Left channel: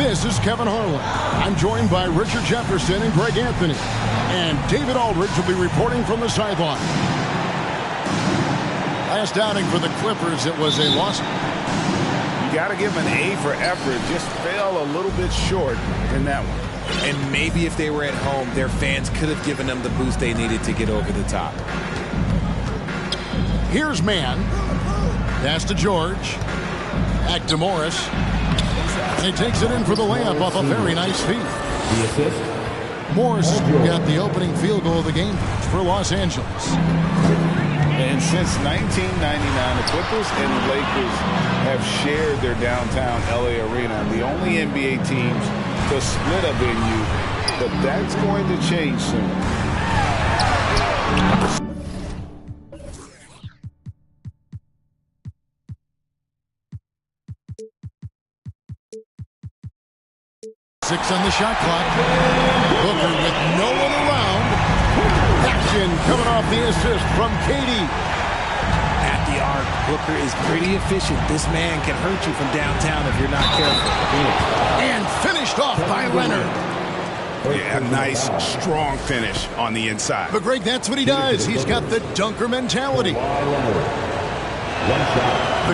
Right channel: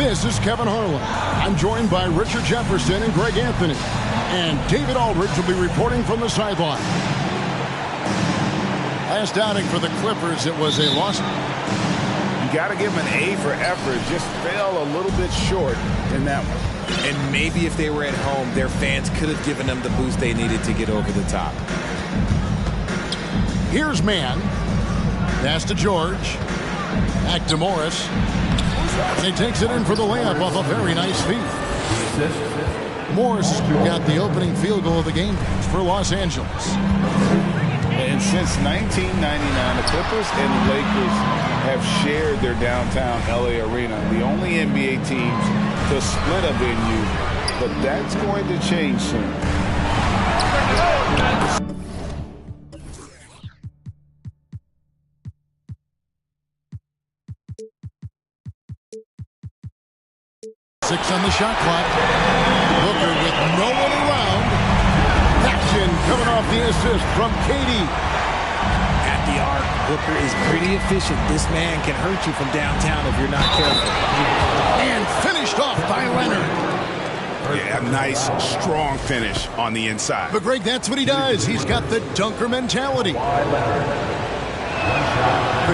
This is Kevin Harlan. I'm joined by Richard Jefferson and Greg Anthony. And David Aldridge will be reporting from the sideline. Last outing for the Clippers, it was a loss. You got to give them an A for effort. Just fell a little bit short in that one. And maybe if they were at home, their fans could have given them the boost they needed to get over the top. Here's Mann. Pass to George. Back to Morris. And he takes it in for the layup off a very nice feed. The assist. Morris got the opening field goal of the game for Los Angeles. And since 1999, the Clippers and the Lakers have shared their downtown LA arena. The only NBA teams to split a venue, but that's going to change soon. Six on the shot clock. Booker with no one around. Action coming off the assist from KD. At the arc, Booker is pretty efficient. This man can hurt you from downtown if you're not careful. And finished off by Leonard. Yeah, a nice, strong finish on the inside. But Greg, that's what he does. He's got the dunker mentality. The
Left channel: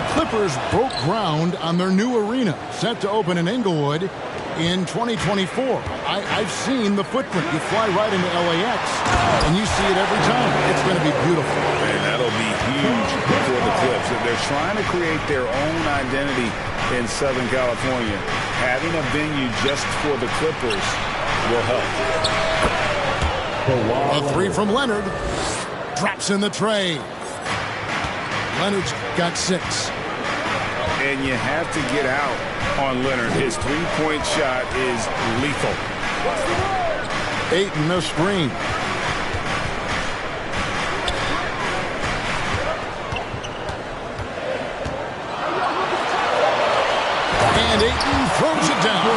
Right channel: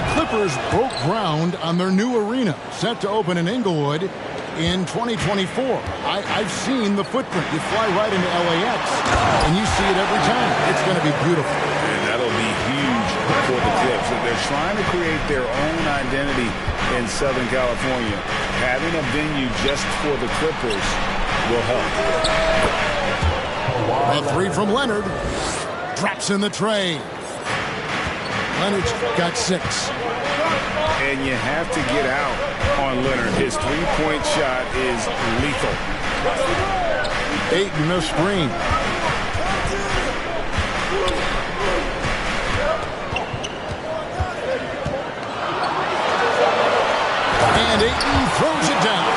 Clippers broke ground on their new arena, set to open in Inglewood in 2024. I've seen the footprint. You fly right into LAX, and you see it every time. It's going to be beautiful. And that'll be huge for the Clips. They're trying to create their own identity in Southern California. Having a venue just for the Clippers will help. A three from Leonard. Drops in the tray. Leonard's got 6. And you have to get out on Leonard. His three-point shot is lethal. Ayton a screen. And Ayton throws it down.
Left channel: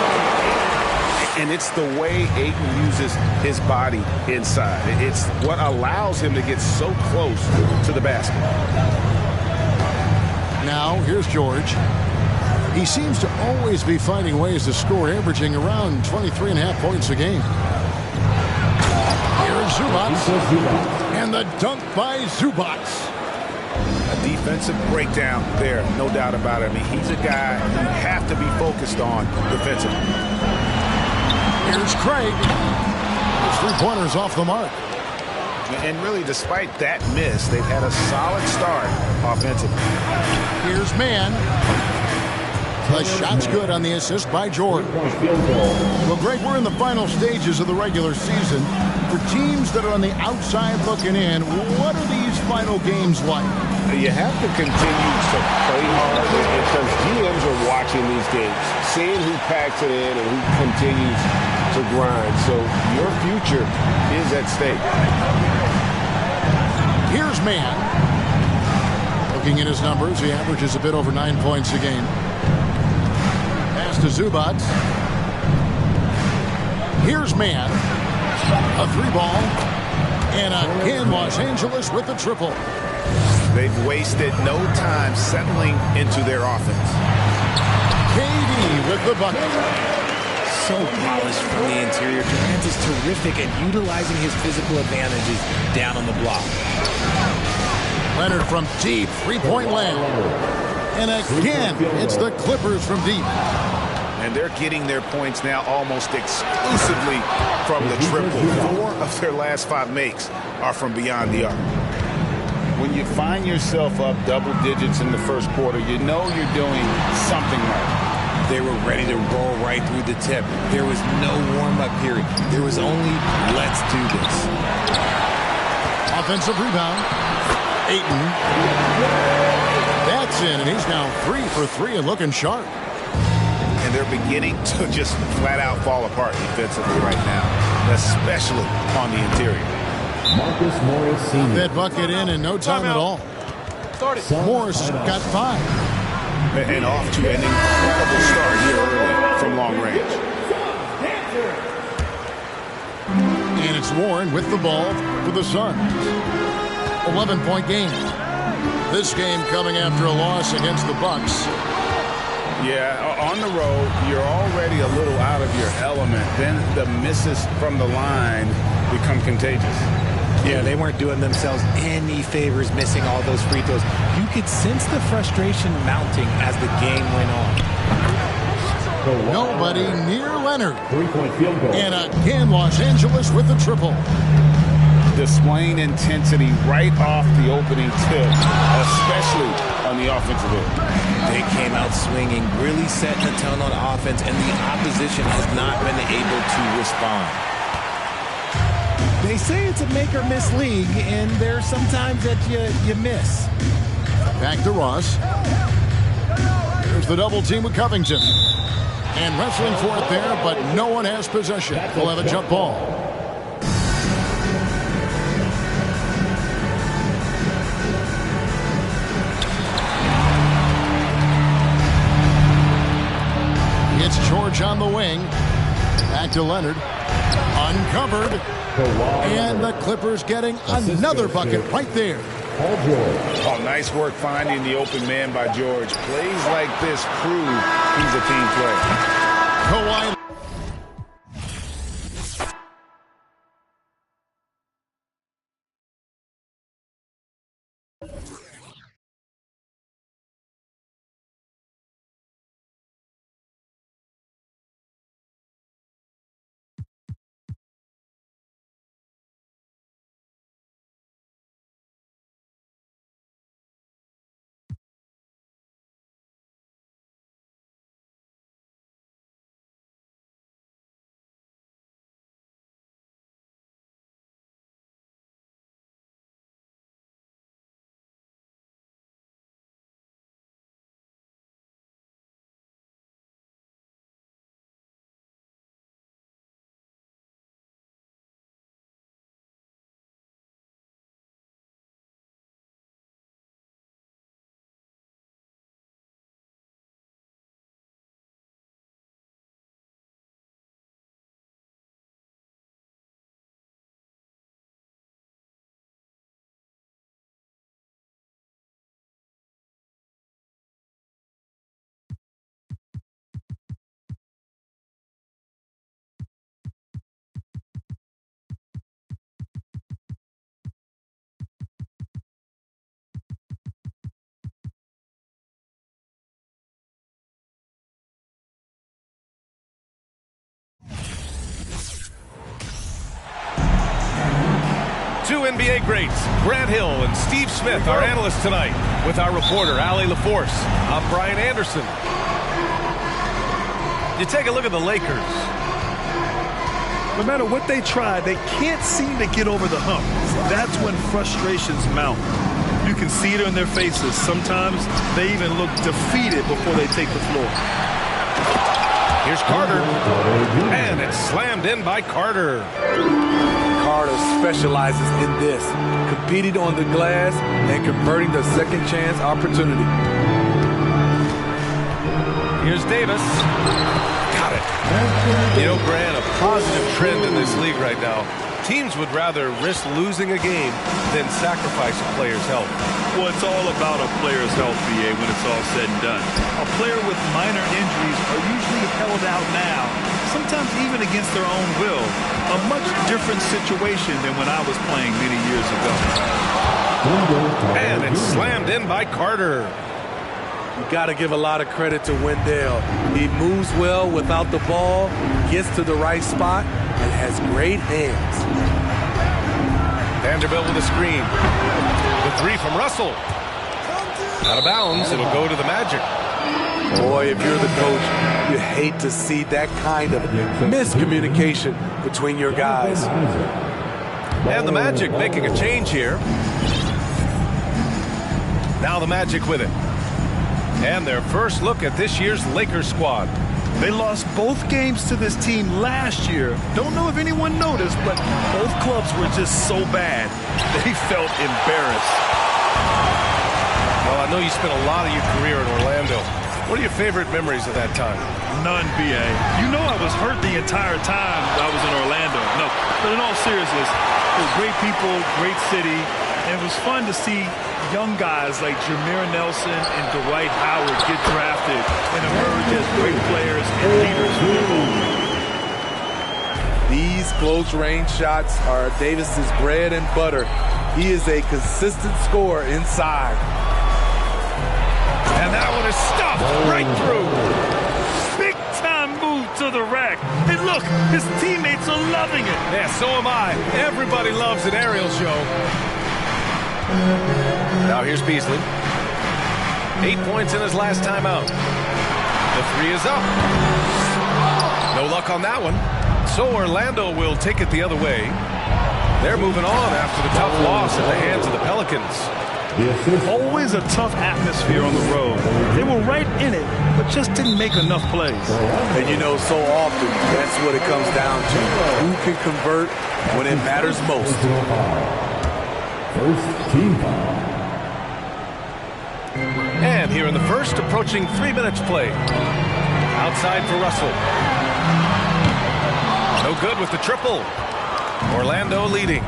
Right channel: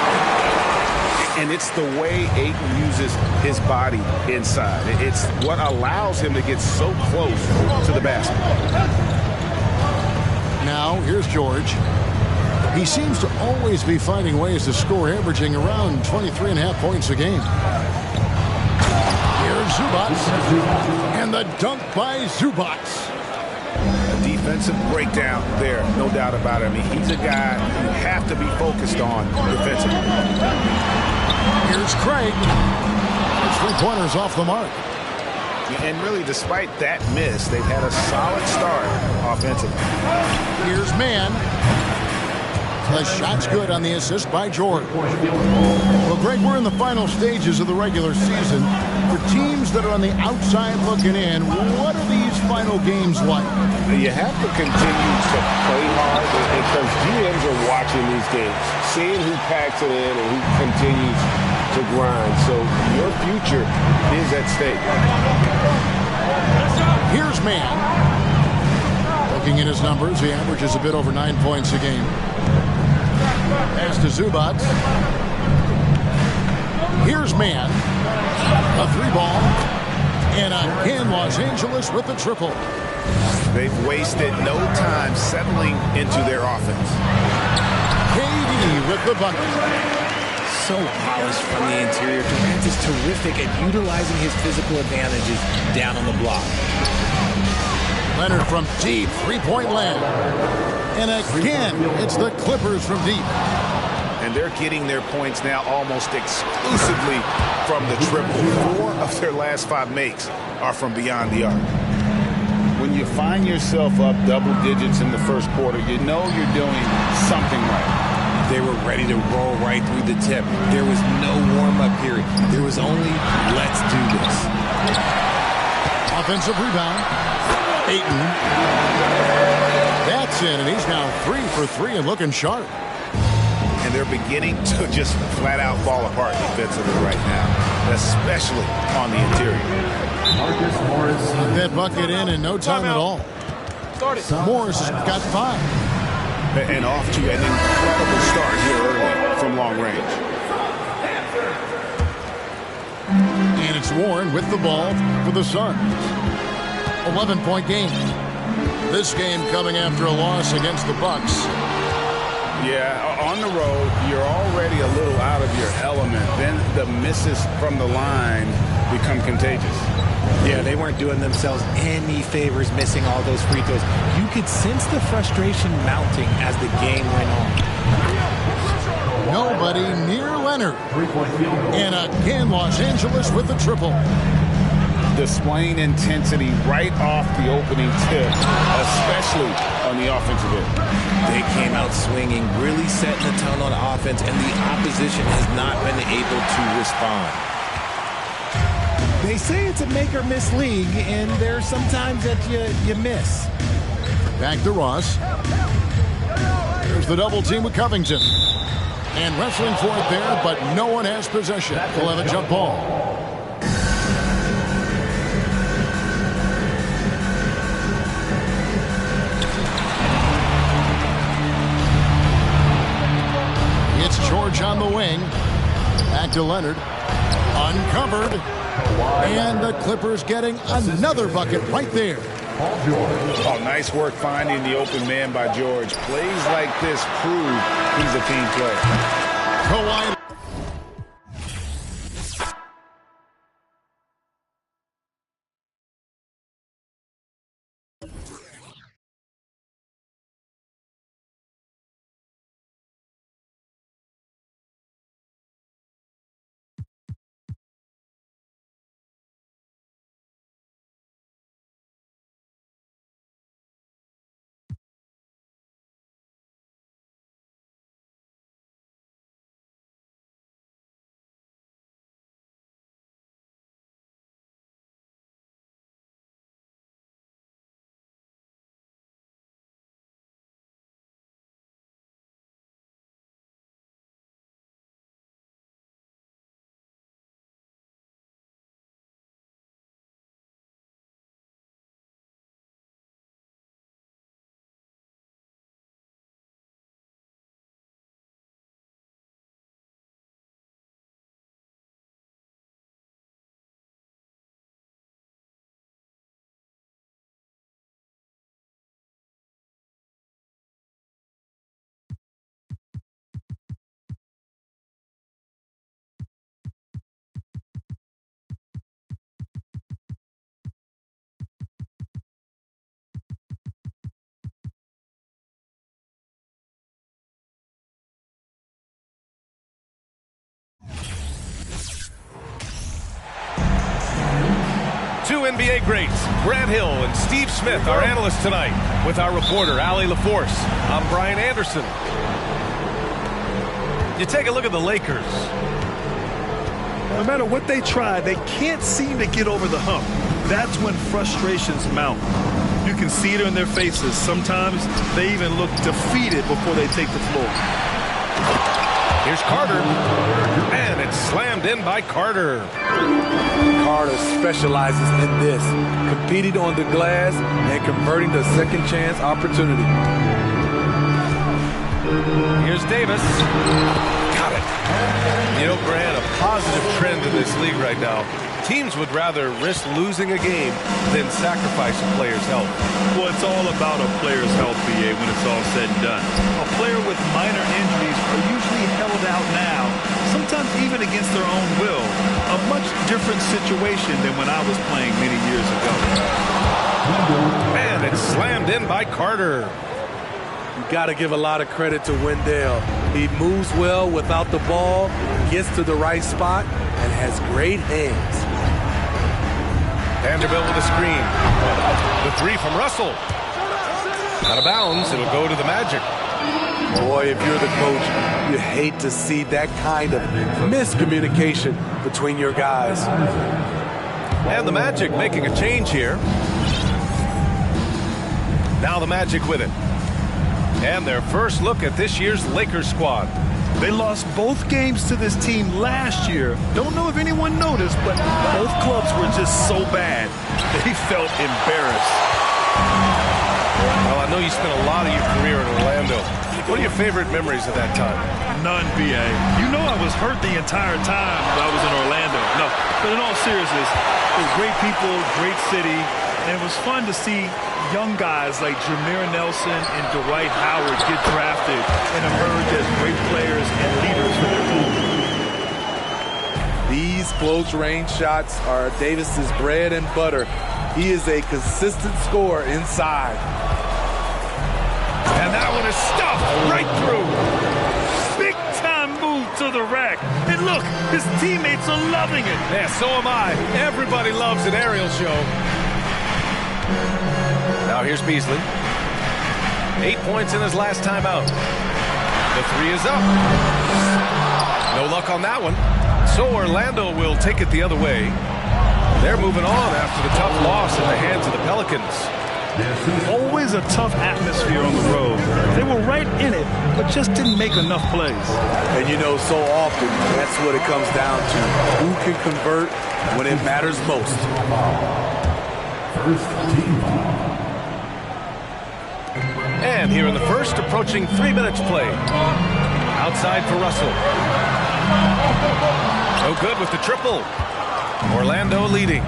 And it's the way Ayton uses his body inside. It's what allows him to get so close to the basket. Now, here's George. He seems to always be finding ways to score, averaging around 23.5 points a game. Here's Zubac. And the dunk by Zubac. A defensive breakdown there, no doubt about it. I mean, he's a guy you have to be focused on defensively. Here's Craig. His three-pointers off the mark. And really, despite that miss, they've had a solid start offensively. Here's Mann. The shot's good on the assist by Jordan. Well, Greg, we're in the final stages of the regular season. For teams that are on the outside looking in, what are these final games like? You have to continue to play hard because GMs are watching these games, seeing who packs it in and who continues to grind. So your future is at stake. Here's Mann. Looking at his numbers, he averages a bit over 9 points a game. Pass to Zubac. Here's Mann. A 3-ball. And again, Los Angeles with the triple. They've wasted no time settling into their offense. KD with the bucket. So polished from the interior. Durant is terrific at utilizing his physical advantages down on the block. Leonard from deep, three-point land. And again, it's the Clippers from deep. And they're getting their points now almost exclusively from the triple. 4 of their last 5 makes are from beyond the arc. When you find yourself up double digits in the first quarter, you know you're doing something right. They were ready to roll right through the tip. There was no warm-up period. There was only, let's do this. Offensive rebound. Ayton. That's in, and he's now 3 for 3 and looking sharp. And they're beginning to just flat-out fall apart defensively right now, especially on the interior. Marcus Morris Sr. That bucket in no time at all. Morris has got 5. And off to an incredible start here early from long range. And it's Warren with the ball for the Suns. 11-point game. This game coming after a loss against the Bucks. Yeah, on the road, you're already a little out of your element. Then the misses from the line become contagious. Yeah, they weren't doing themselves any favors missing all those free throws. You could sense the frustration mounting as the game went on. Nobody near Leonard. 3-point field goal. And again, Los Angeles with the triple. Displaying intensity right off the opening tip, especially on the offensive end. They came out swinging, really setting the tone on offense, and the opposition has not been able to respond. They say it's a make-or-miss league, and there are some times that you miss. Back to Ross. Here's the double team with Covington. And wrestling for it there, but no one has possession. We'll have a jump ball. It's George on the wing. Back to Leonard. Uncovered. And the Clippers getting another bucket right there. Paul George. Oh, nice work finding the open man by George. Plays like this prove he's a team player. Kawhi. Two NBA greats, Grant Hill and Steve Smith, our analysts tonight, with our reporter, Allie LaForce. I'm Brian Anderson. You take a look at the Lakers. No matter what they try, they can't seem to get over the hump. That's when frustrations mount. You can see it in their faces. Sometimes they even look defeated before they take the floor. Here's Carter, and it's slammed in by Carter. Carter specializes in this, competing on the glass and converting the second chance opportunity. Here's Davis. Got it. You know, Grant, a positive trend in this league right now. Teams would rather risk losing a game than sacrifice a player's health. Well, it's all about a player's health, BA, when it's all said and done. A player with minor injuries are usually held out now, sometimes even against their own will. A much different situation than when I was playing many years ago. And it's slammed in by Carter. You got to give a lot of credit to Wendell. He moves well without the ball, gets to the right spot, and has great hands. Vanderbilt with a screen. The three from Russell. Out of bounds, it'll go to the Magic. Boy, if you're the coach, you hate to see that kind of miscommunication between your guys. And the Magic making a change here. Now the Magic with it. And their first look at this year's Lakers squad. They lost both games to this team last year. Don't know if anyone noticed, but both clubs were just so bad. They felt embarrassed. Well, I know you spent a lot of your career in Orlando. What are your favorite memories of that time? None, BA. You know I was hurt the entire time I was in Orlando. No, but in all seriousness, it was great people, great city, and it was fun to see young guys like Jameer Nelson and Dwight Howard get drafted and emerge as great players and leaders for their moment. These close-range shots are Davis's bread and butter. He is a consistent scorer inside. And that one is stuffed right through. Big-time move to the rack. And look, his teammates are loving it. Yeah, so am I. Everybody loves an aerial show. Now here's Beasley. 8 points in his last time out. The three is up. No luck on that one. So Orlando will take it the other way. They're moving on after the tough loss in the hands of the Pelicans. Always a tough atmosphere on the road. They were right in it, but just didn't make enough plays. And you know, so often, that's what it comes down to. Who can convert when it matters most? First team foul. And here in the first, approaching 3 minutes play. Outside for Russell. No good with the triple. Orlando leading.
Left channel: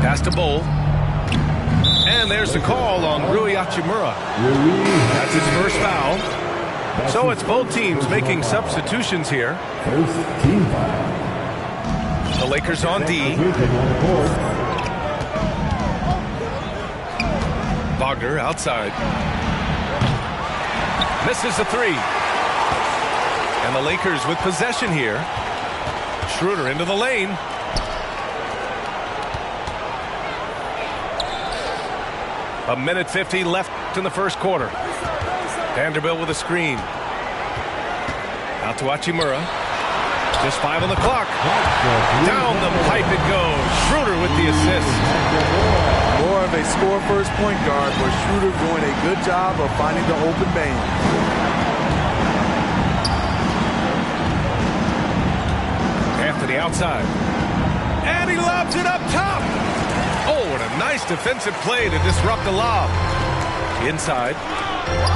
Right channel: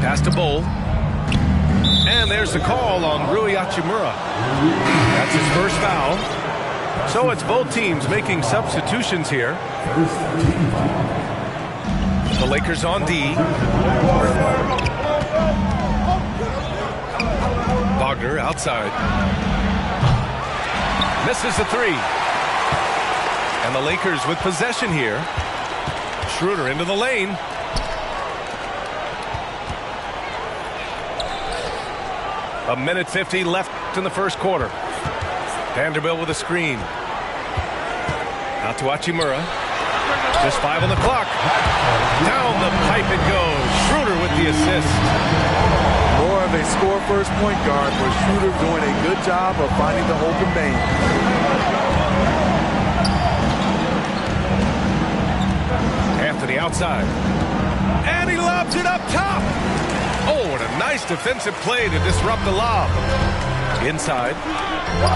Pass to Bol. And there's the call on Rui Hachimura. That's his first foul. So it's both teams making substitutions here. First team foul. The Lakers on D. Wagner outside. Misses the three. And the Lakers with possession here. Schroeder into the lane. A minute 50 left in the first quarter. Vanderbilt with a screen. Out to Hachimura. Just 5 on the clock. Down the pipe it goes. Schroeder with the assist. More of a score-first point guard, but Schroeder doing a good job of finding the open man. Anthony outside. And he lobs it up top. Oh, what a nice defensive play to disrupt the lob. Inside.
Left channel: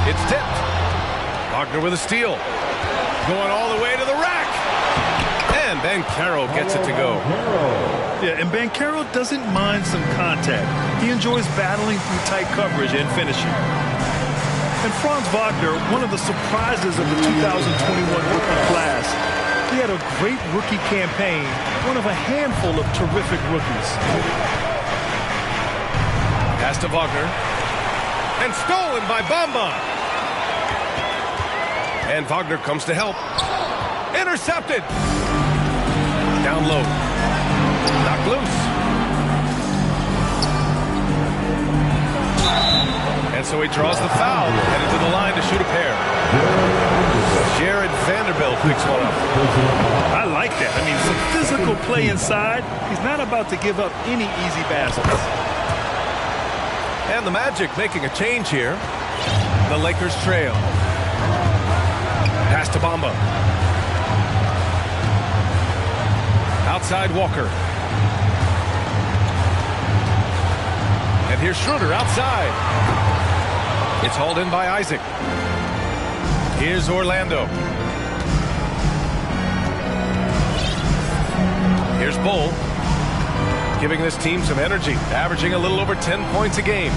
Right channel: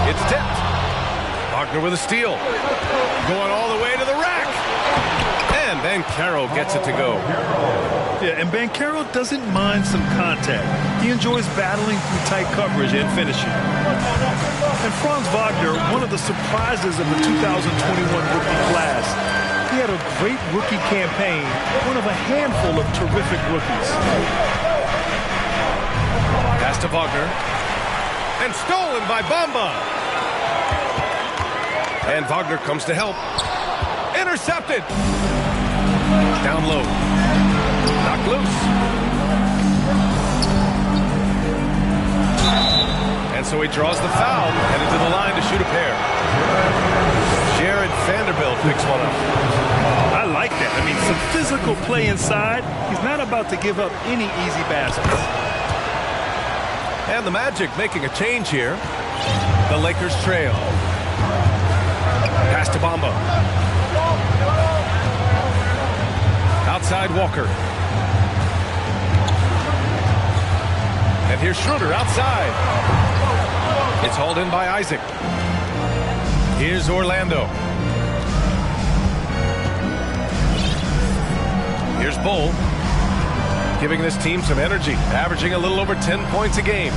It's tipped. Wagner with a steal. Going all the way to the rack. And Banchero gets it to go. Yeah, and Banchero doesn't mind some contact. He enjoys battling through tight coverage and finishing. And Franz Wagner, one of the surprises of the 2021 rookie class. He had a great rookie campaign, one of a handful of terrific rookies. Pass to Wagner. And stolen by Bamba. And Wagner comes to help. Intercepted. Down low. Knocked loose. And so he draws the foul, headed to the line to shoot a pair. Jared Vanderbilt picks one up. I like that. I mean, some physical play inside. He's not about to give up any easy baskets. And the Magic making a change here. The Lakers trail. Pass to Bamba. Outside Walker. And here's Schroeder outside. It's hauled in by Isaac. Here's Orlando. Here's Bol. Giving this team some energy. Averaging a little over 10 points a game.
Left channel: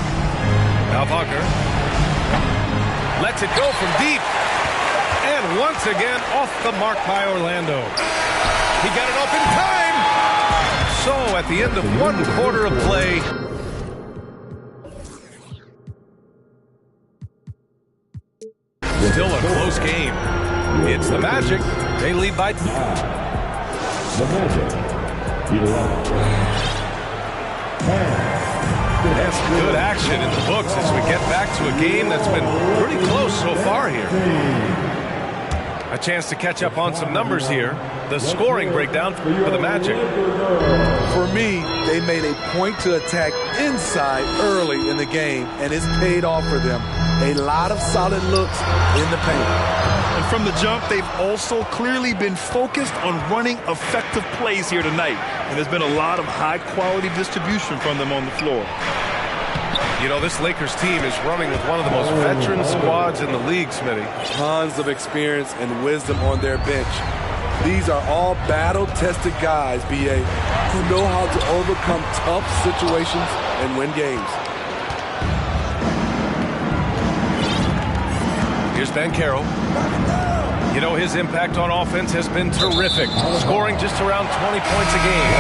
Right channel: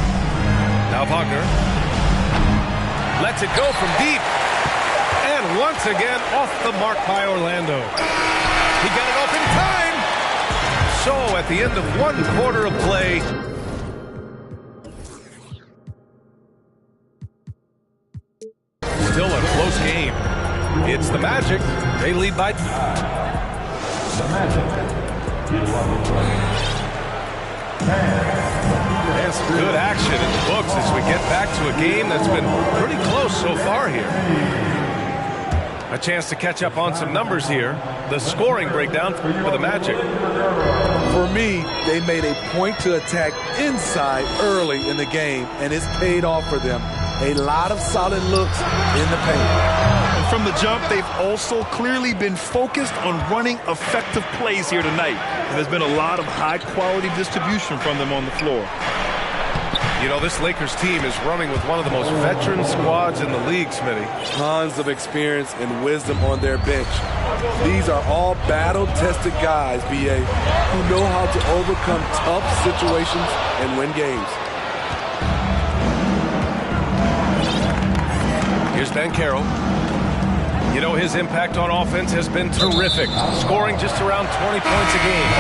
Now Wagner. Lets it go from deep. And once again off the mark by Orlando. He got it off in time. So at the end of 1 quarter of play. Still a close game. It's the Magic. They lead by... The Magic. 11. That's good action in the books as we get back to a game that's been pretty close so far here. A chance to catch up on some numbers here. The scoring breakdown for the Magic. For me, they made a point to attack inside early in the game, and it's paid off for them. A lot of solid looks in the paint. And from the jump, they've also clearly been focused on running effective plays here tonight. And there's been a lot of high-quality distribution from them on the floor. You know, this Lakers team is running with one of the most veteran squads in the league, Smitty. Tons of experience and wisdom on their bench. These are all battle-tested guys, B.A. who know how to overcome tough situations and win games. Here's Banchero. You know, his impact on offense has been terrific, scoring just around 20 points a game.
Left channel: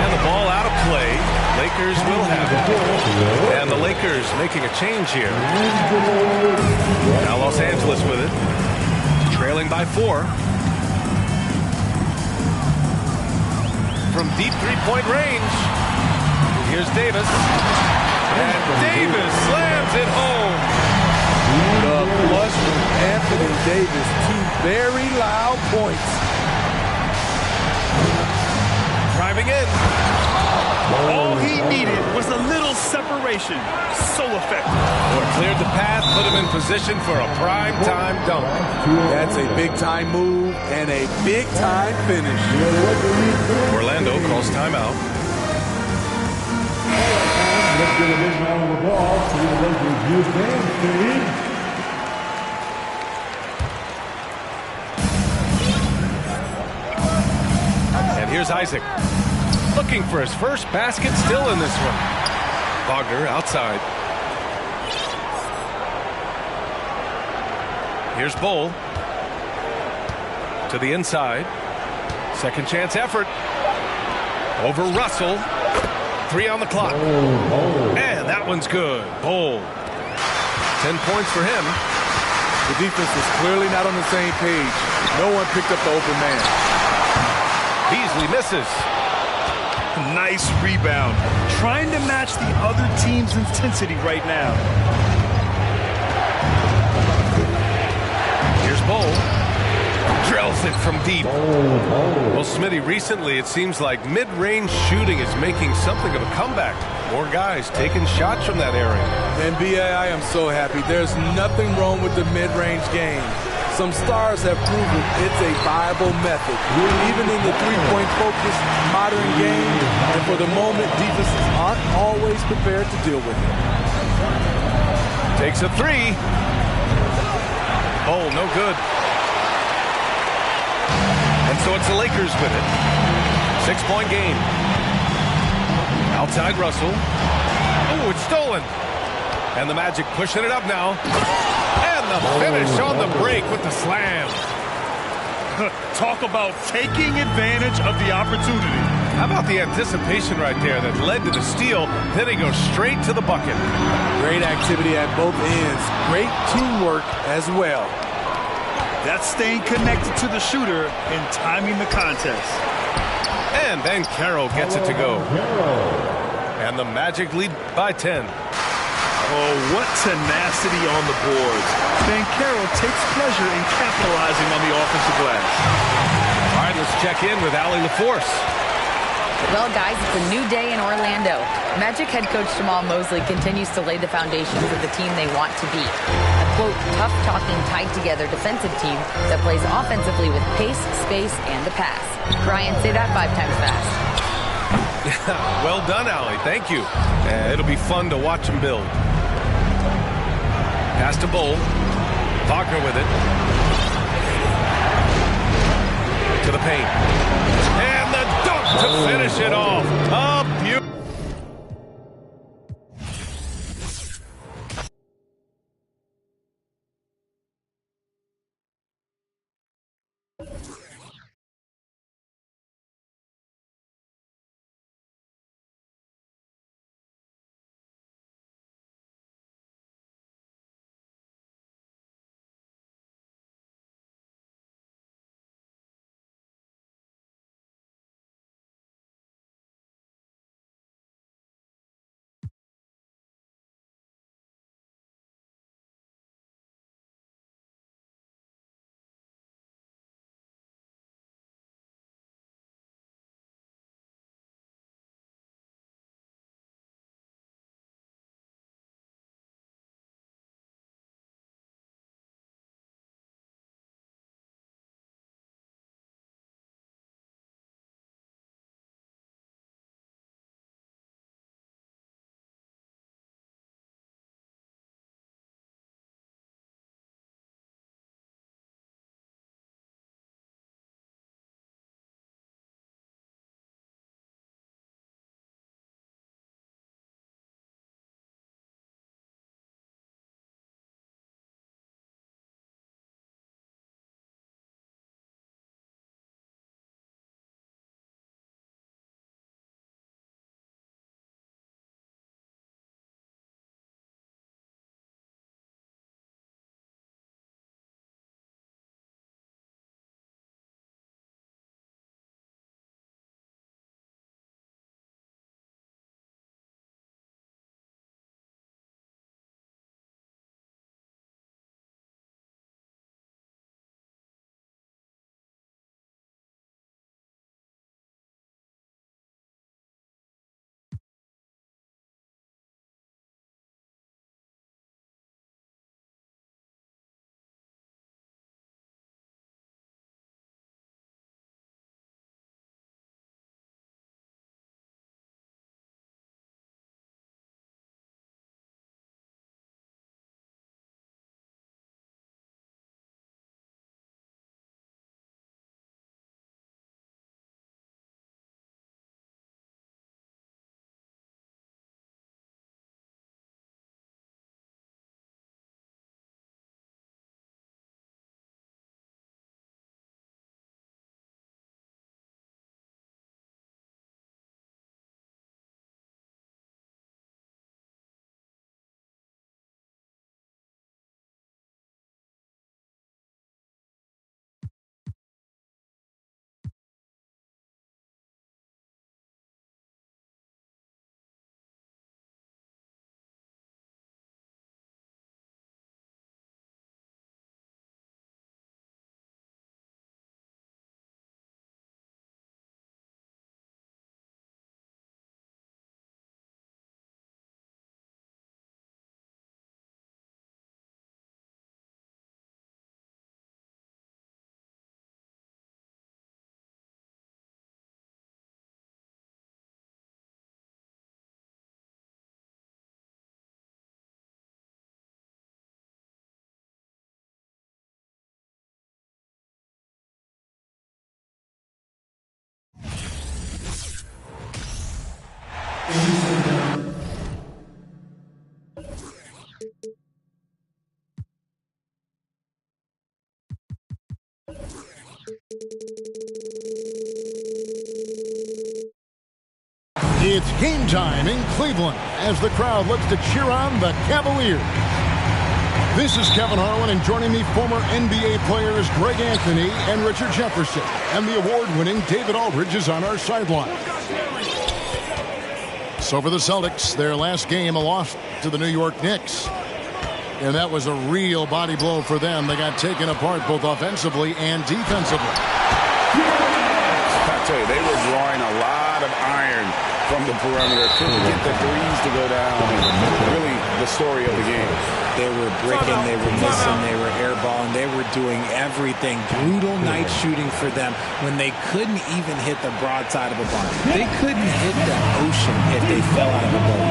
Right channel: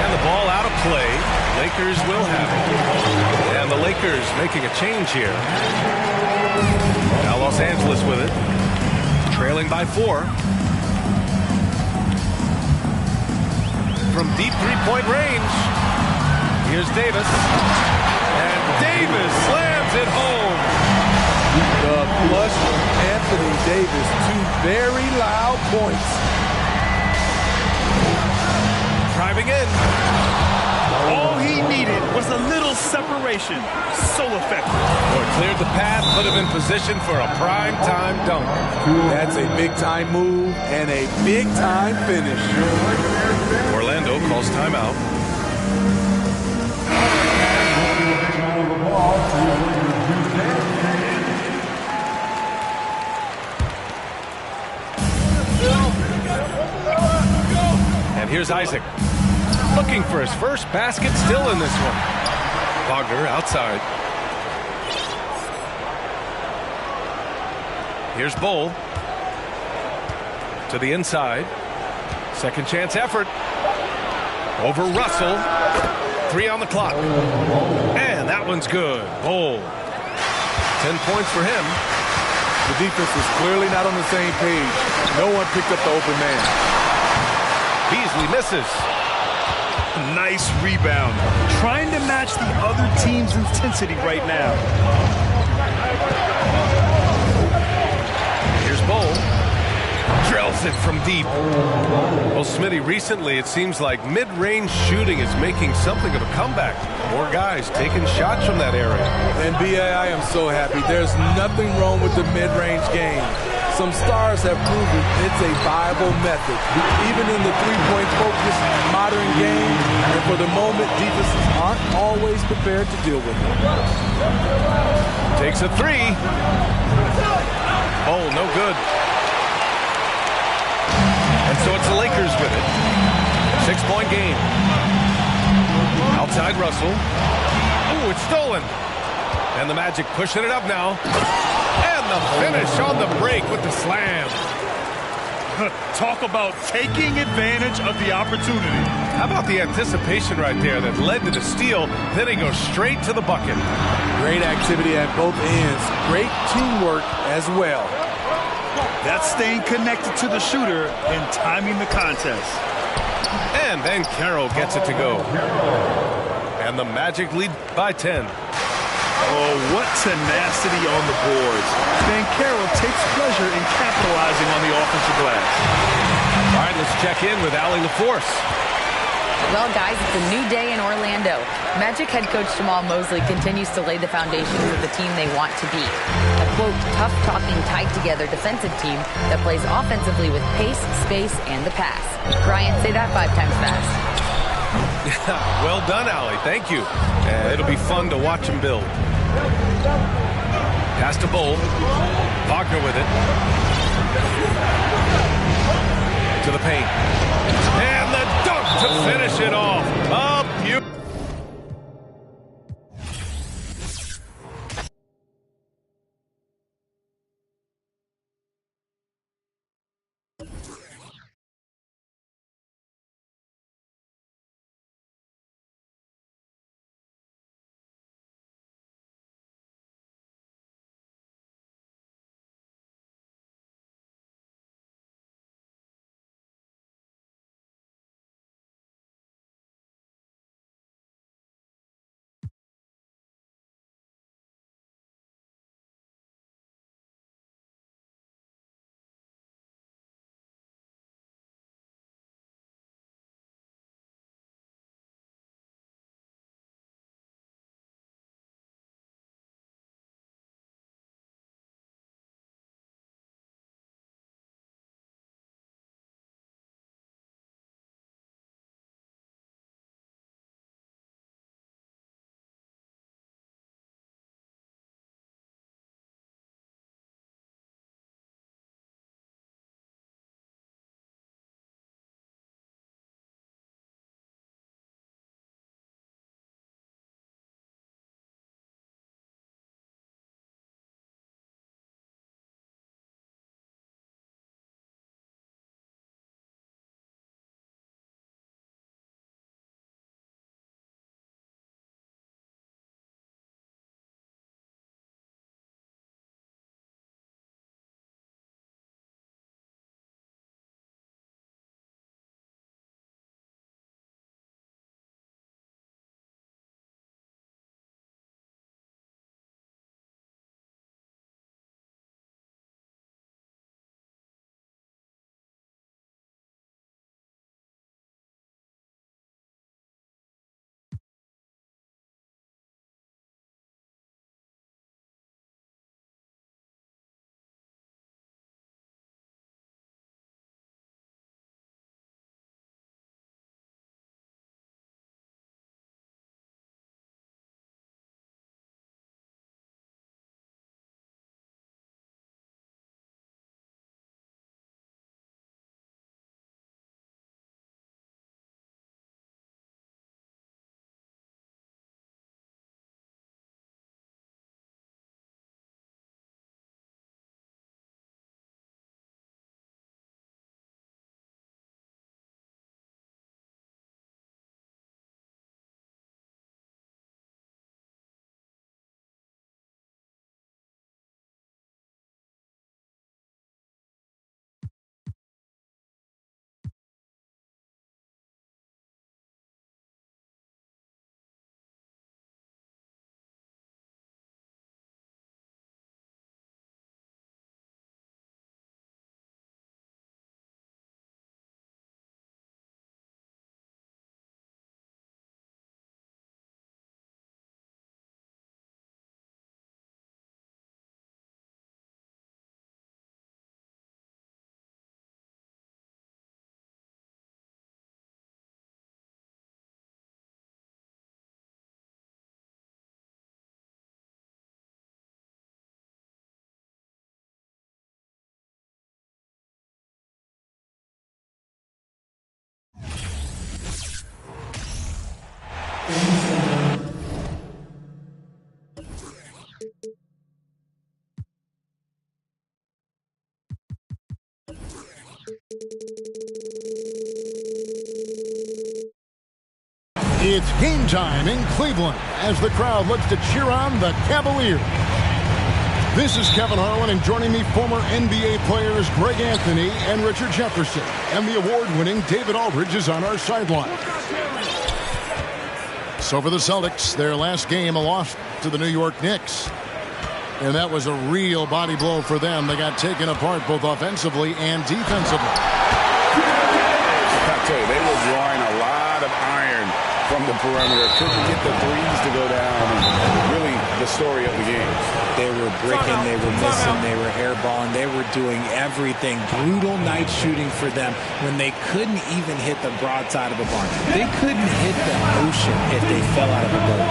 And the ball out of play. Lakers will have it. And the Lakers making a change here. Now Los Angeles with it, trailing by 4. From deep three-point range, here's Davis. And Davis slams it home. The flush from Anthony Davis, 2 very loud points. Driving in. All he needed was a little separation. So effective. Boy, cleared the path, put him in position for a prime-time dunk. That's a big-time move and a big-time finish. Orlando calls timeout. And here's Isaac. Looking for his first basket, still in this one. Wagner outside. Here's Bull. To the inside. Second chance effort. Over Russell. 3 on the clock. And that one's good. Bull. 10 points for him. The defense was clearly not on the same page. No one picked up the open man. Beasley misses. Nice rebound. Trying to match the other team's intensity right now. Here's Bull. Drills it from deep. Well, Smitty, recently it seems like mid-range shooting is making something of a comeback. More guys taking shots from that area. And B.A., I am so happy. There's nothing wrong with the mid-range game. Some stars have proven it's a viable method, even in the three-point focused modern game. And for the moment, defenses aren't always prepared to deal with it. Takes a 3. Oh, no good. And so it's the Lakers with it. 6-point game. Outside Russell. Oh, it's stolen. And the Magic pushing it up now. And the finish on the break with the slam. Talk about taking advantage of the opportunity. How about the anticipation right there that led to the steal? Then he goes straight to the bucket. Great activity at both ends. Great teamwork as well. That's staying connected to the shooter and timing the contest. And Banchero gets it to go. And the Magic lead by 10. Oh, what tenacity on the boards. Banchero takes pleasure in capitalizing on the offensive glass. All right, let's check in with Allie LaForce. Well, guys, it's a new day in Orlando. Magic head coach Jamal Mosley continues to lay the foundation for the team they want to be. A, quote, tough-talking, tied-together defensive team that plays offensively with pace, space, and the pass. Brian, say that 5 times fast. Well done, Allie. Thank you. It'll be fun to watch him build. Pass to Bull. Wagner with it. To the paint. And the dunk to finish it off. A beautiful. It's game time in Cleveland as the crowd looks to cheer on the Cavaliers. This is Kevin Harlan, and joining me, former NBA players Greg Anthony and Richard Jefferson. And the award-winning David Aldridge is on our sideline. So for the Celtics, their last game, a loss to the New York Knicks. And that was a real body blow for them. They got taken apart both offensively and defensively. I tell you, they were drawing a lot of iron from the perimeter. Couldn't get the threes to go down. And really the story of the game. They were bricking, they were missing, they were airballing, they were doing everything. Brutal night shooting for them when they couldn't even hit the broadside of a barn. They couldn't hit the ocean if they fell out of a boat.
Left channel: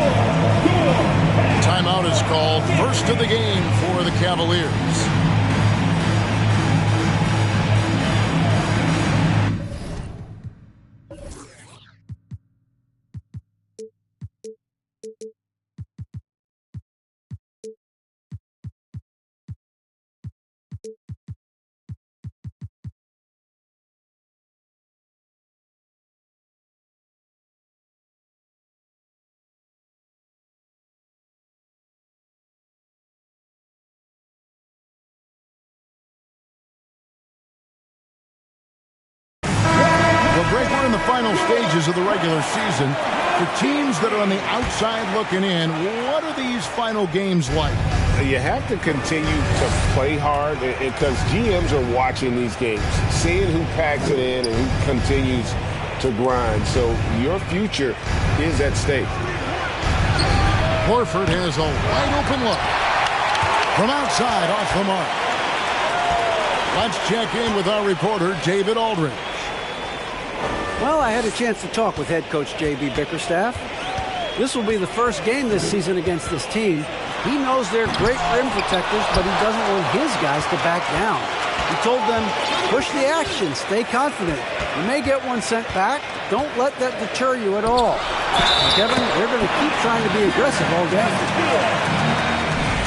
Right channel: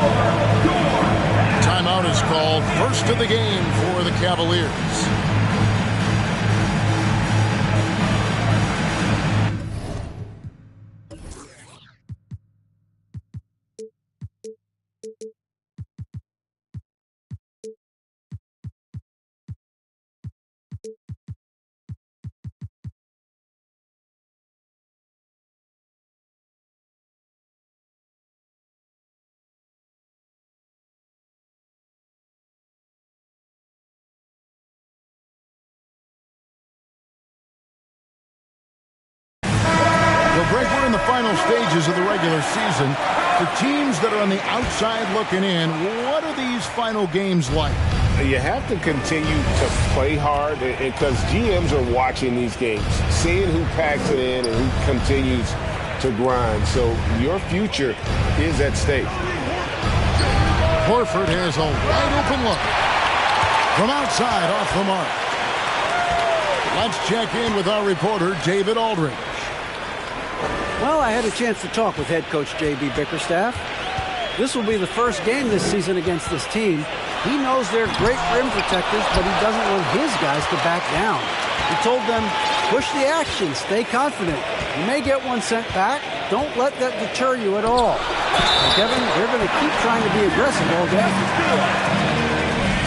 Timeout is called. First of the game for the Cavaliers. Well, Greg, we're in the final stages of the regular season. For teams that are on the outside looking in, what are these final games like? You have to continue to play hard because GMs are watching these games, seeing who packs it in and who continues to grind. So your future is at stake. Horford has a wide open look. From outside, off the mark. Let's check in with our reporter, David Aldridge. Well, I had a chance to talk with head coach J.B. Bickerstaff. This will be the first game this season against this team. He knows they're great rim protectors, but he doesn't want his guys to back down. He told them, push the action, stay confident. You may get one sent back. Don't let that deter you at all. And Kevin, they're going to keep trying to be aggressive all game.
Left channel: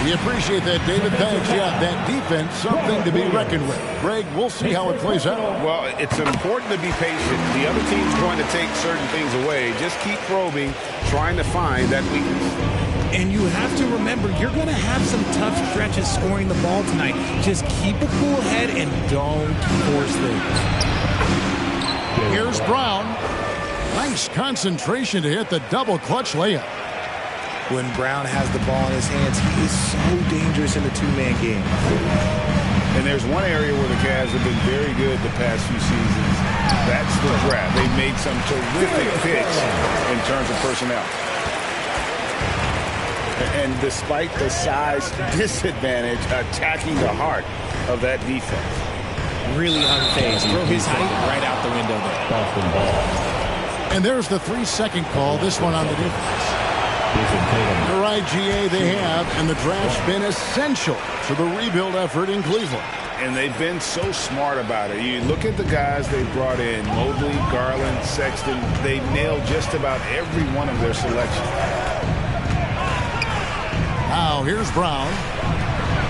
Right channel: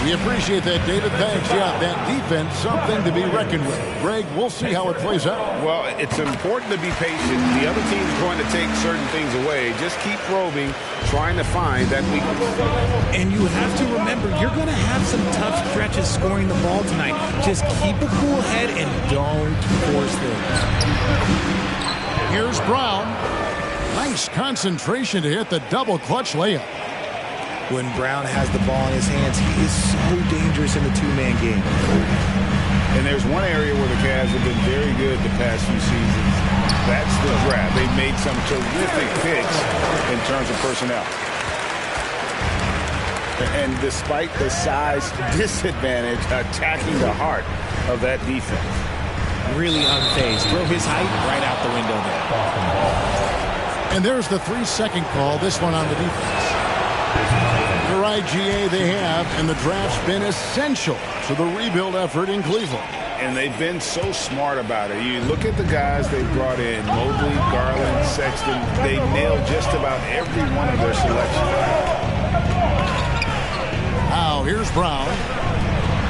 We appreciate that, David. Thanks. Yeah, that defense, something to be reckoned with. Greg, we'll see how it plays out. Well, it's important to be patient. The other team's going to take certain things away. Just keep probing, trying to find that weakness. And you have to remember, you're going to have some tough stretches scoring the ball tonight. Just keep a cool head and don't force things. Here's Brown. Nice concentration to hit the double clutch layup. When Brown has the ball in his hands, he is so dangerous in the two-man game. And there's one area where the Cavs have been very good the past few seasons. That's the draft. They've made some terrific picks in terms of personnel. And despite the size disadvantage, attacking the heart of that defense. Really unfazed. Throw his height right out the window there. And there's the 3-second call, this one on the defense. The right GA they have, and the draft's been essential to the rebuild effort in Cleveland. And they've been so smart about it. You look at the guys they brought in, Mobley, Garland, Sexton. They nailed just about every one of their selections. Now here's Brown.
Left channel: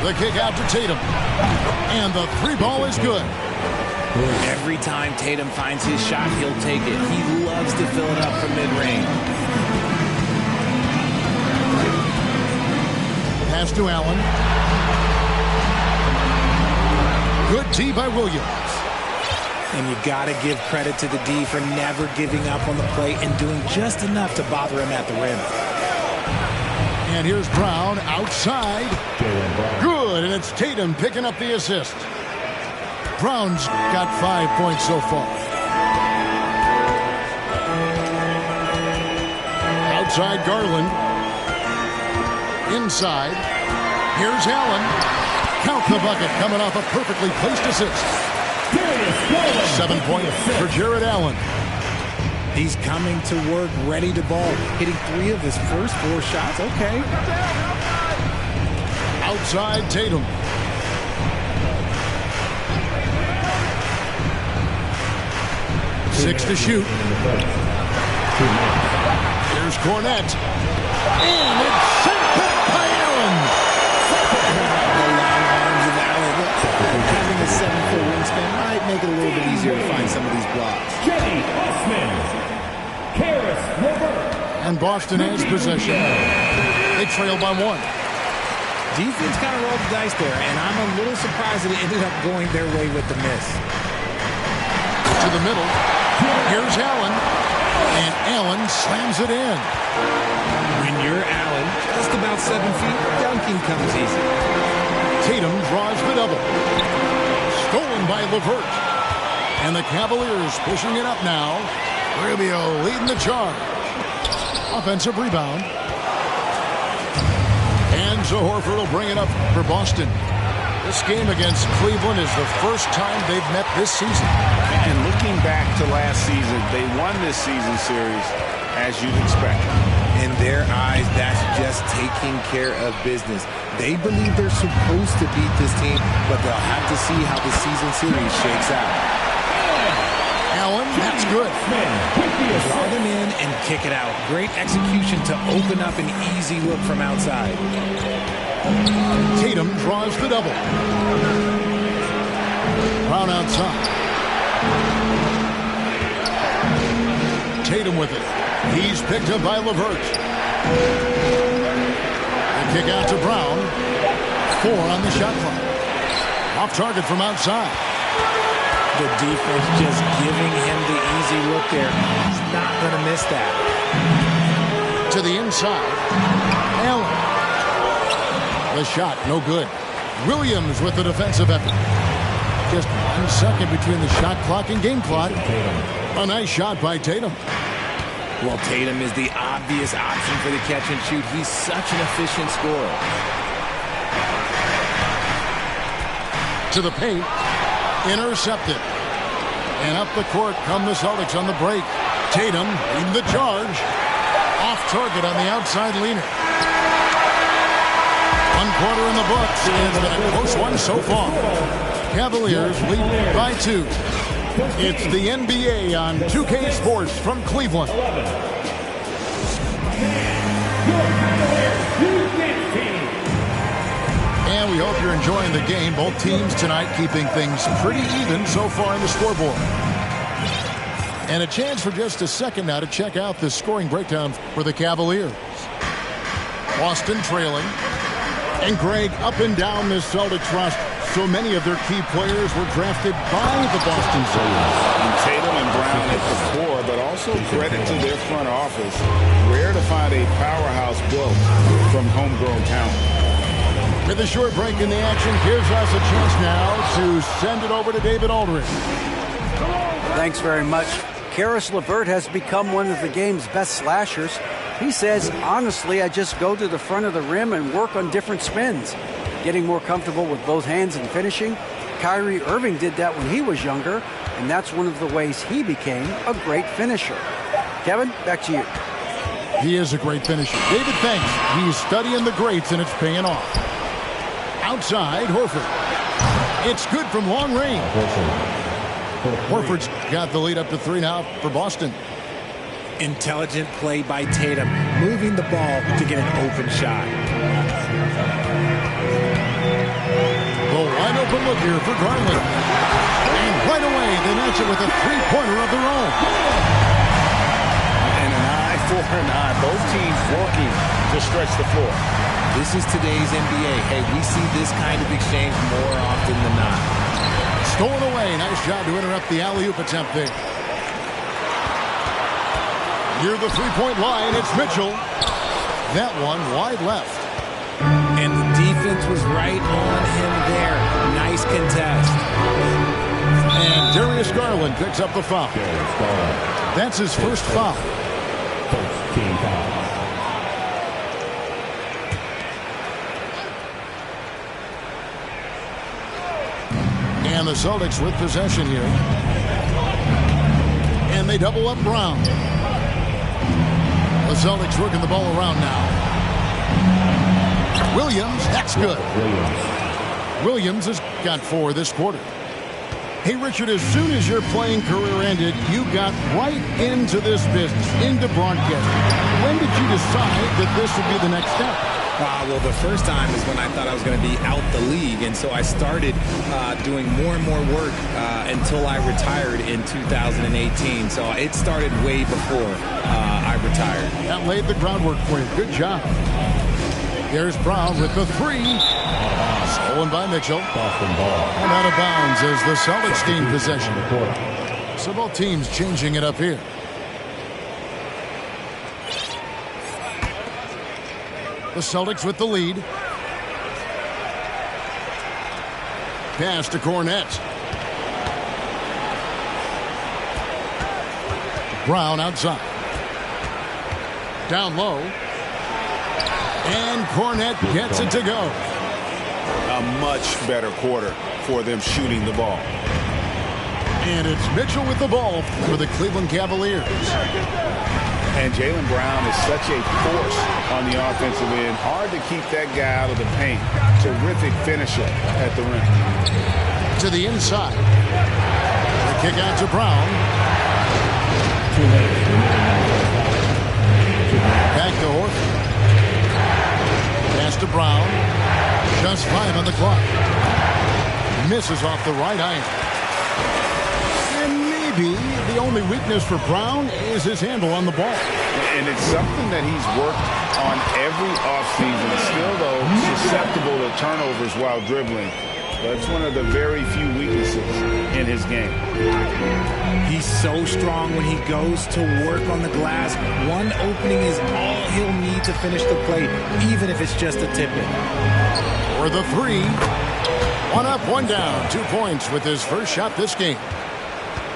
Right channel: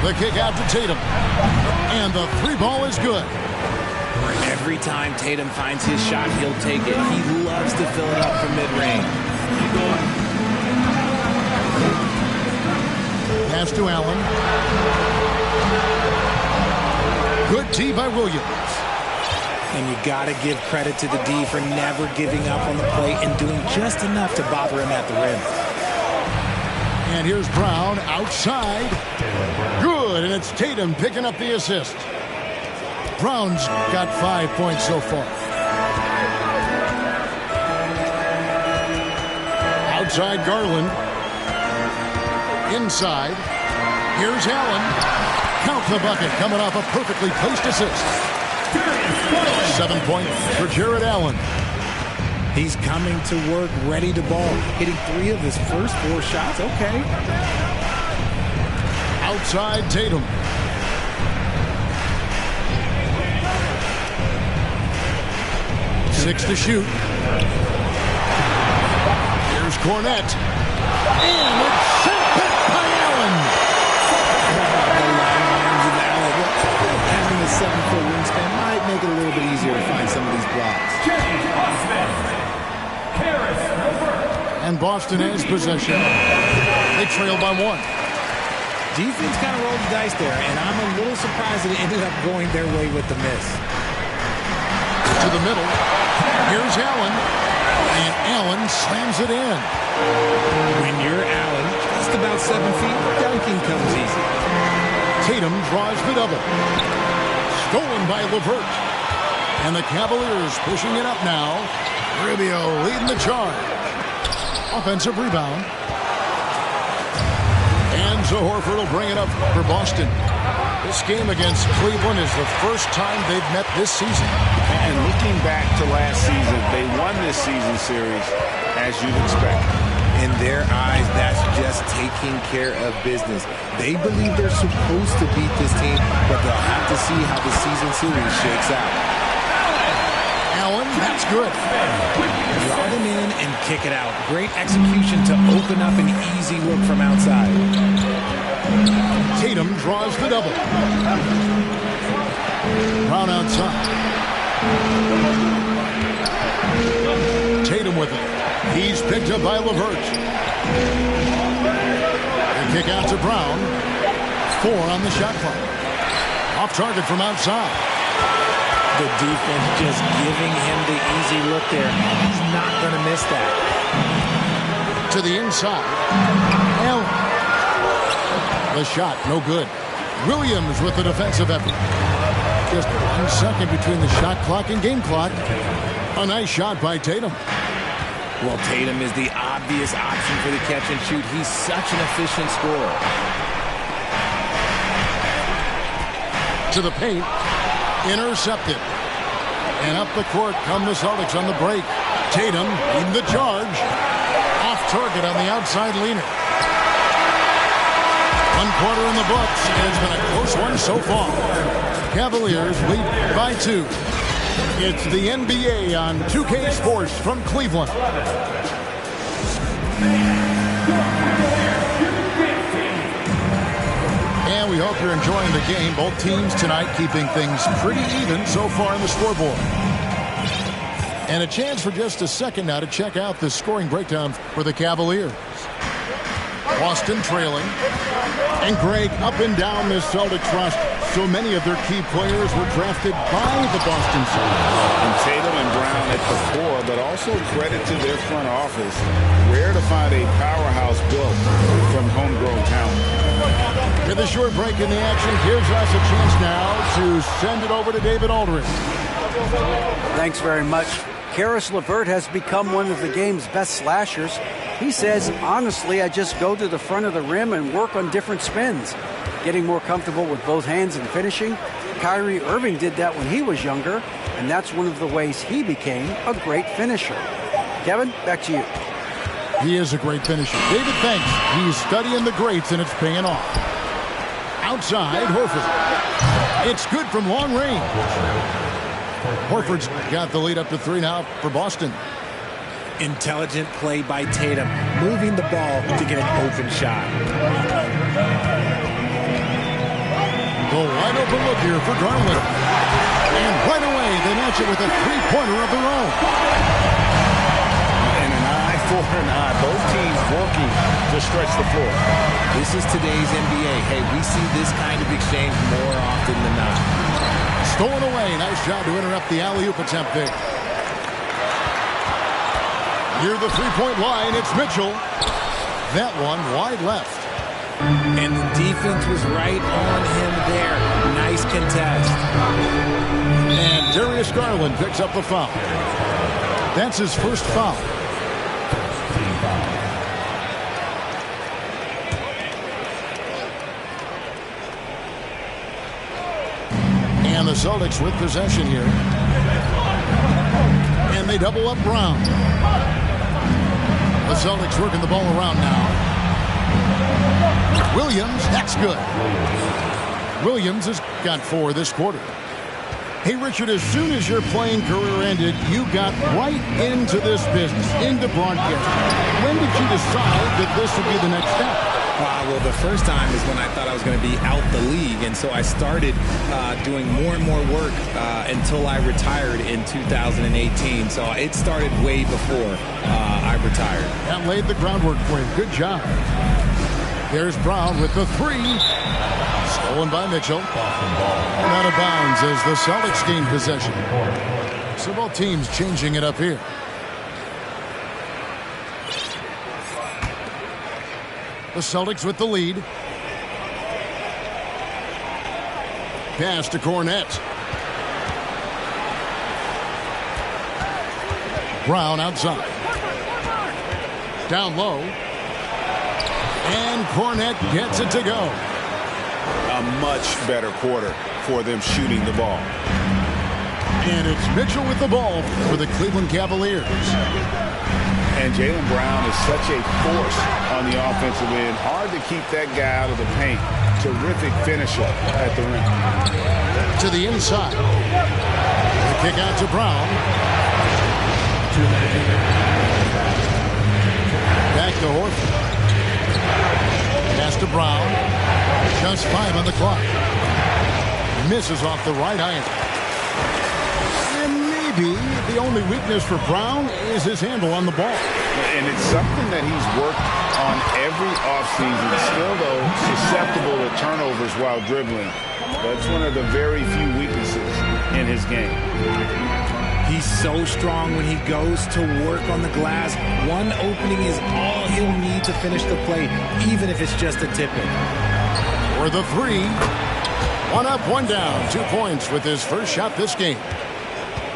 The kick out to Tatum. And the three ball is good. Every time Tatum finds his shot, he'll take it. He loves to fill it up from mid-range. Pass to Allen. Good D by Williams. And you got to give credit to the D for never giving up on the plate and doing just enough to bother him at the rim. And here's Brown outside. Good, and it's Tatum picking up the assist. Brown's got 5 points so far. Outside Garland. Inside. Here's Allen. Count the bucket coming off a perfectly placed assist. 7 points for Jared Allen. He's coming to work, ready to ball. Hitting 3 of his first 4 shots. Okay. Outside Tatum. Six to shoot. Here's Cornette. And it's sent back by Allen. The long arms of Allen. Having a 7-foot wingspan might make it a little bit easier to find some of these blocks. And Boston has possession. They trail by 1. Defense kind of rolled the dice there, and I'm a little surprised that it ended up going their way with the miss. To the middle. Here's Allen. And Allen slams it in. When you're Allen, just about 7 feet, dunking comes easy. Tatum draws the double. Stolen by LeVert. And the Cavaliers pushing it up now. Rubio leading the charge. Offensive rebound. And Zo Horford will bring it up for Boston. This game against Cleveland is the first time they've met this season. And looking back to last season, they won this season series as you'd expect. In their eyes, that's just taking care of business. They believe they're supposed to beat this team, but they'll have to see how the season series shakes out. Allen, that's good. Draw them in and kick it out. Great execution to open up an easy look from outside. Tatum draws the double. Brown outside. Tatum with it. He's picked up by LeVert. They kick out to Brown. 4 on the shot clock. Off target from outside. The defense just giving him the easy look there. He's not going to miss that. To the inside. Allen. The shot, no good. Williams with the defensive effort. Just 1 second between the shot clock and game clock. A nice shot by Tatum. Well, Tatum is the obvious option for the catch and shoot. He's such an efficient scorer. To the paint. Intercepted. And up the court come the Celtics on the break. Tatum leading the charge. Off target on the outside leaner. 1 quarter in the books, and it's been a close one so far. Cavaliers lead by 2. It's the NBA on 2K Sports from Cleveland. And we hope you're enjoying the game. Both teams tonight keeping things pretty even so far in the scoreboard. And a chance for just a second now to check out the scoring breakdown for the Cavaliers. Boston trailing. And Greg, up and down this Celtics roster, so many of their key players were drafted by the Boston Celtics. And Tatum and Brown at the core, but also credit to their front office. Rare to find a powerhouse built from homegrown talent. With a short break in the action, gives us a chance now to send it over to David Aldridge. Thanks very much. Caris LeVert has become one of the game's best slashers. He says, honestly, I just go to the front of the rim and work on different spins. Getting more comfortable with both hands and finishing. Kyrie Irving did that when he was younger, and that's one of the ways he became a great finisher. Kevin, back to you. He is a great finisher. David thanks. He's studying the greats, and it's paying off. Outside, Horford. It's good from long range. Horford's got the lead up to 3 now for Boston. Intelligent play by Tatum, moving the ball to get an open shot. The wide open look here for Garland. And right away, they match it with a three-pointer of their own. And an eye for an eye. Both teams working to stretch the floor. This is today's NBA. Hey, we see this kind of exchange more often than not. Stolen away. Nice job to interrupt the alley-oop attempt there. Near the three-point line, it's Mitchell. That one wide left. And the defense was right on him there. Nice contest. And Darius Garland picks up the foul. That's his first foul. Team foul. And the Celtics with possession here. And they double up Brown. The Celtics working the ball around now. Williams, that's good. Williams has got 4 this quarter. Hey, Richard, as soon as your playing career ended, you got right into this business, into broadcasting. When did you decide that this would be the next step? Well, the first time is when I thought I was going to be out the league, and so I started doing more and more work until I retired in 2018. So it started way before I retired. That laid the groundwork for you. Good job. There's Brown with the three. Stolen by Mitchell. And out of bounds as the Celtics gain possession. So both teams changing it up here. The Celtics with the lead. Pass to Cornette. Brown outside. Down low. And Cornette gets it to go. A much better quarter for them shooting the ball. And it's Mitchell with the ball for the Cleveland Cavaliers. And Jaylen Brown is such a force on the offensive end. Hard to keep that guy out of the paint. Terrific finisher at the rim. To the inside. The kick out to Brown. Back to Horford. Pass to Brown. Just 5 on the clock. Misses off the right iron. And maybe the only weakness for Brown is his handle on the ball. And it's something that he's worked on every offseason. Still, though, susceptible to turnovers while dribbling. That's one of the very few weaknesses in his game. He's so strong when he goes to work on the glass. One opening is all he'll need to finish the play, even if it's just a tip-in. For the three. 1 up, 1 down. 2 points with his first shot this game.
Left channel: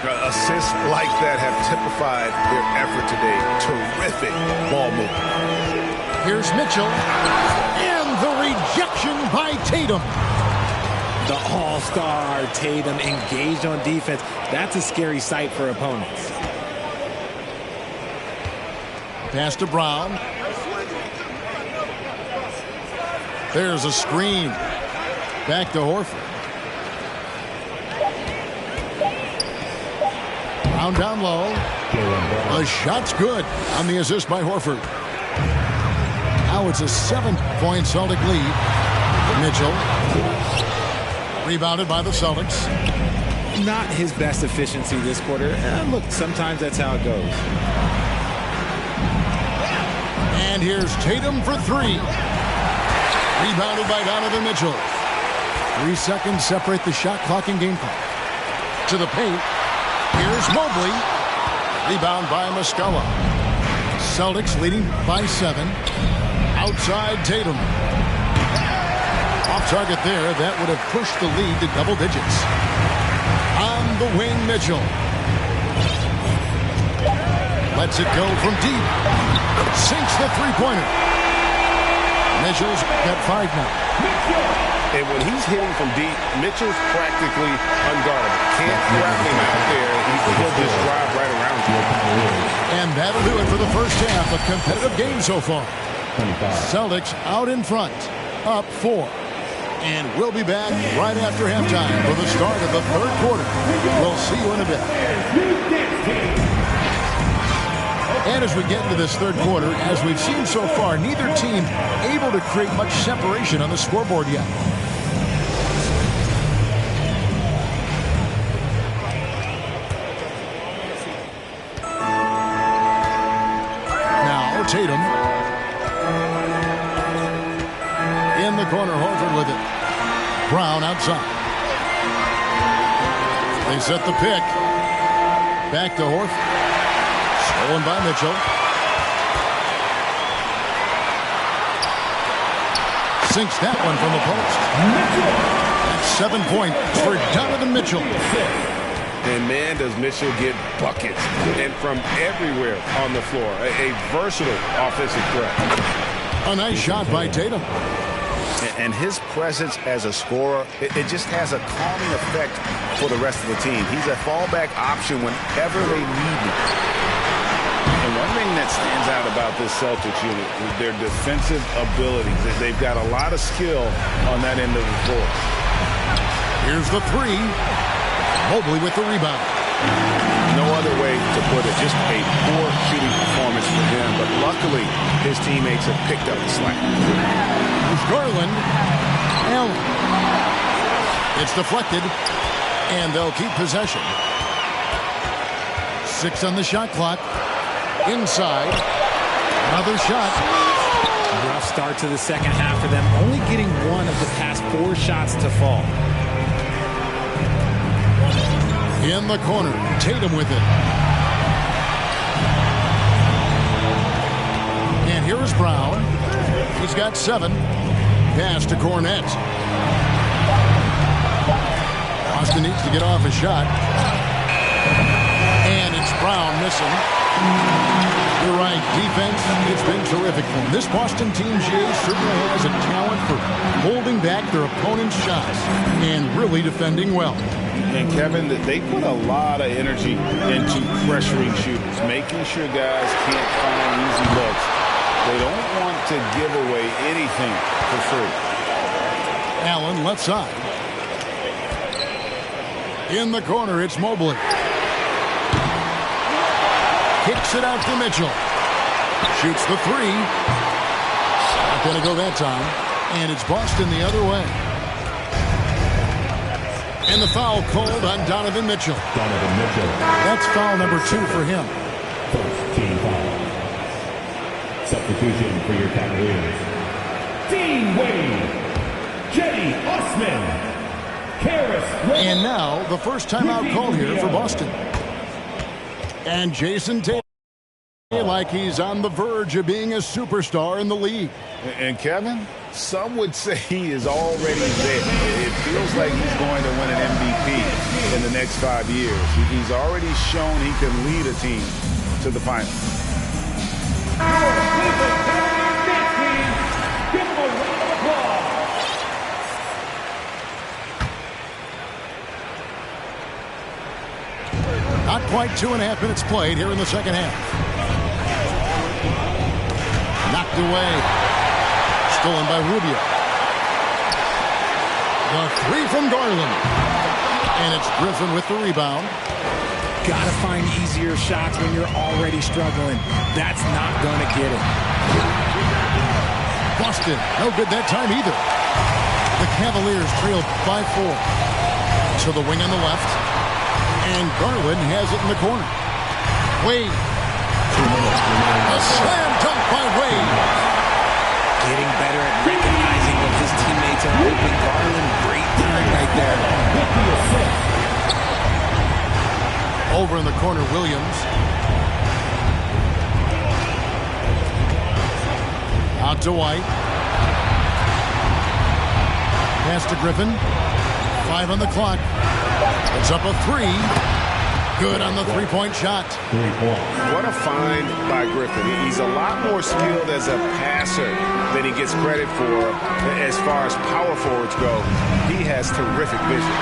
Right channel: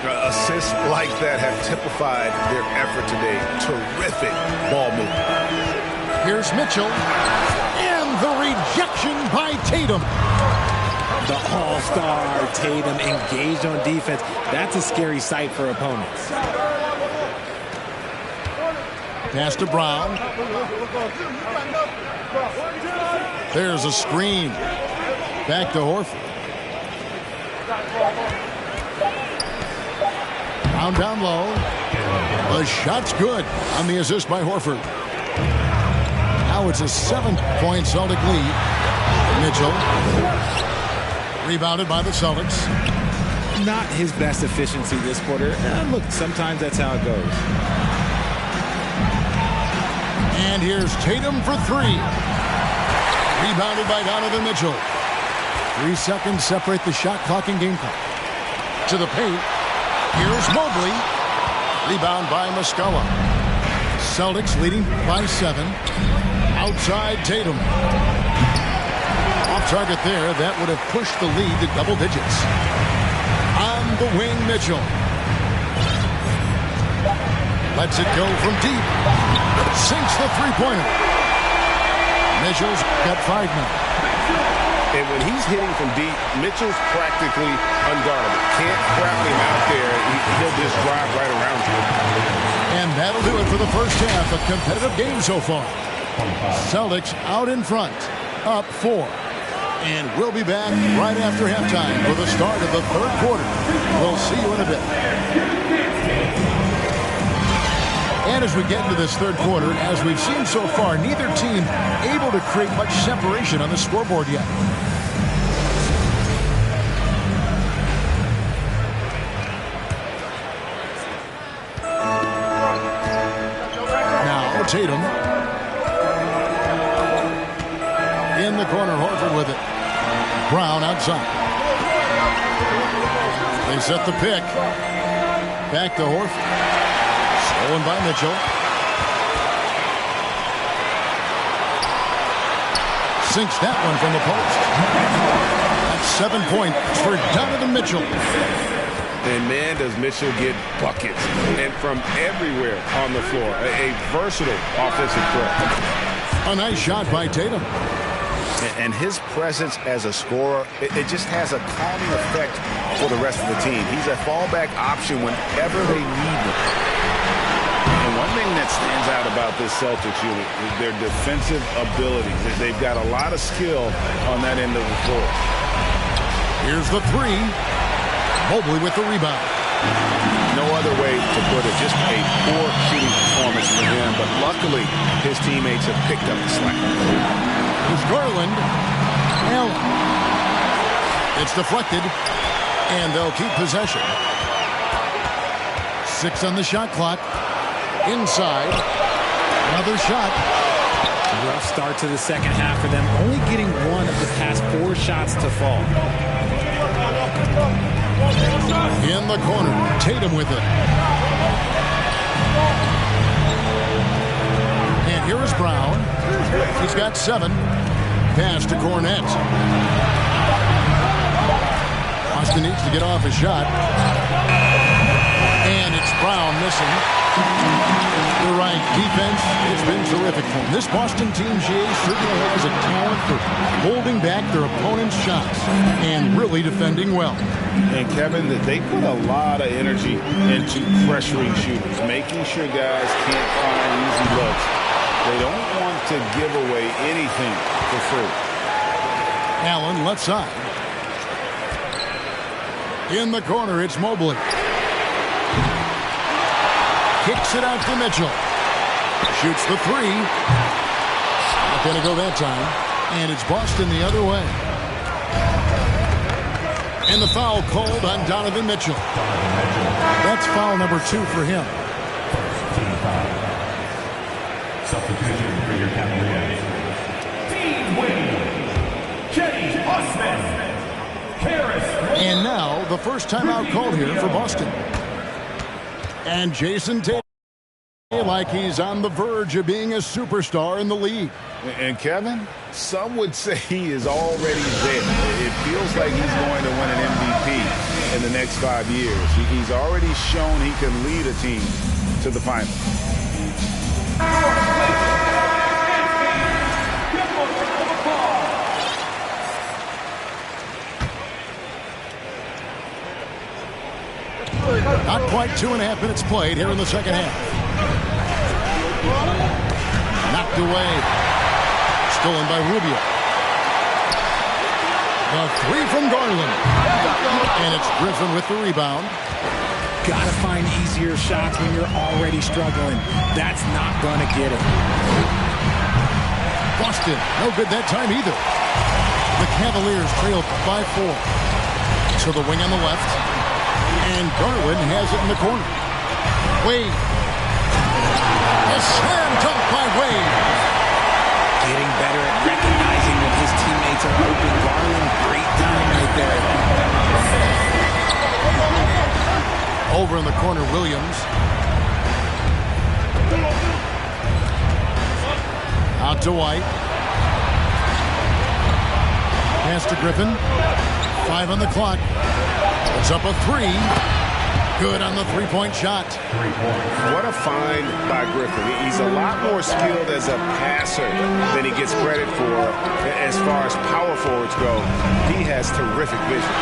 Assists like that have typified their effort today. Terrific ball movement. Here's Mitchell. And the rejection by Tatum. The all-star Tatum engaged on defense. That's a scary sight for opponents. Pass to Brown. There's a screen. Back to Horford. Brown down low. The shot's good on the assist by Horford. Now it's a 7-point Celtic lead. Mitchell. Rebounded by the Celtics. Not his best efficiency this quarter. Look, sometimes that's how it goes. And here's Tatum for 3. Rebounded by Donovan Mitchell. 3 seconds separate the shot clock and game clock. To the paint. Here's Mobley. Rebound by Muscala. Celtics leading by 7. Outside Tatum. Off target there. That would have pushed the lead to double digits. On the wing, Mitchell. Lets it go from deep. Sinks the three-pointer. Mitchell's got 5 now. And when he's hitting from deep, Mitchell's practically unguardable. Can't trap him out there. He'll just drive right around you. And that'll do it for the first half. A competitive game so far. Celtics out in front. Up 4. And we'll be back right after halftime for the start of the third quarter. We'll see you in a bit. And as we get into this third quarter, as we've seen so far, neither team able to create much separation on the scoreboard yet. Now Tatum. In the corner, Horford with it. Brown outside. They set the pick. Back to Horford. Stolen by Mitchell. Sinks that one from the post. That's 7 points for Donovan Mitchell. And man, does Mitchell get buckets. And from everywhere on the floor. A versatile offensive threat. A nice shot by Tatum. And his presence as a scorer, it just has a calming effect for the rest of the team. He's a fallback option whenever they need him. And one thing that stands out about this Celtics unit is their defensive abilities. They've got a lot of skill on that end of the floor. Here's the 3. Mobley with the rebound. No other way to put it. Just a poor shooting performance for him. But luckily, his teammates have picked up the slack. There's Garland. Allen. It's deflected. And they'll keep possession. 6 on the shot clock. Inside. Another shot. Rough start to the second half for them. Only getting one of the past 4 shots to fall. In the corner, Tatum with it. And here's Brown. He's got 7. Pass to Cornette. Boston needs to get off a shot. And it's Brown missing. You're right, defense, it's been terrific for him. This Boston team, GA, certainly has a talent for holding back their opponent's shots and really defending well. And Kevin, they put a lot of energy into pressuring shooters, making sure guys can't find easy looks. They don't want to give away anything for free. Allen left side. In the corner, it's Mobley. Kicks it out to Mitchell. Shoots the 3. Not going to go that time. And it's Boston the other way. And the foul called on Donovan Mitchell. That's foul number 2 for him. First team foul. Substitution for your Cavaliers. Dean Wade. Cedi Osman. And now the first timeout called here for Boston. And Jason Tatum, like he's on the verge of being a superstar in the league. And Kevin, some would say he is already there. It feels like he's going to win an MVP in the next 5 years. He's already shown he can lead a team to the finals. Not quite 2.5 minutes played here in the second half. Knocked away. Stolen by Rubio. The 3 from Garland. And it's Griffin with the rebound. Got to find easier shots when you're already struggling. That's not going to get it. Boston, no good that time either. The Cavaliers trailed by 4. To the wing on the left. And Garland has it in the corner. Wade. A slam dunk by Wade. Getting better at recognizing when his teammates are open. Garland, great time right there. Over in the corner, Williams. Out to White. Pass to Griffin. 5 on the clock. It's up a 3. Good on the 3-point shot. 3 points. What a find by Griffin. He's a lot more skilled as a passer than he gets credit for as far as power forwards go. He has terrific vision.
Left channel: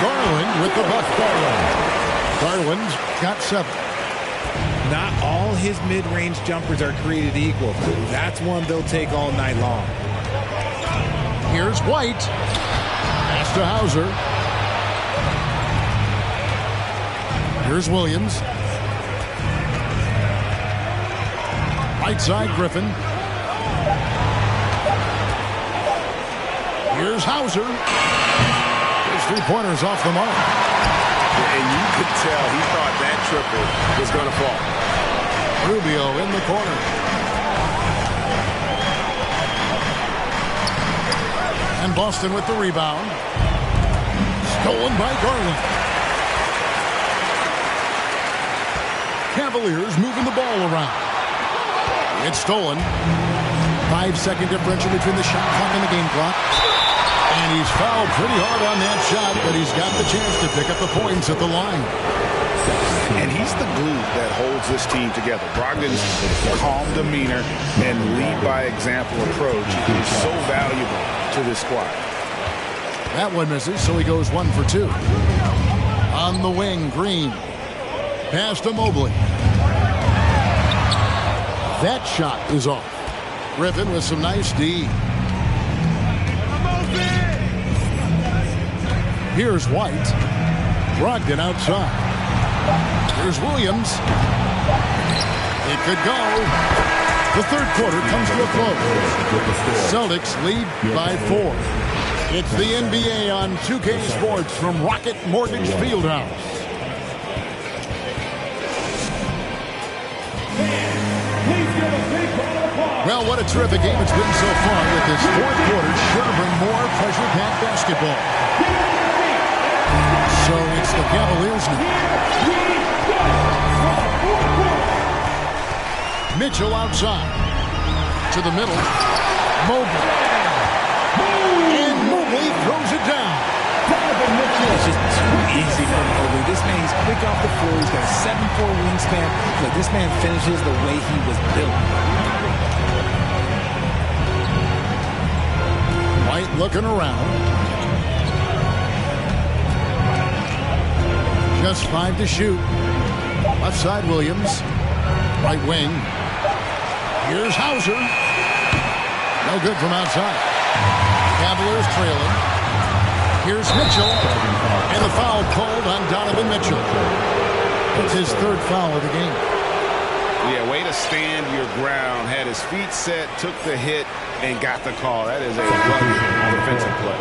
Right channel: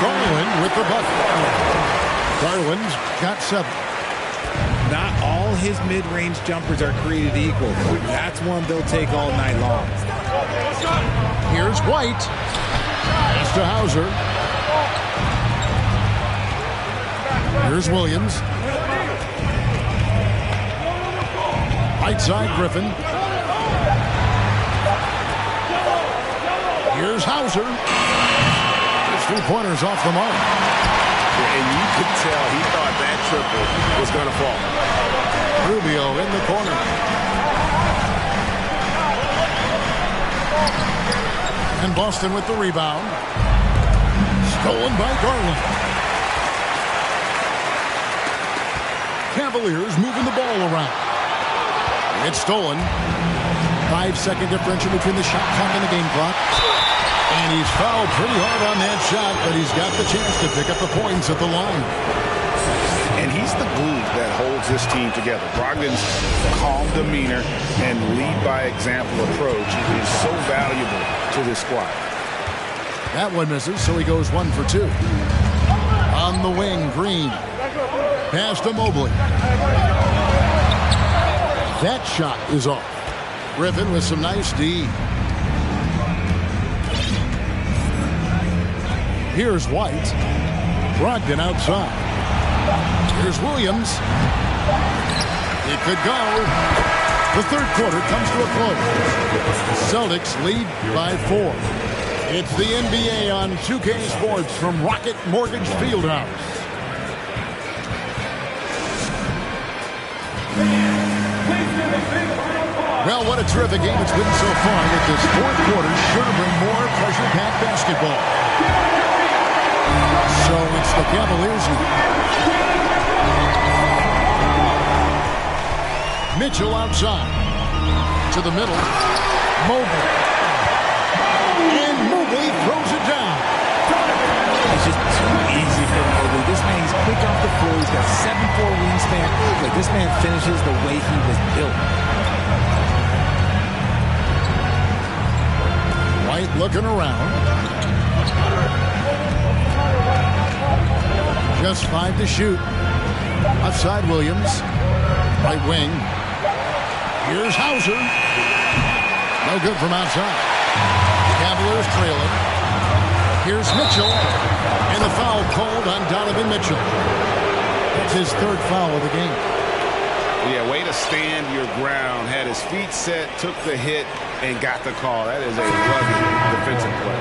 Garland with the bucket. Garland's got 7. Not all his mid-range jumpers are created equal. That's one they'll take all night long. Here's White. Pass to Hauser. Here's Williams. Right side, Griffin. Here's Hauser. His 3-pointer's off the mark. And you could tell he thought that triple was going to fall. Rubio in the corner. And Boston with the rebound. Stolen by Garland. Cavaliers moving the ball around. It's stolen. 5-second differential between the shot clock and the game clock. And he's fouled pretty hard on that shot, but he's got the chance to pick up the points at the line. And he's the glue that holds this team together. Brogdon's calm demeanor and lead by example approach is so valuable to this squad. That one misses, so he goes 1 for 2. On the wing, Green. Pass to Mobley. That shot is off. Griffin with some nice D. Here's White. Brogdon outside. Here's Williams. It could go. The third quarter comes to a close. Celtics lead by 4. It's the NBA on 2K Sports from Rocket Mortgage Fieldhouse. Well, what a terrific game it's been so far, with this fourth quarter sure to bring more pressure-packed basketball. So it's the Cavaliers now. Mitchell outside. To the middle. Mobley. And Mobley throws it down. It's just too easy for Mobley. This man, he's quick off the floor. He's got a 7'4" wingspan. Look, this man finishes the way he was built. White looking around. Just 5 to shoot. Left side, Williams. Right wing. Here's Hauser. No good from outside. Cavaliers trailing. Here's Mitchell. And a foul called on Donovan Mitchell. That's his third foul of the game. Yeah, way to stand your ground. Had his feet set, took the hit, and got the call. That is a rugged defensive play.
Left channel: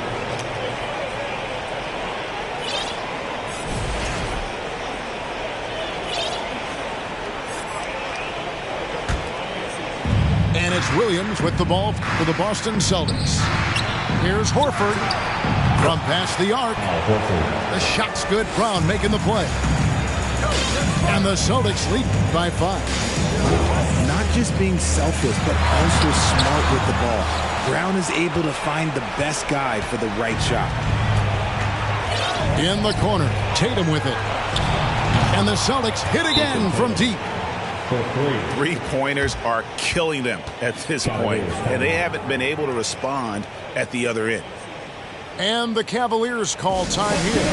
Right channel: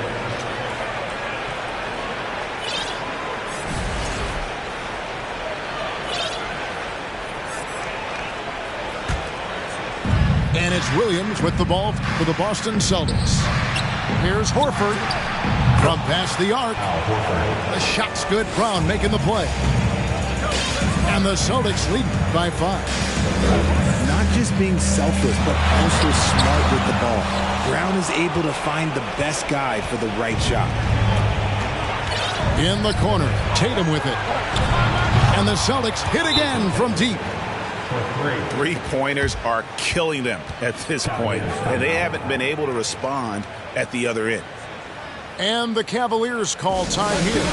And it's Williams with the ball for the Boston Celtics. Here's Horford from past the arc. The shot's good. Brown making the play. And the Celtics lead by 5. Not just being selfless, but also smart with the ball. Brown is able to find the best guy for the right shot. In the corner, Tatum with it. And the Celtics hit again from deep. Three-pointers are killing them at this point, and they haven't been able to respond at the other end. And the Cavaliers call time here.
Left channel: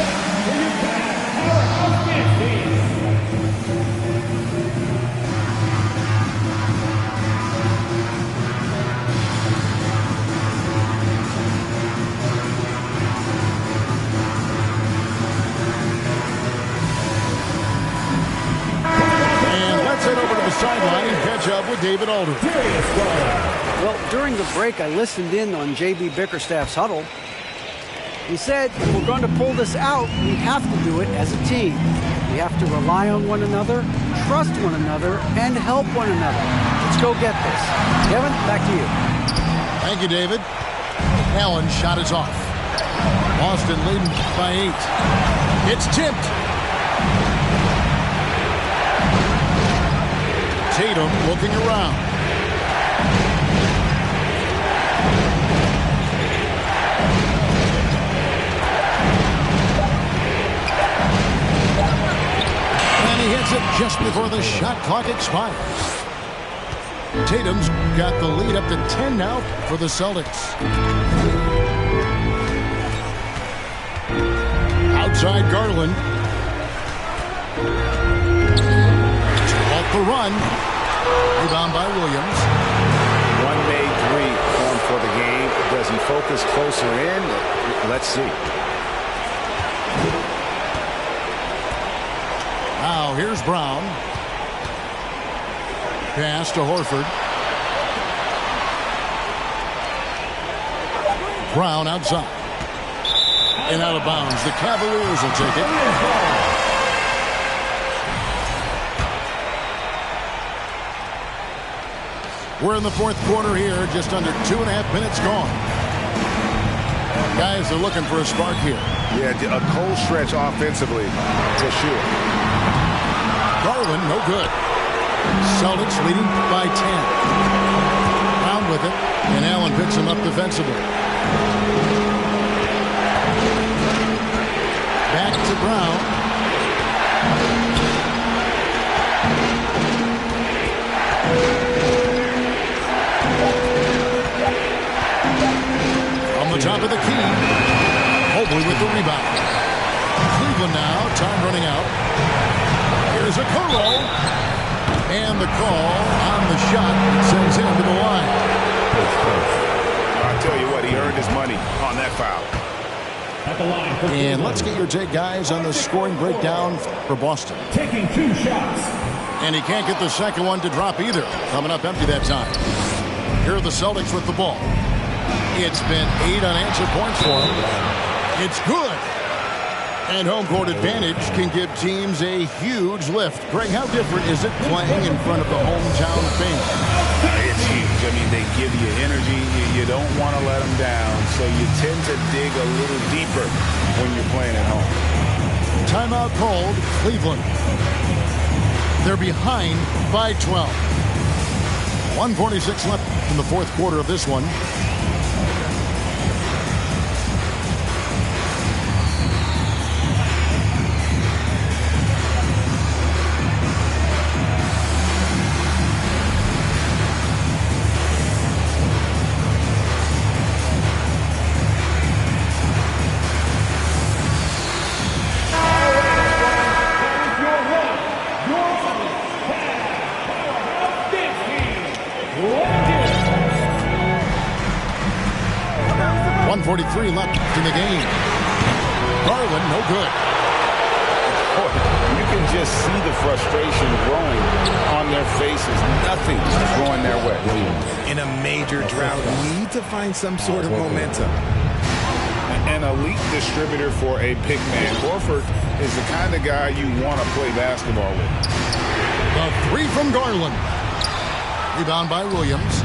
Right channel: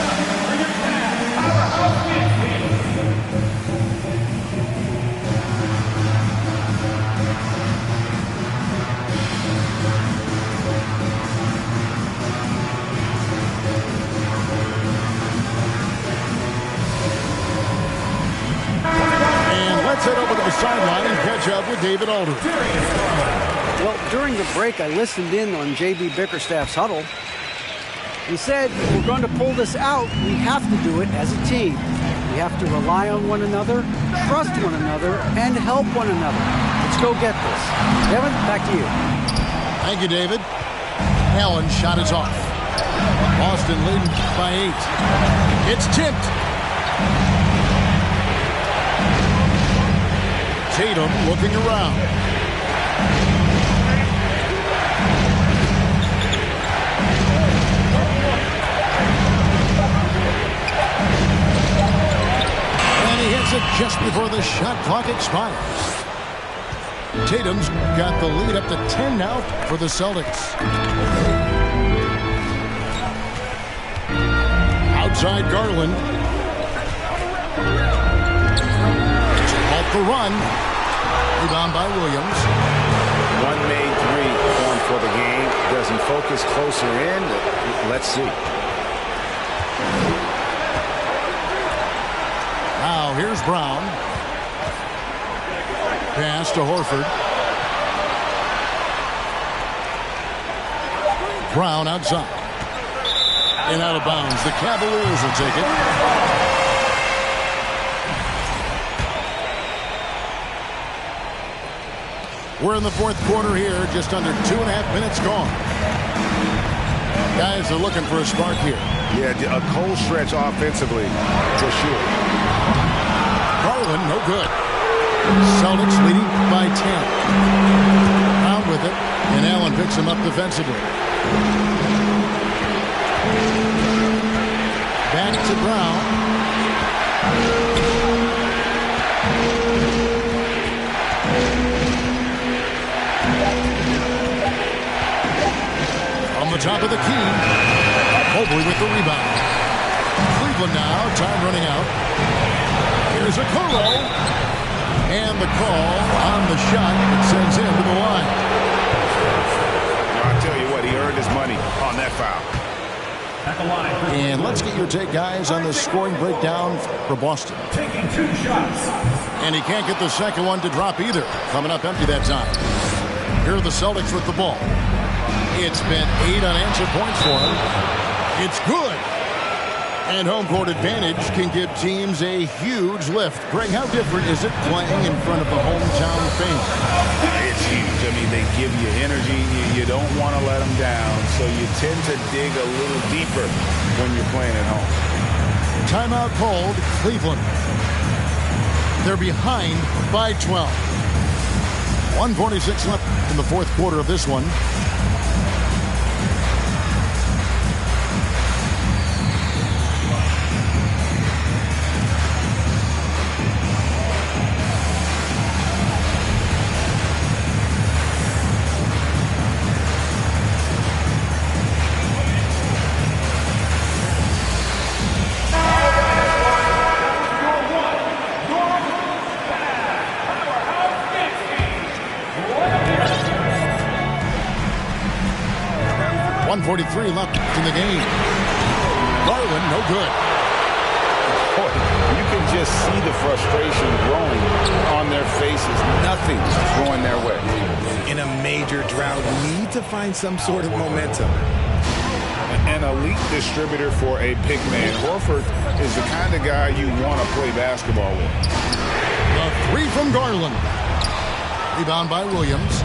Let's head over to the sideline and catch up with David Aldridge. Well, during the break, I listened in on J.B. Bickerstaff's huddle. He said, if we're going to pull this out, we have to do it as a team. We have to rely on one another, trust one another, and help one another. Let's go get this. Kevin, back to you. Thank you, David. Allen's shot is off. Boston leading by 8. It's tipped. Tatum looking around. And he hits it just before the shot clock expires. Tatum's got the lead up to 10 now for the Celtics. Outside Garland. Off the run. Rebound by Williams. One made three formed for the game. Does he focus closer in? Let's see. Now here's Brown. Pass to Horford. Brown outside. And out of bounds. The Cavaliers will take it. We're in the fourth quarter here, just under 2.5 minutes gone. Guys are looking for a spark here. Yeah, a cold stretch offensively, for sure. Garland, no good. Celtics leading by 10. Brown with it, and Allen picks him up defensively. Back to Brown. On the top of the key. Mobley with the rebound. Cleveland now, time running out. Here's a Okoro. And the call on the shot that sends him to the line. I tell you what, he earned his money on that foul. At the line for And let's get your take, guys, on the scoring breakdown for Boston. taking 2 shots. And he can't get the second one to drop either. Coming up empty that time. Here are the Celtics with the ball. It's been 8 unanswered points for him. It's good. And home court advantage can give teams a huge lift. Greg, how different is it playing in front of the hometown fans? It's huge. I mean, they give you energy. You don't want to let them down, so you tend to dig a little deeper when you're playing at home. Timeout called Cleveland. They're behind by 12. 1:46 left in the fourth quarter of this one. Your one, your only, powerhouse big team, Lakers. 1:43 left in the game. Garland, no good. Boy, you can just see the frustration growing on their faces. Nothing going their way. In a major drought, need to find some sort of momentum. An elite distributor for a big man. Horford is the kind of guy you want to play basketball with. The three from Garland. Rebound by Williams.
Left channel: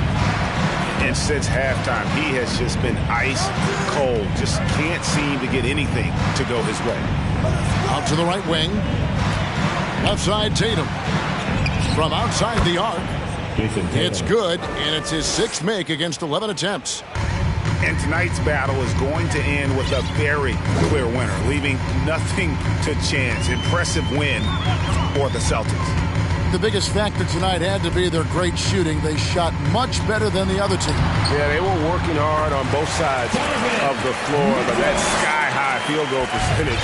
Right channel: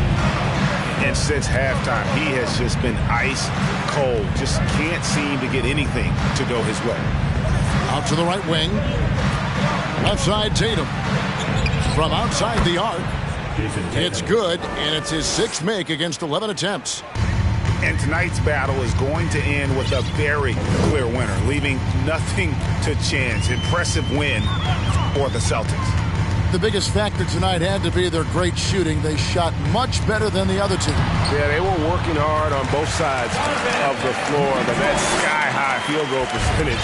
And since halftime, he has just been ice cold. Just can't seem to get anything to go his way. Out to the right wing. Left side, Tatum. From outside the arc. It's good, and it's his 6th make against 11 attempts. And tonight's battle is going to end with a very clear winner, leaving nothing to chance. Impressive win for the Celtics. The biggest factor tonight had to be their great shooting. They shot much better than the other team. Yeah, they were working hard on both sides of the floor, but that sky-high field goal percentage,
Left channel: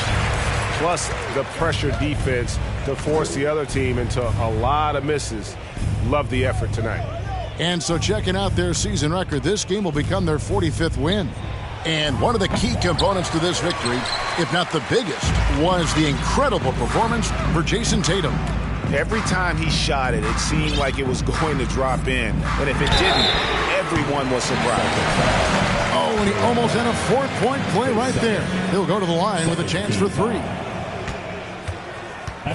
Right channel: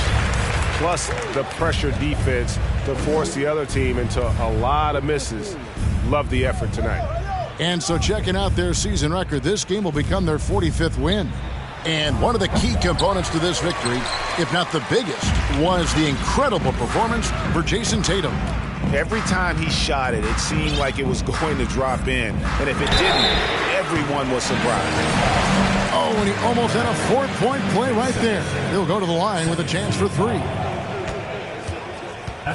plus the pressure defense to force the other team into a lot of misses. Love the effort tonight. And so checking out their season record, this game will become their 45th win. And one of the key components to this victory, if not the biggest, was the incredible performance for Jason Tatum. Every time he shot it, it seemed like it was going to drop in. And if it didn't, everyone was surprised. Oh, and he almost had a 4-point play right there. He'll go to the line with a chance for 3.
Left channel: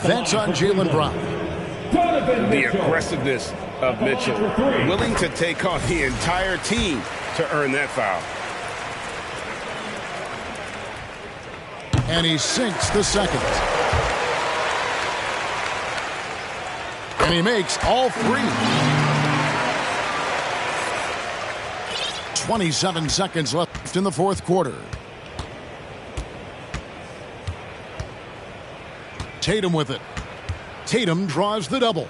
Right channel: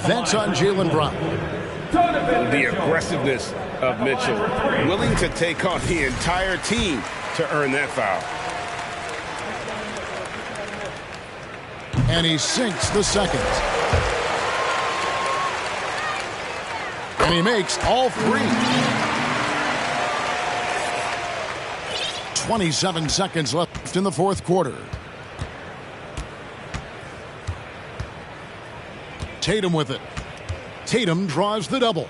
That's on Jaylen Brown. The aggressiveness of Mitchell, willing to take on the entire team to earn that foul. And he sinks the second. And he makes all 3. 27 seconds left in the fourth quarter. Tatum with it. Tatum draws the double.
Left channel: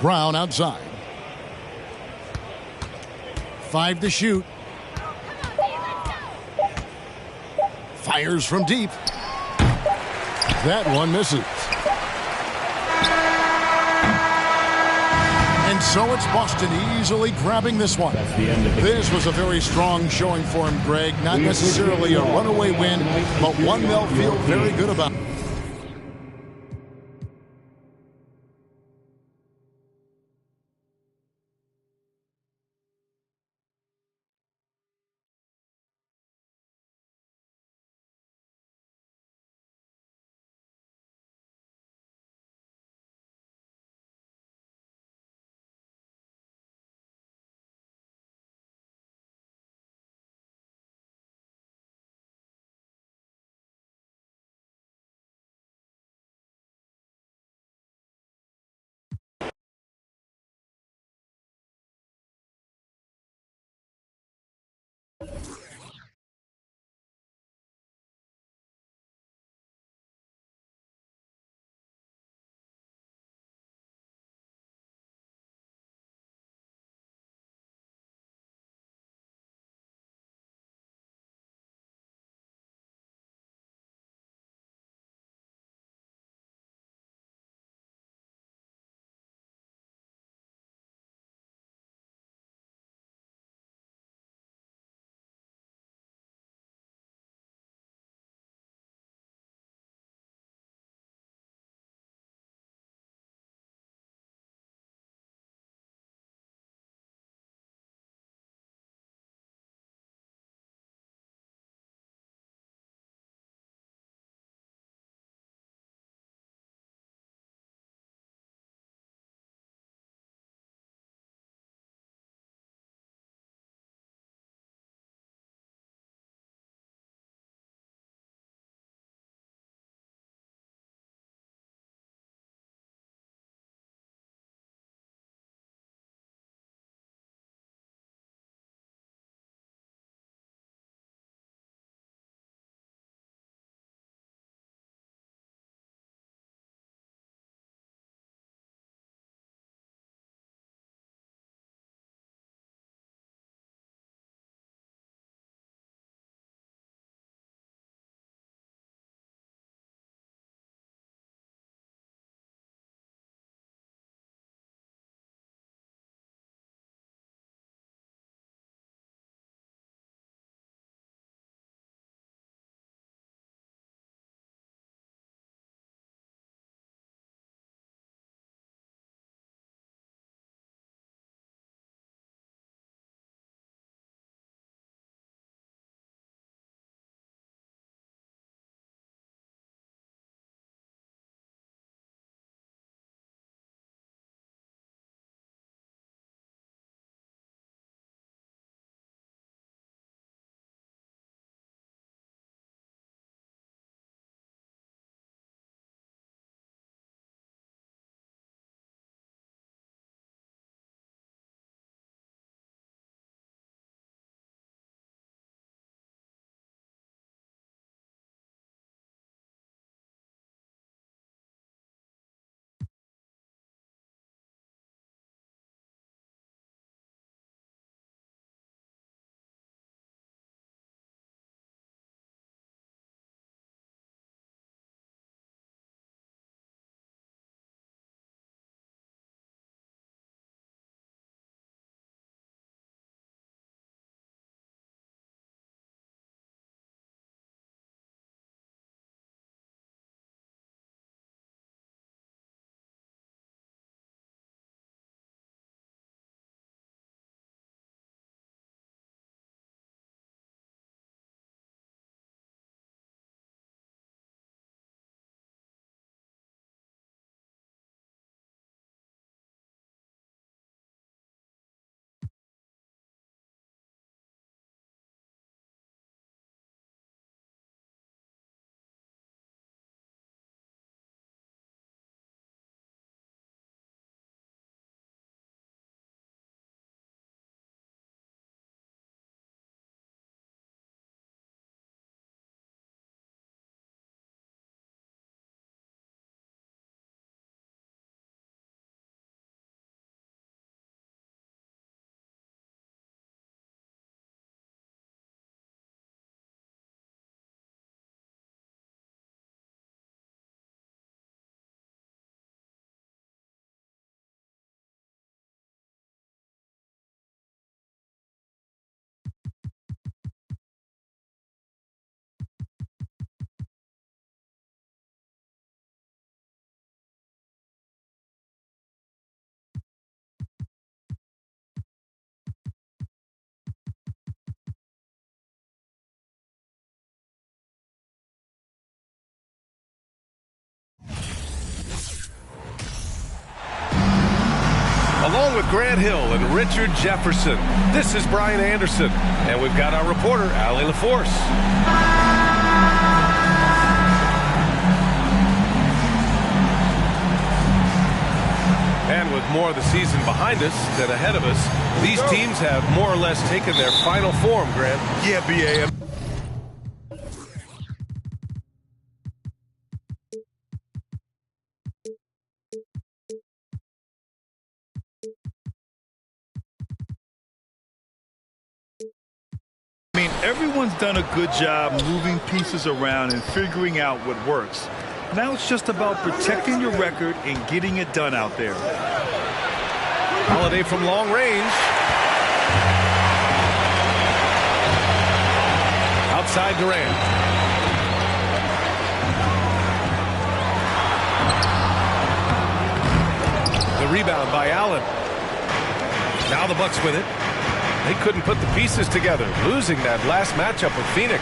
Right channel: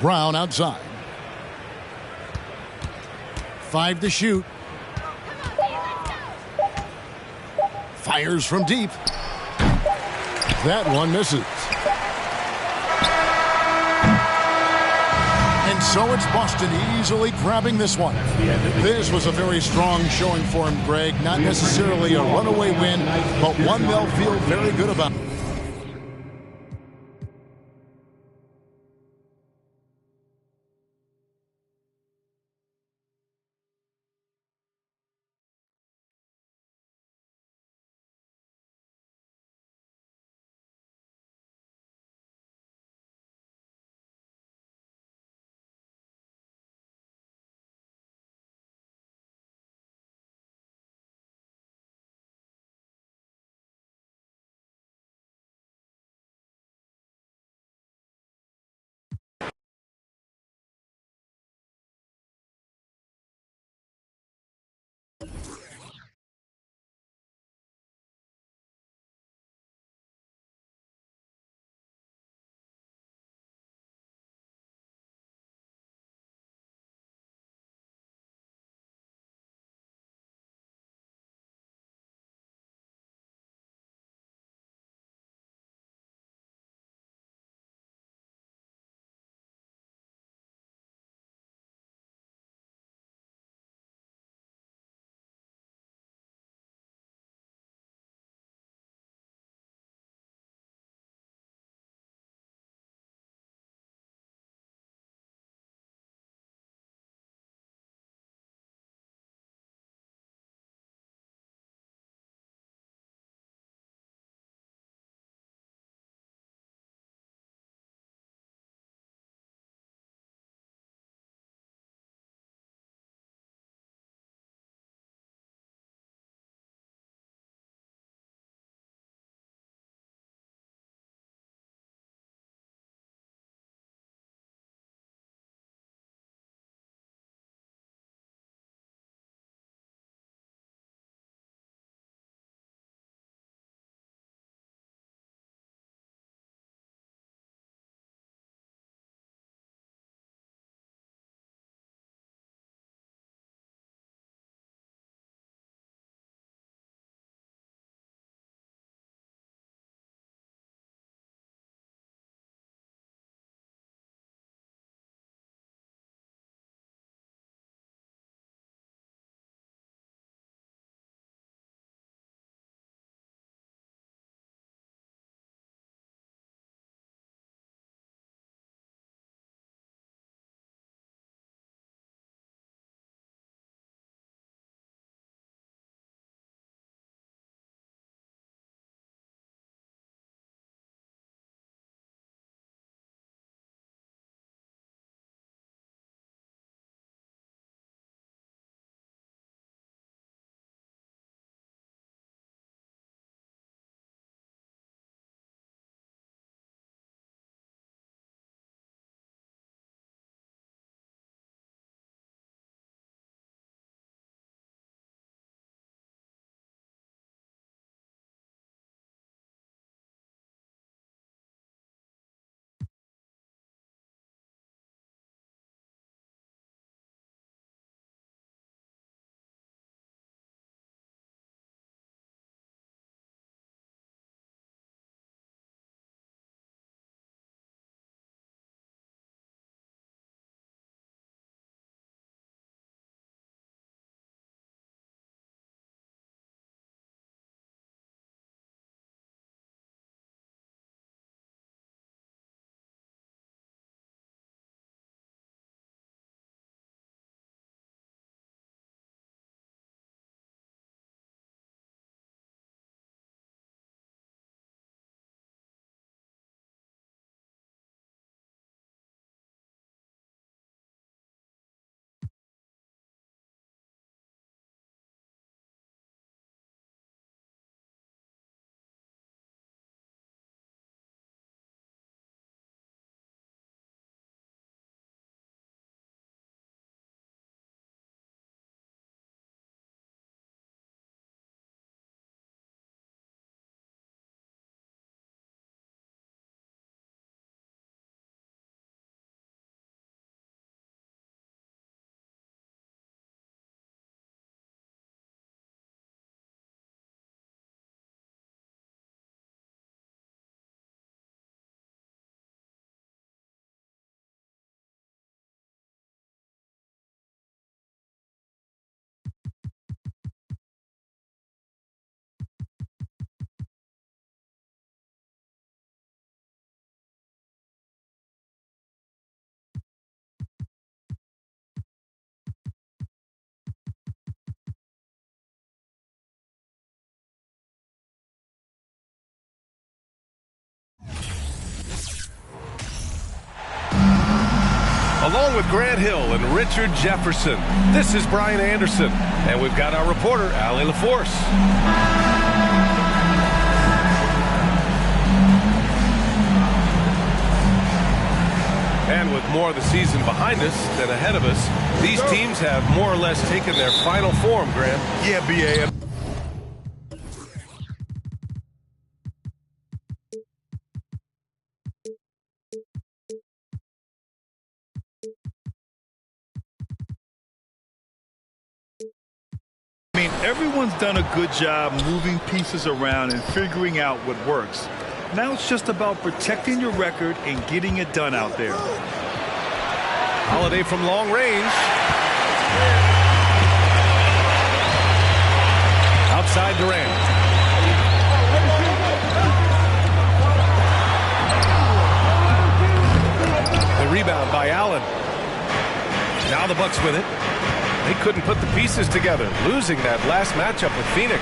Brown outside. 5 to shoot. Fires from deep. That one misses. And so it's Boston easily grabbing this one. This was a very strong showing for him, Greg. Not necessarily a runaway win, but one they'll feel very good about. Along with Grant Hill and Richard Jefferson, this is Brian Anderson, and we've got our reporter, Allie LaForce. And with more of the season behind us than ahead of us, these teams have more or less taken their final form, Grant. Yeah, B.A. I mean, everyone's done a good job moving pieces around and figuring out what works. Now it's just about protecting your record and getting it done out there. Holiday from long range. Outside Durant. The rebound by Allen. Now the Bucks with it. They couldn't put the pieces together, losing that last matchup with Phoenix.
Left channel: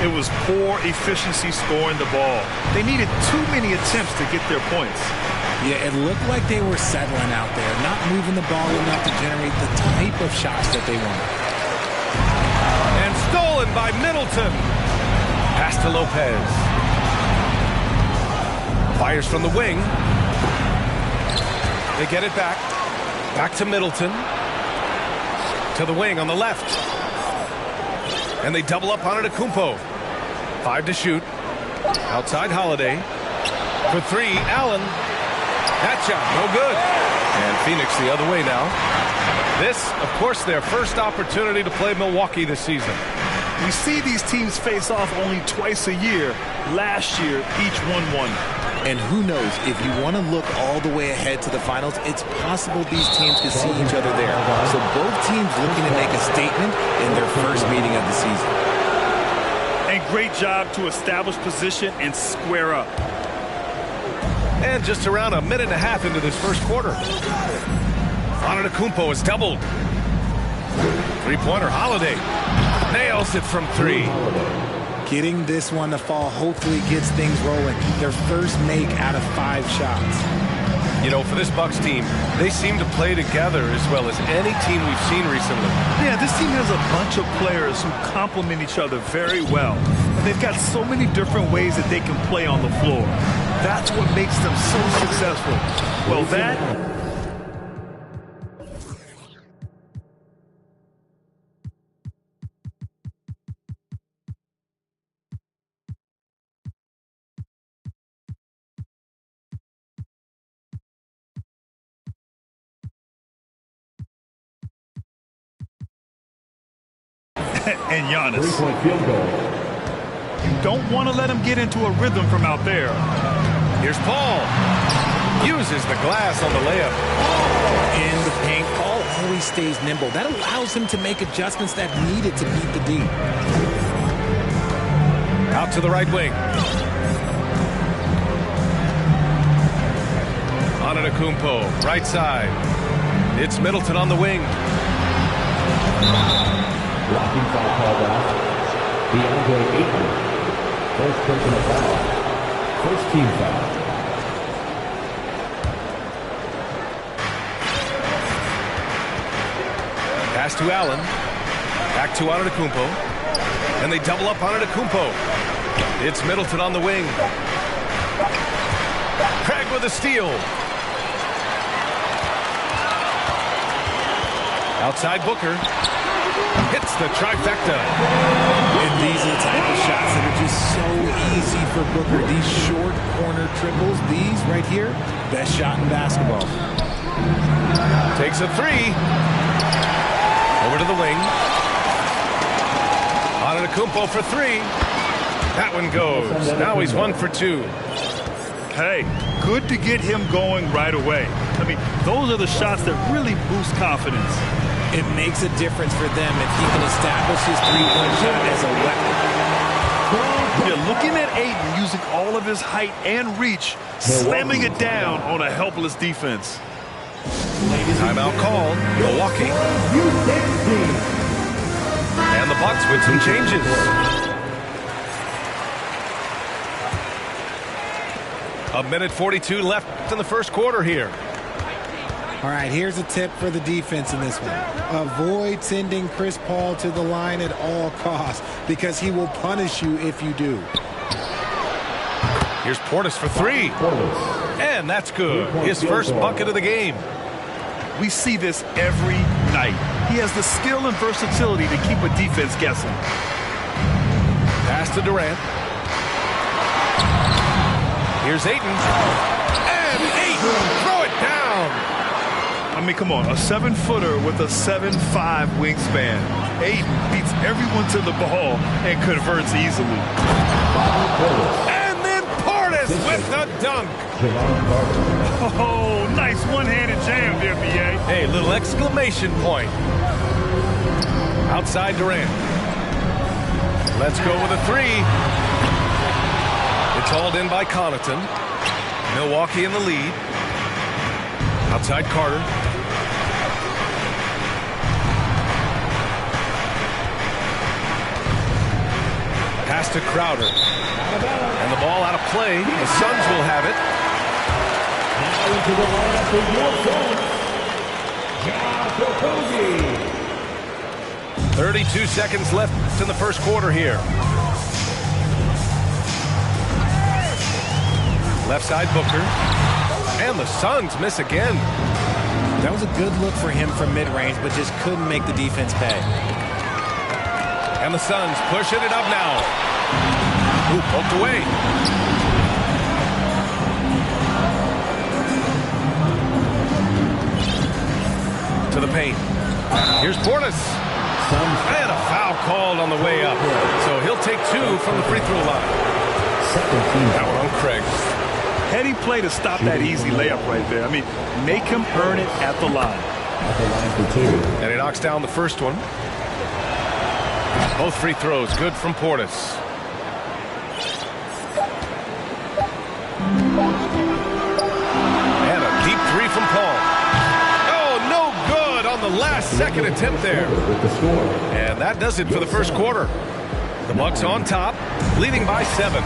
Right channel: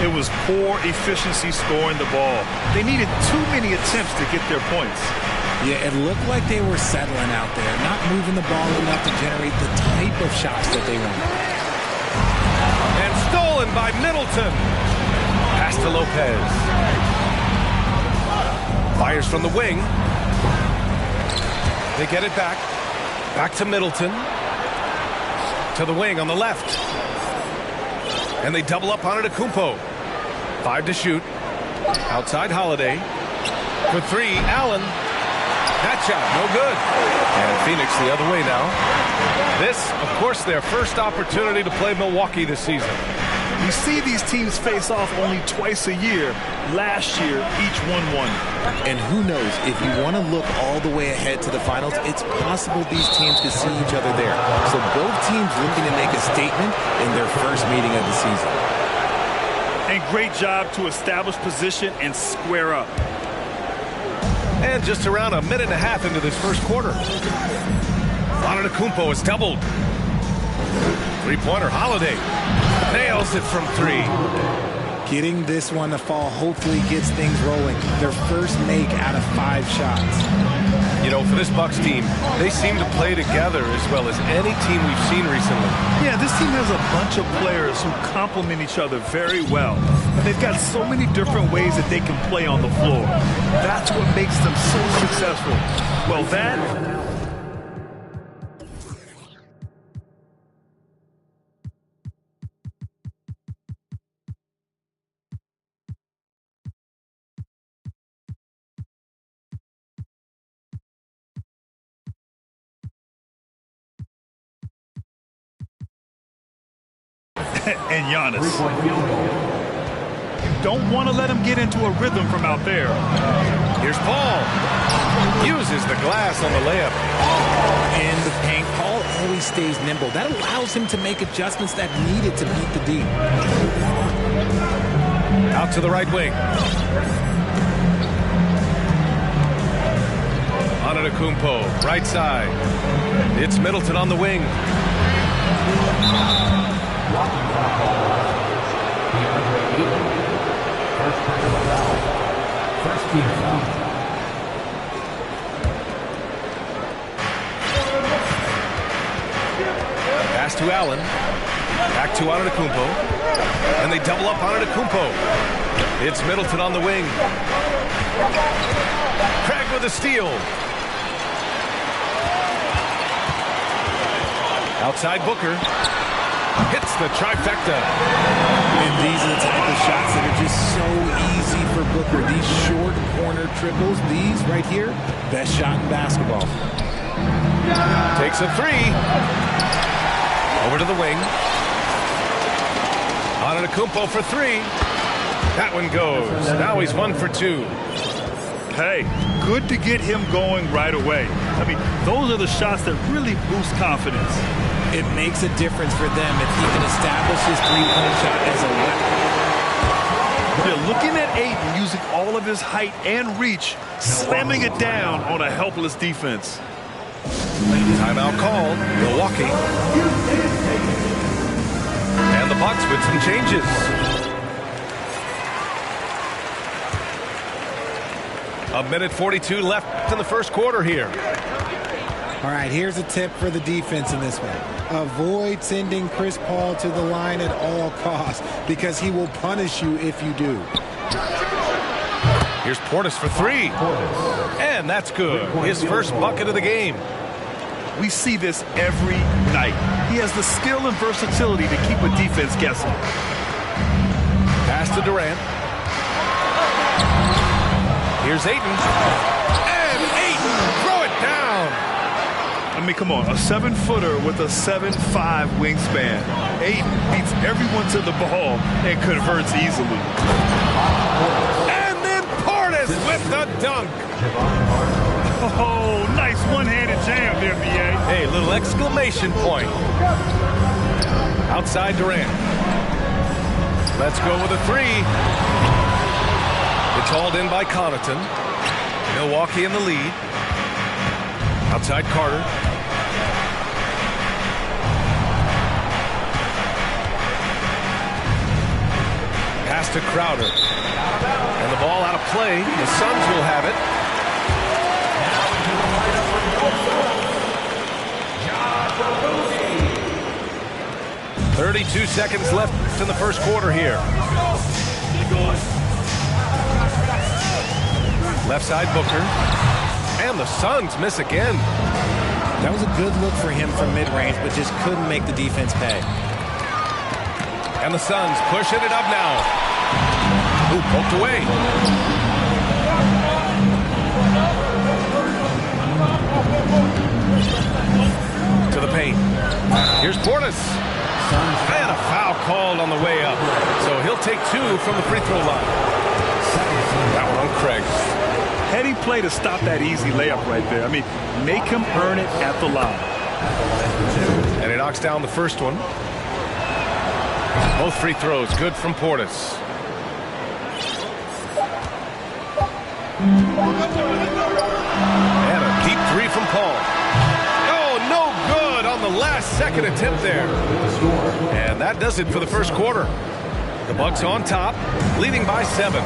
It was poor efficiency scoring the ball. They needed too many attempts to get their points. Yeah, it looked like they were settling out there, not moving the ball enough to generate the type of shots that they wanted. And stolen by Middleton. Pass to Lopez. Fires from the wing. They get it back. Back to Middleton. To the wing on the left. And they double up on Antetokounmpo. 5 to shoot. Outside Holiday. For 3, Allen. That shot, no good. And Phoenix the other way now. This, of course, their first opportunity to play Milwaukee this season. We see these teams face off only twice a year. Last year, each one won. And who knows, if you want to look all the way ahead to the finals, it's possible these teams could see each other there. So both teams looking to make a statement in their first meeting of the season. And great job to establish position and square up. And just around a minute and a half into this first quarter. Antetokounmpo is doubled. Three-pointer Holiday. Nails it from 3. Getting this one to fall hopefully gets things rolling. Their first make out of 5 shots. You know, for this Bucks team, they seem to play together as well as any team we've seen recently. Yeah, this team has a bunch of players who complement each other very well. And they've got so many different ways that they can play on the floor. That's what makes them so successful. Well, that... and Giannis. Three-point field goal. You don't want to let him get into a rhythm from out there. Here's Paul. Uses the glass on the layup. In the paint, Paul always stays nimble. That allows him to make adjustments that needed to beat the D. Out to the right wing. Antetokounmpo, right side. It's Middleton on the wing. Blocking foul called out. DeAndre Ayton. First personal foul. First team foul. Pass to Allen. Back to Antetokounmpo. And they double up on Antetokounmpo. It's Middleton on the wing. Craig with a steal. Outside Booker. Hits the trifecta. And these are the type of shots that are just so easy for Booker. These short corner triples, these right here, best shot in basketball. Takes a 3. Over to the wing. Antetokounmpo for 3. That one goes. Now he's 1 for 2. Hey, good to get him going right away. I mean, those are the shots that really boost confidence. It makes a difference for them if he can establish his three-point shot as a weapon. Yeah, looking at Ayton using all of his height and reach, slamming it down on a helpless defense. Timeout called. Milwaukee. And the Bucks with some changes. A minute 42 left in the first quarter here. All right, here's a tip for the defense in this one. Avoid sending Chris Paul to the line at all costs because he will punish you if you do. Here's Portis for three. And that's good. His first bucket of the game. We see this every night. He has the skill and versatility to keep a defense guessing. Pass to Durant. Here's Ayton. And Ayton, throw it down. I mean, come on, a 7-footer with a 7'5" wingspan. Ayton beats everyone to the ball and converts easily. And then Portis with the dunk. Oh, nice one-handed jam there, B.A. Hey, little exclamation point. Outside Durant. Let's go with a three. It's hauled in by Connaughton. Milwaukee in the lead. Outside Carter. Pass to Crowder. And the ball out of play. The Suns will have it. Now into the lineup for your Suns, Josh Okogie. 32 seconds left in the first quarter here. Left side Booker. And the Suns miss again. That was a good look for him from mid-range, but just couldn't make the defense pay. And the Suns pushing it up now. Ooh, poked away. To the paint. Here's Portis. And a foul called on the way up. So he'll take two from the free throw line. That one on Craig. Heady play to stop that easy layup right there. I mean, make him earn it at the line. And he knocks down the first one. Both free throws good from Portis. And a deep three from Paul. Oh, no good on the last second attempt there. And that does it for the first quarter. The Bucks on top, leading by 7.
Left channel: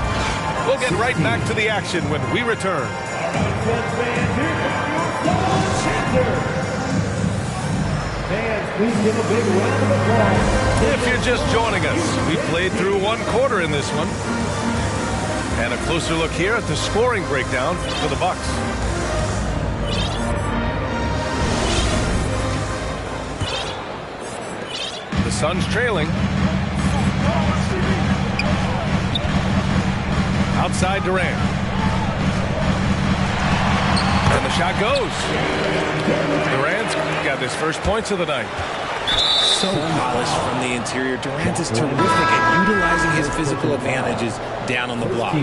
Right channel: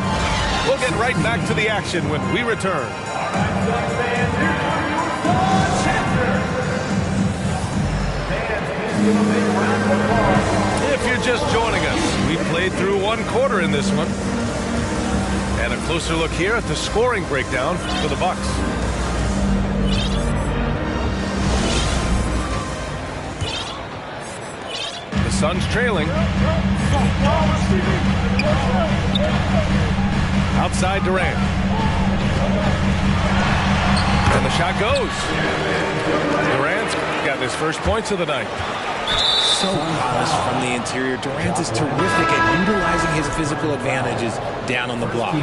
We'll get right back to the action when we return. If you're just joining us, we played through one quarter in this one. And a closer look here at the scoring breakdown for the Bucks. The Suns trailing. Outside Durant. And the shot goes. Durant's got his first points of the night. So polished from the interior. Durant is terrific at utilizing his physical advantages down on the block.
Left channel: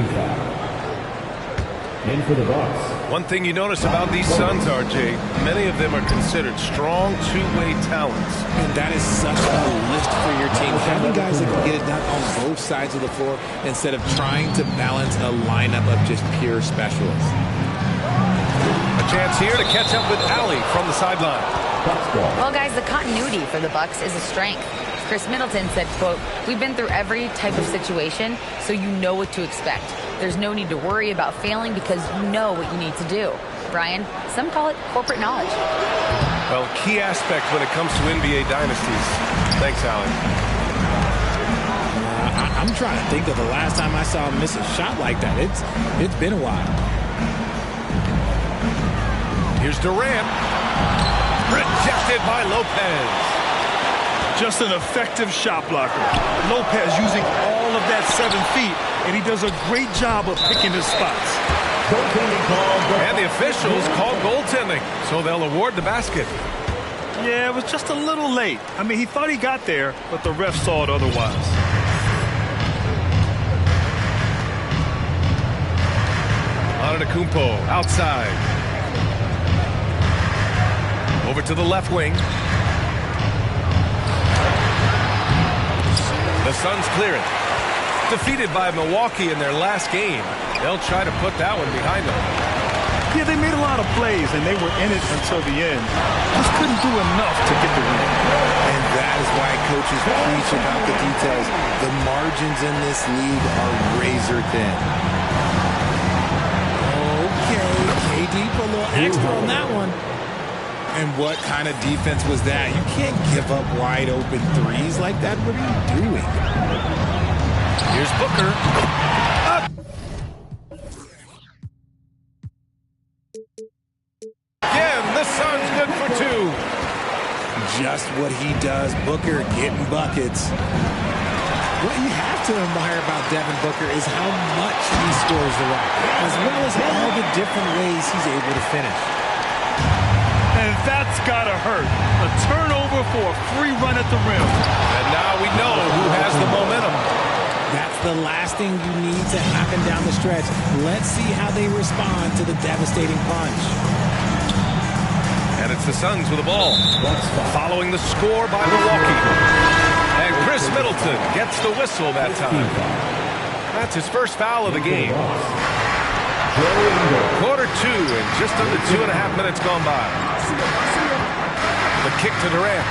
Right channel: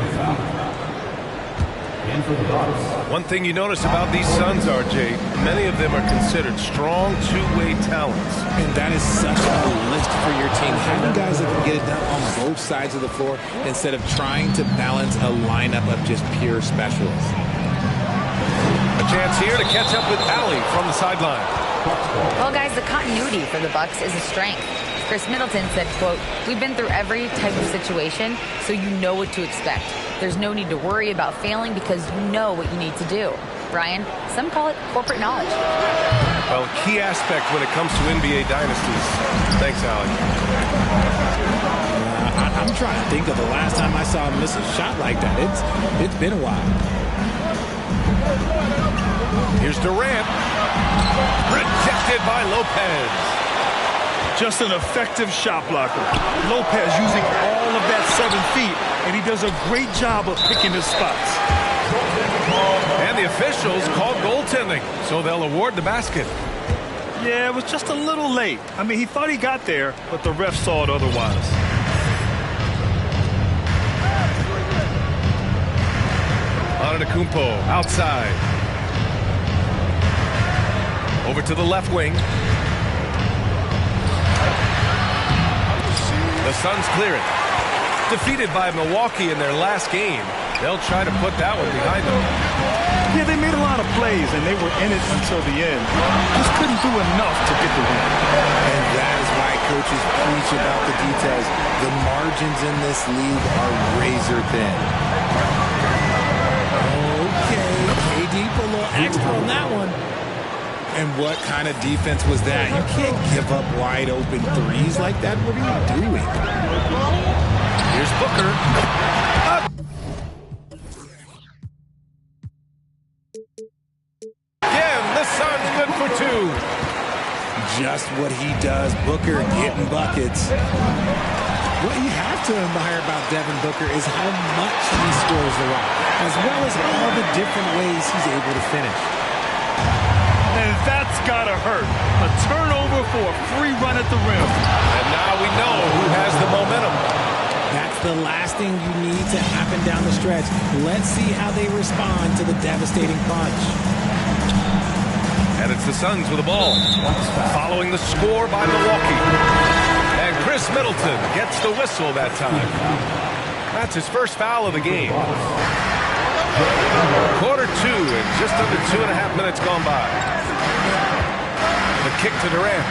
In for the Bucks. One thing you notice about these Suns, RJ, many of them are considered strong two-way talents. And that is such a lift for your team. Having guys that can get it done on both sides of the floor instead of trying to balance a lineup of just pure specialists. A chance here to catch up with Allie from the sideline. Well, guys, the continuity for the Bucks is a strength. Chris Middleton said, quote, "We've been through every type of situation, so you know what to expect. There's no need to worry about failing because you know what you need to do." Brian, some call it corporate knowledge. Well, a key aspect when it comes to NBA dynasties. Thanks, Allie. I'm trying to think of the last time I saw him miss a shot like that. It's been a while. Here's Durant. Rejected by Lopez. Just an effective shot blocker. Lopez using all of that 7 feet, and he does a great job of picking his spots. And the officials called goaltending, so they'll award the basket. Yeah, it was just a little late. I mean, he thought he got there, but the ref saw it otherwise. Antetokounmpo outside. Over to the left wing. The Suns clear it. Defeated by Milwaukee in their last game. They'll try to put that one behind them. Yeah, they made a lot of plays, and they were in it until the end. Just couldn't do enough to get the win. And that is why coaches preach about the details. The margins in this league are razor thin. Okay, KD put a little extra on that one. And what kind of defense was that? You can't give up wide open threes like that. What are you doing? Here's Booker. Again, the Suns good for 2. Just what he does. Booker getting buckets. What you have to admire about Devin Booker is how much he scores the rock, as well as all the different ways he's able to finish. And that's gotta hurt. A turnover for a free run at the rim. And now we know who has the momentum. That's the last thing you need to happen down the stretch. Let's see how they respond to the devastating punch. And it's the Suns with the ball. Following the score by Milwaukee. And Chris Middleton gets the whistle that time. That's his first foul of the game. Quarter 2 and just under 2.5 minutes gone by. The kick to Durant.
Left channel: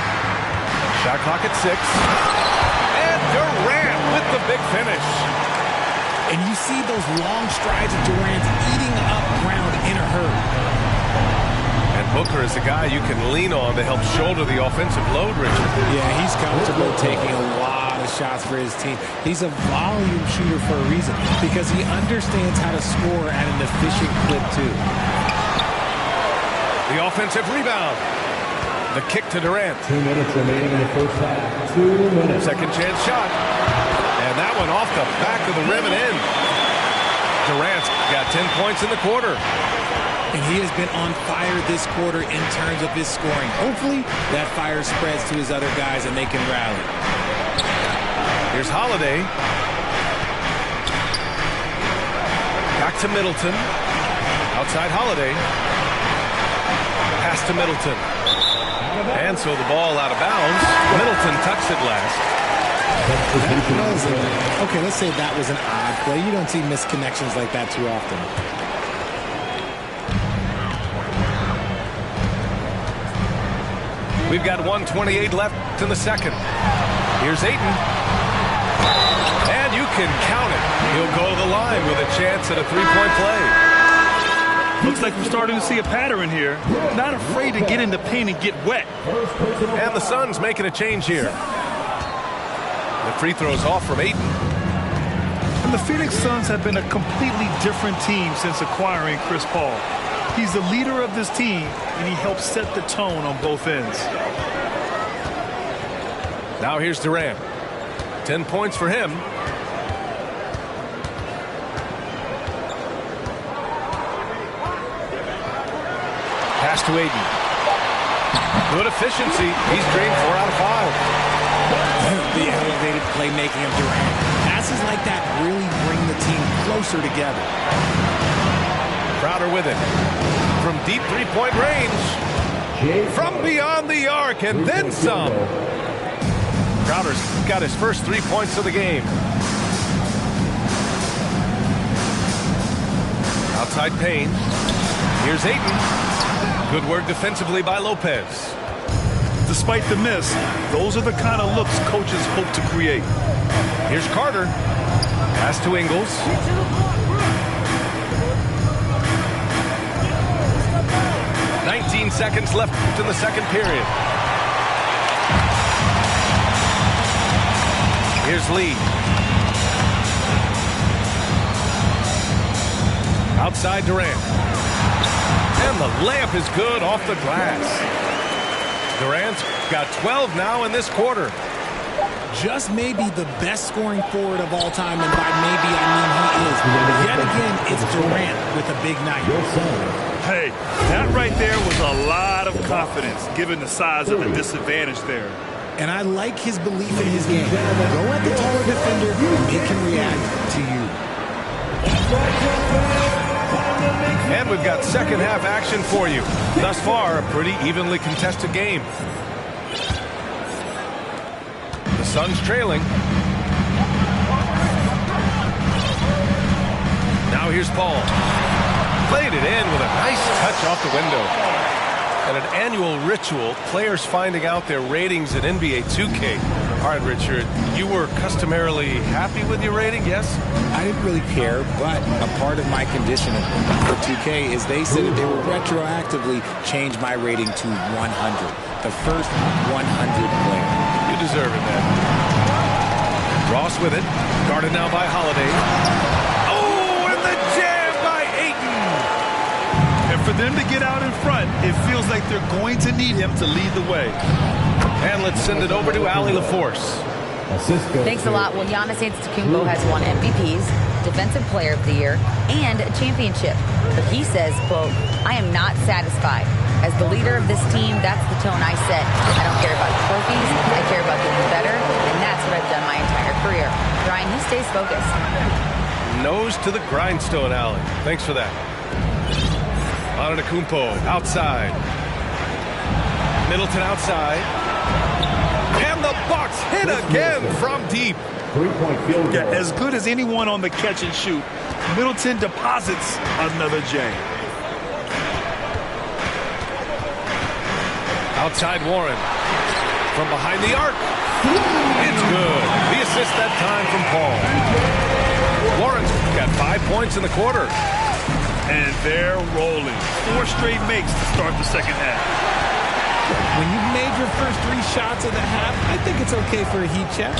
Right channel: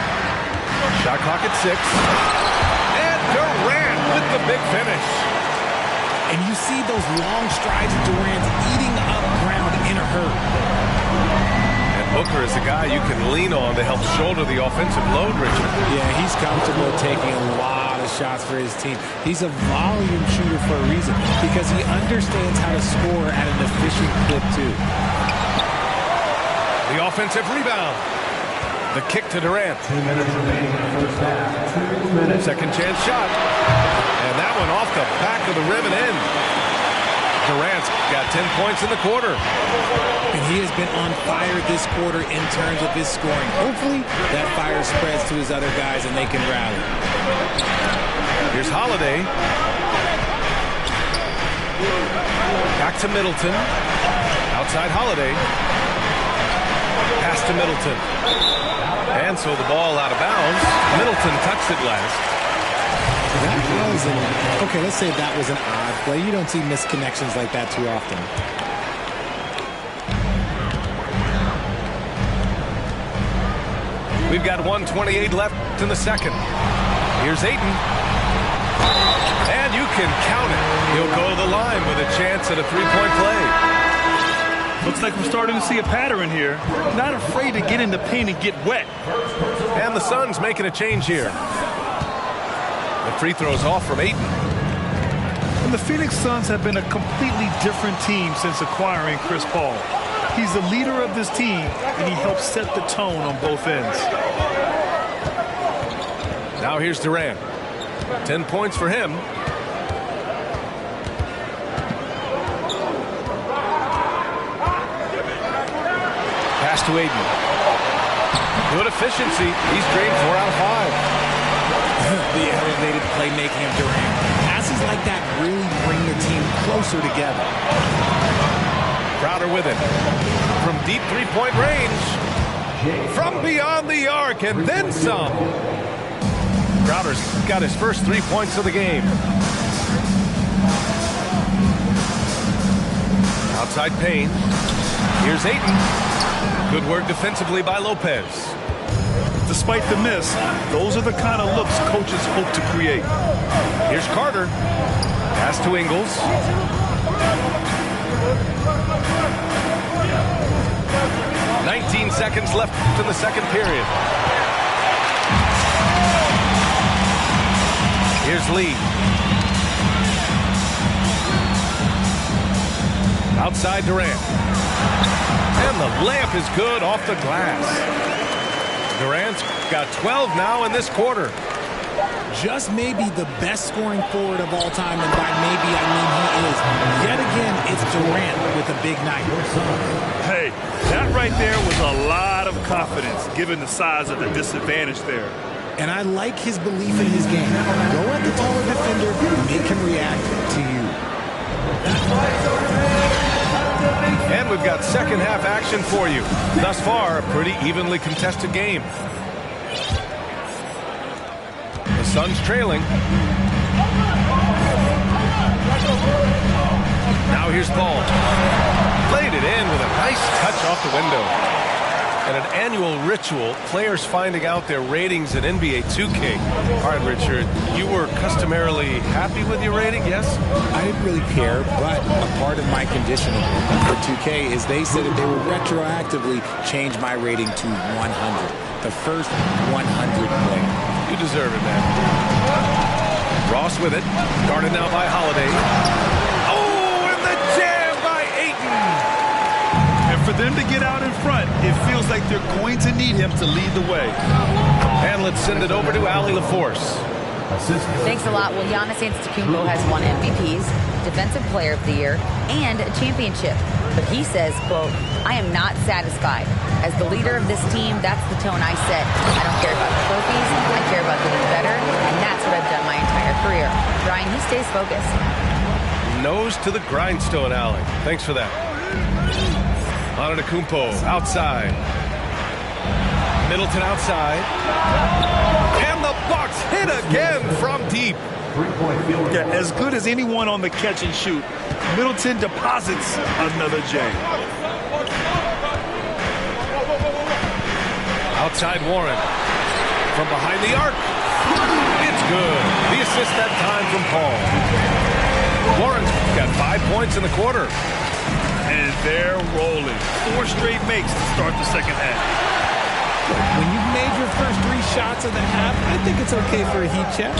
Shot clock at 6. And Durant with the big finish. And you see those long strides of Durant eating up ground in a hurry. And Booker is a guy you can lean on to help shoulder the offensive load, Richard. Yeah, he's comfortable taking a lot of shots for his team. He's a volume shooter for a reason, because he understands how to score at an efficient clip, too. The offensive rebound. The kick to Durant. 2 minutes remaining in the first half. 2 minutes. Second chance shot. And that one off the back of the rim and in. Durant's got 10 points in the quarter. And he has been on fire this quarter in terms of his scoring. Hopefully, that fire spreads to his other guys and they can rally. Here's Holiday. Back to Middleton. Outside Holiday. Pass to Middleton. And so the ball out of bounds. Middleton touched it last. So that was okay, let's say that was an odd play. You don't see misconnections like that too often. We've got 1:28 left in the second. Here's Ayton. And you can count it. He'll go to the line with a chance at a three-point play. Looks like we're starting to see a pattern here. Not afraid to get in the paint and get wet. And the Suns making a change here. The free throw's off from Ayton. And the Phoenix Suns have been a completely different team since acquiring Chris Paul. He's the leader of this team, and he helps set the tone on both ends. Now here's Durant. 10 points for him. Pass to Ayton. Good efficiency. He's drained 4 out of 5. The elevated playmaking of Durant. Passes like that really bring the team closer together. Crowder with it. From deep three-point range. From beyond the arc and then some. Crowder's got his first 3 points of the game. Outside Payne. Here's Ayton. Good work defensively by Lopez. Despite the miss, those are the kind of looks coaches hope to create. Here's Carter. Pass to Ingles. "19 seconds left in the second period. Here's Lee. Outside Durant. And the layup is good off the glass. Durant's got 12 now in this quarter. Just maybe the best scoring forward of all time, and by maybe I mean he is. Yet again, it's Durant with a big night. Hey, that right there was a lot of confidence, given the size of the disadvantage there. And I like his belief in his game. Go at the taller defender and make him react to you. And we've got second half action for you. Thus far, a pretty evenly contested game. The Suns trailing. Now here's Paul. Played it in with a nice touch off the window. and an annual ritual, players finding out their ratings in NBA 2K. All right, Richard, you were customarily happy with your rating, yes? I didn't really care, but a part of my conditioning for 2K is they said that they will retroactively change my rating to 100. The first 100 player. You deserve it, man. Ross with it. Guarded now by Holiday. Oh, and the jam by Ayton. And for them to get out in front, it feels like they're going to need him to lead the way. And let's send it over to Allie LaForce. Thanks a lot. Well, Giannis Antetokounmpo has won MVPs, Defensive Player of the Year, and a championship. But he says, quote, I am not satisfied. As the leader of this team, that's the tone I set. I don't care about trophies. I care about getting better, and that's what I've done my entire career. Brian, he stays focused. Nose to the grindstone, Allie. Thanks for that. Antetokounmpo outside. Middleton outside. And the Bucks hit again from deep. 3-point field goal. Yeah, as good as anyone on the catch and shoot, Middleton deposits another J. Outside Warren. From behind the arc. It's good. The assist that time from Paul. Warren's got 5 points in the quarter. And they're rolling. 4 straight makes to start the second half. When you've made your first 3 shots of the half, I think it's okay for a heat check.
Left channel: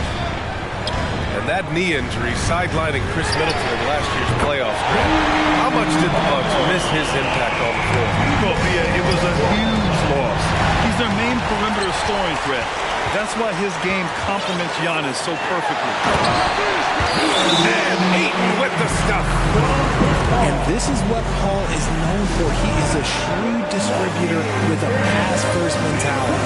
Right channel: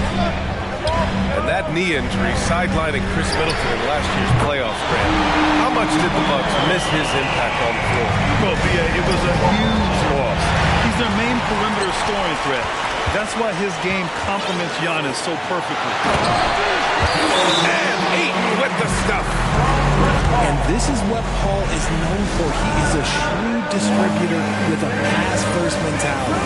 And that knee injury sidelining Chris Middleton in last year's playoffs, Grant. How much did the Bucks miss his impact on the floor? Well, it was a huge loss. He's their main perimeter scoring threat. That's why his game complements Giannis so perfectly. And Ayton with the stuff. And this is what Paul is known for. He is a shrewd distributor with a pass-first mentality.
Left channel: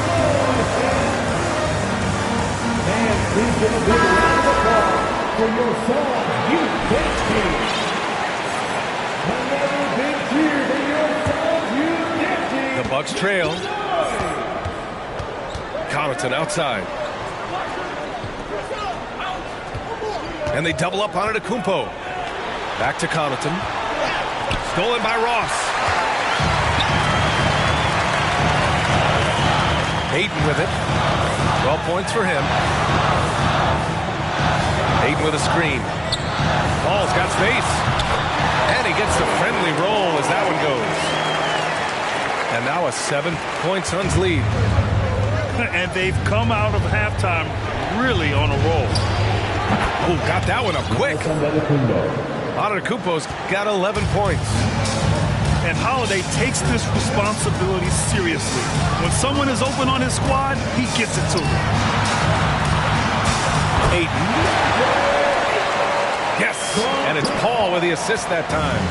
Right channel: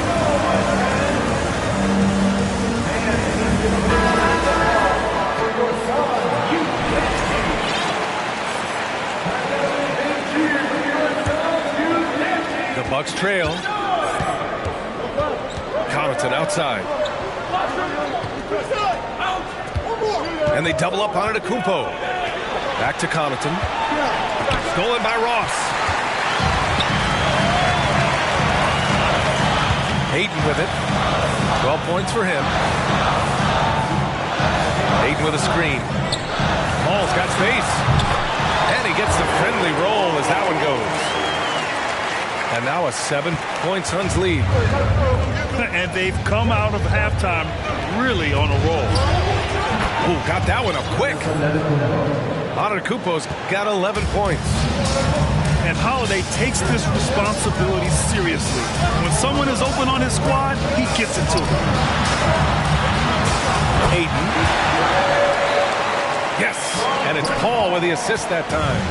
The Bucks trail. Connaughton outside. And they double up on Antetokounmpo. Back to Connaughton. Stolen by Ross. Ayton with it. 12 points for him. Ayton with a screen. Paul's got space. And he gets the friendly roll as that one goes. And now a 7-point Suns lead. And they've come out of halftime really on a roll. Oh, got that one up quick. Antetokounmpo's got 11 points. And Holiday takes this responsibility seriously. When someone is open on his squad, he gets it to them. Ayton. Yes, and it's Paul with the assist that time.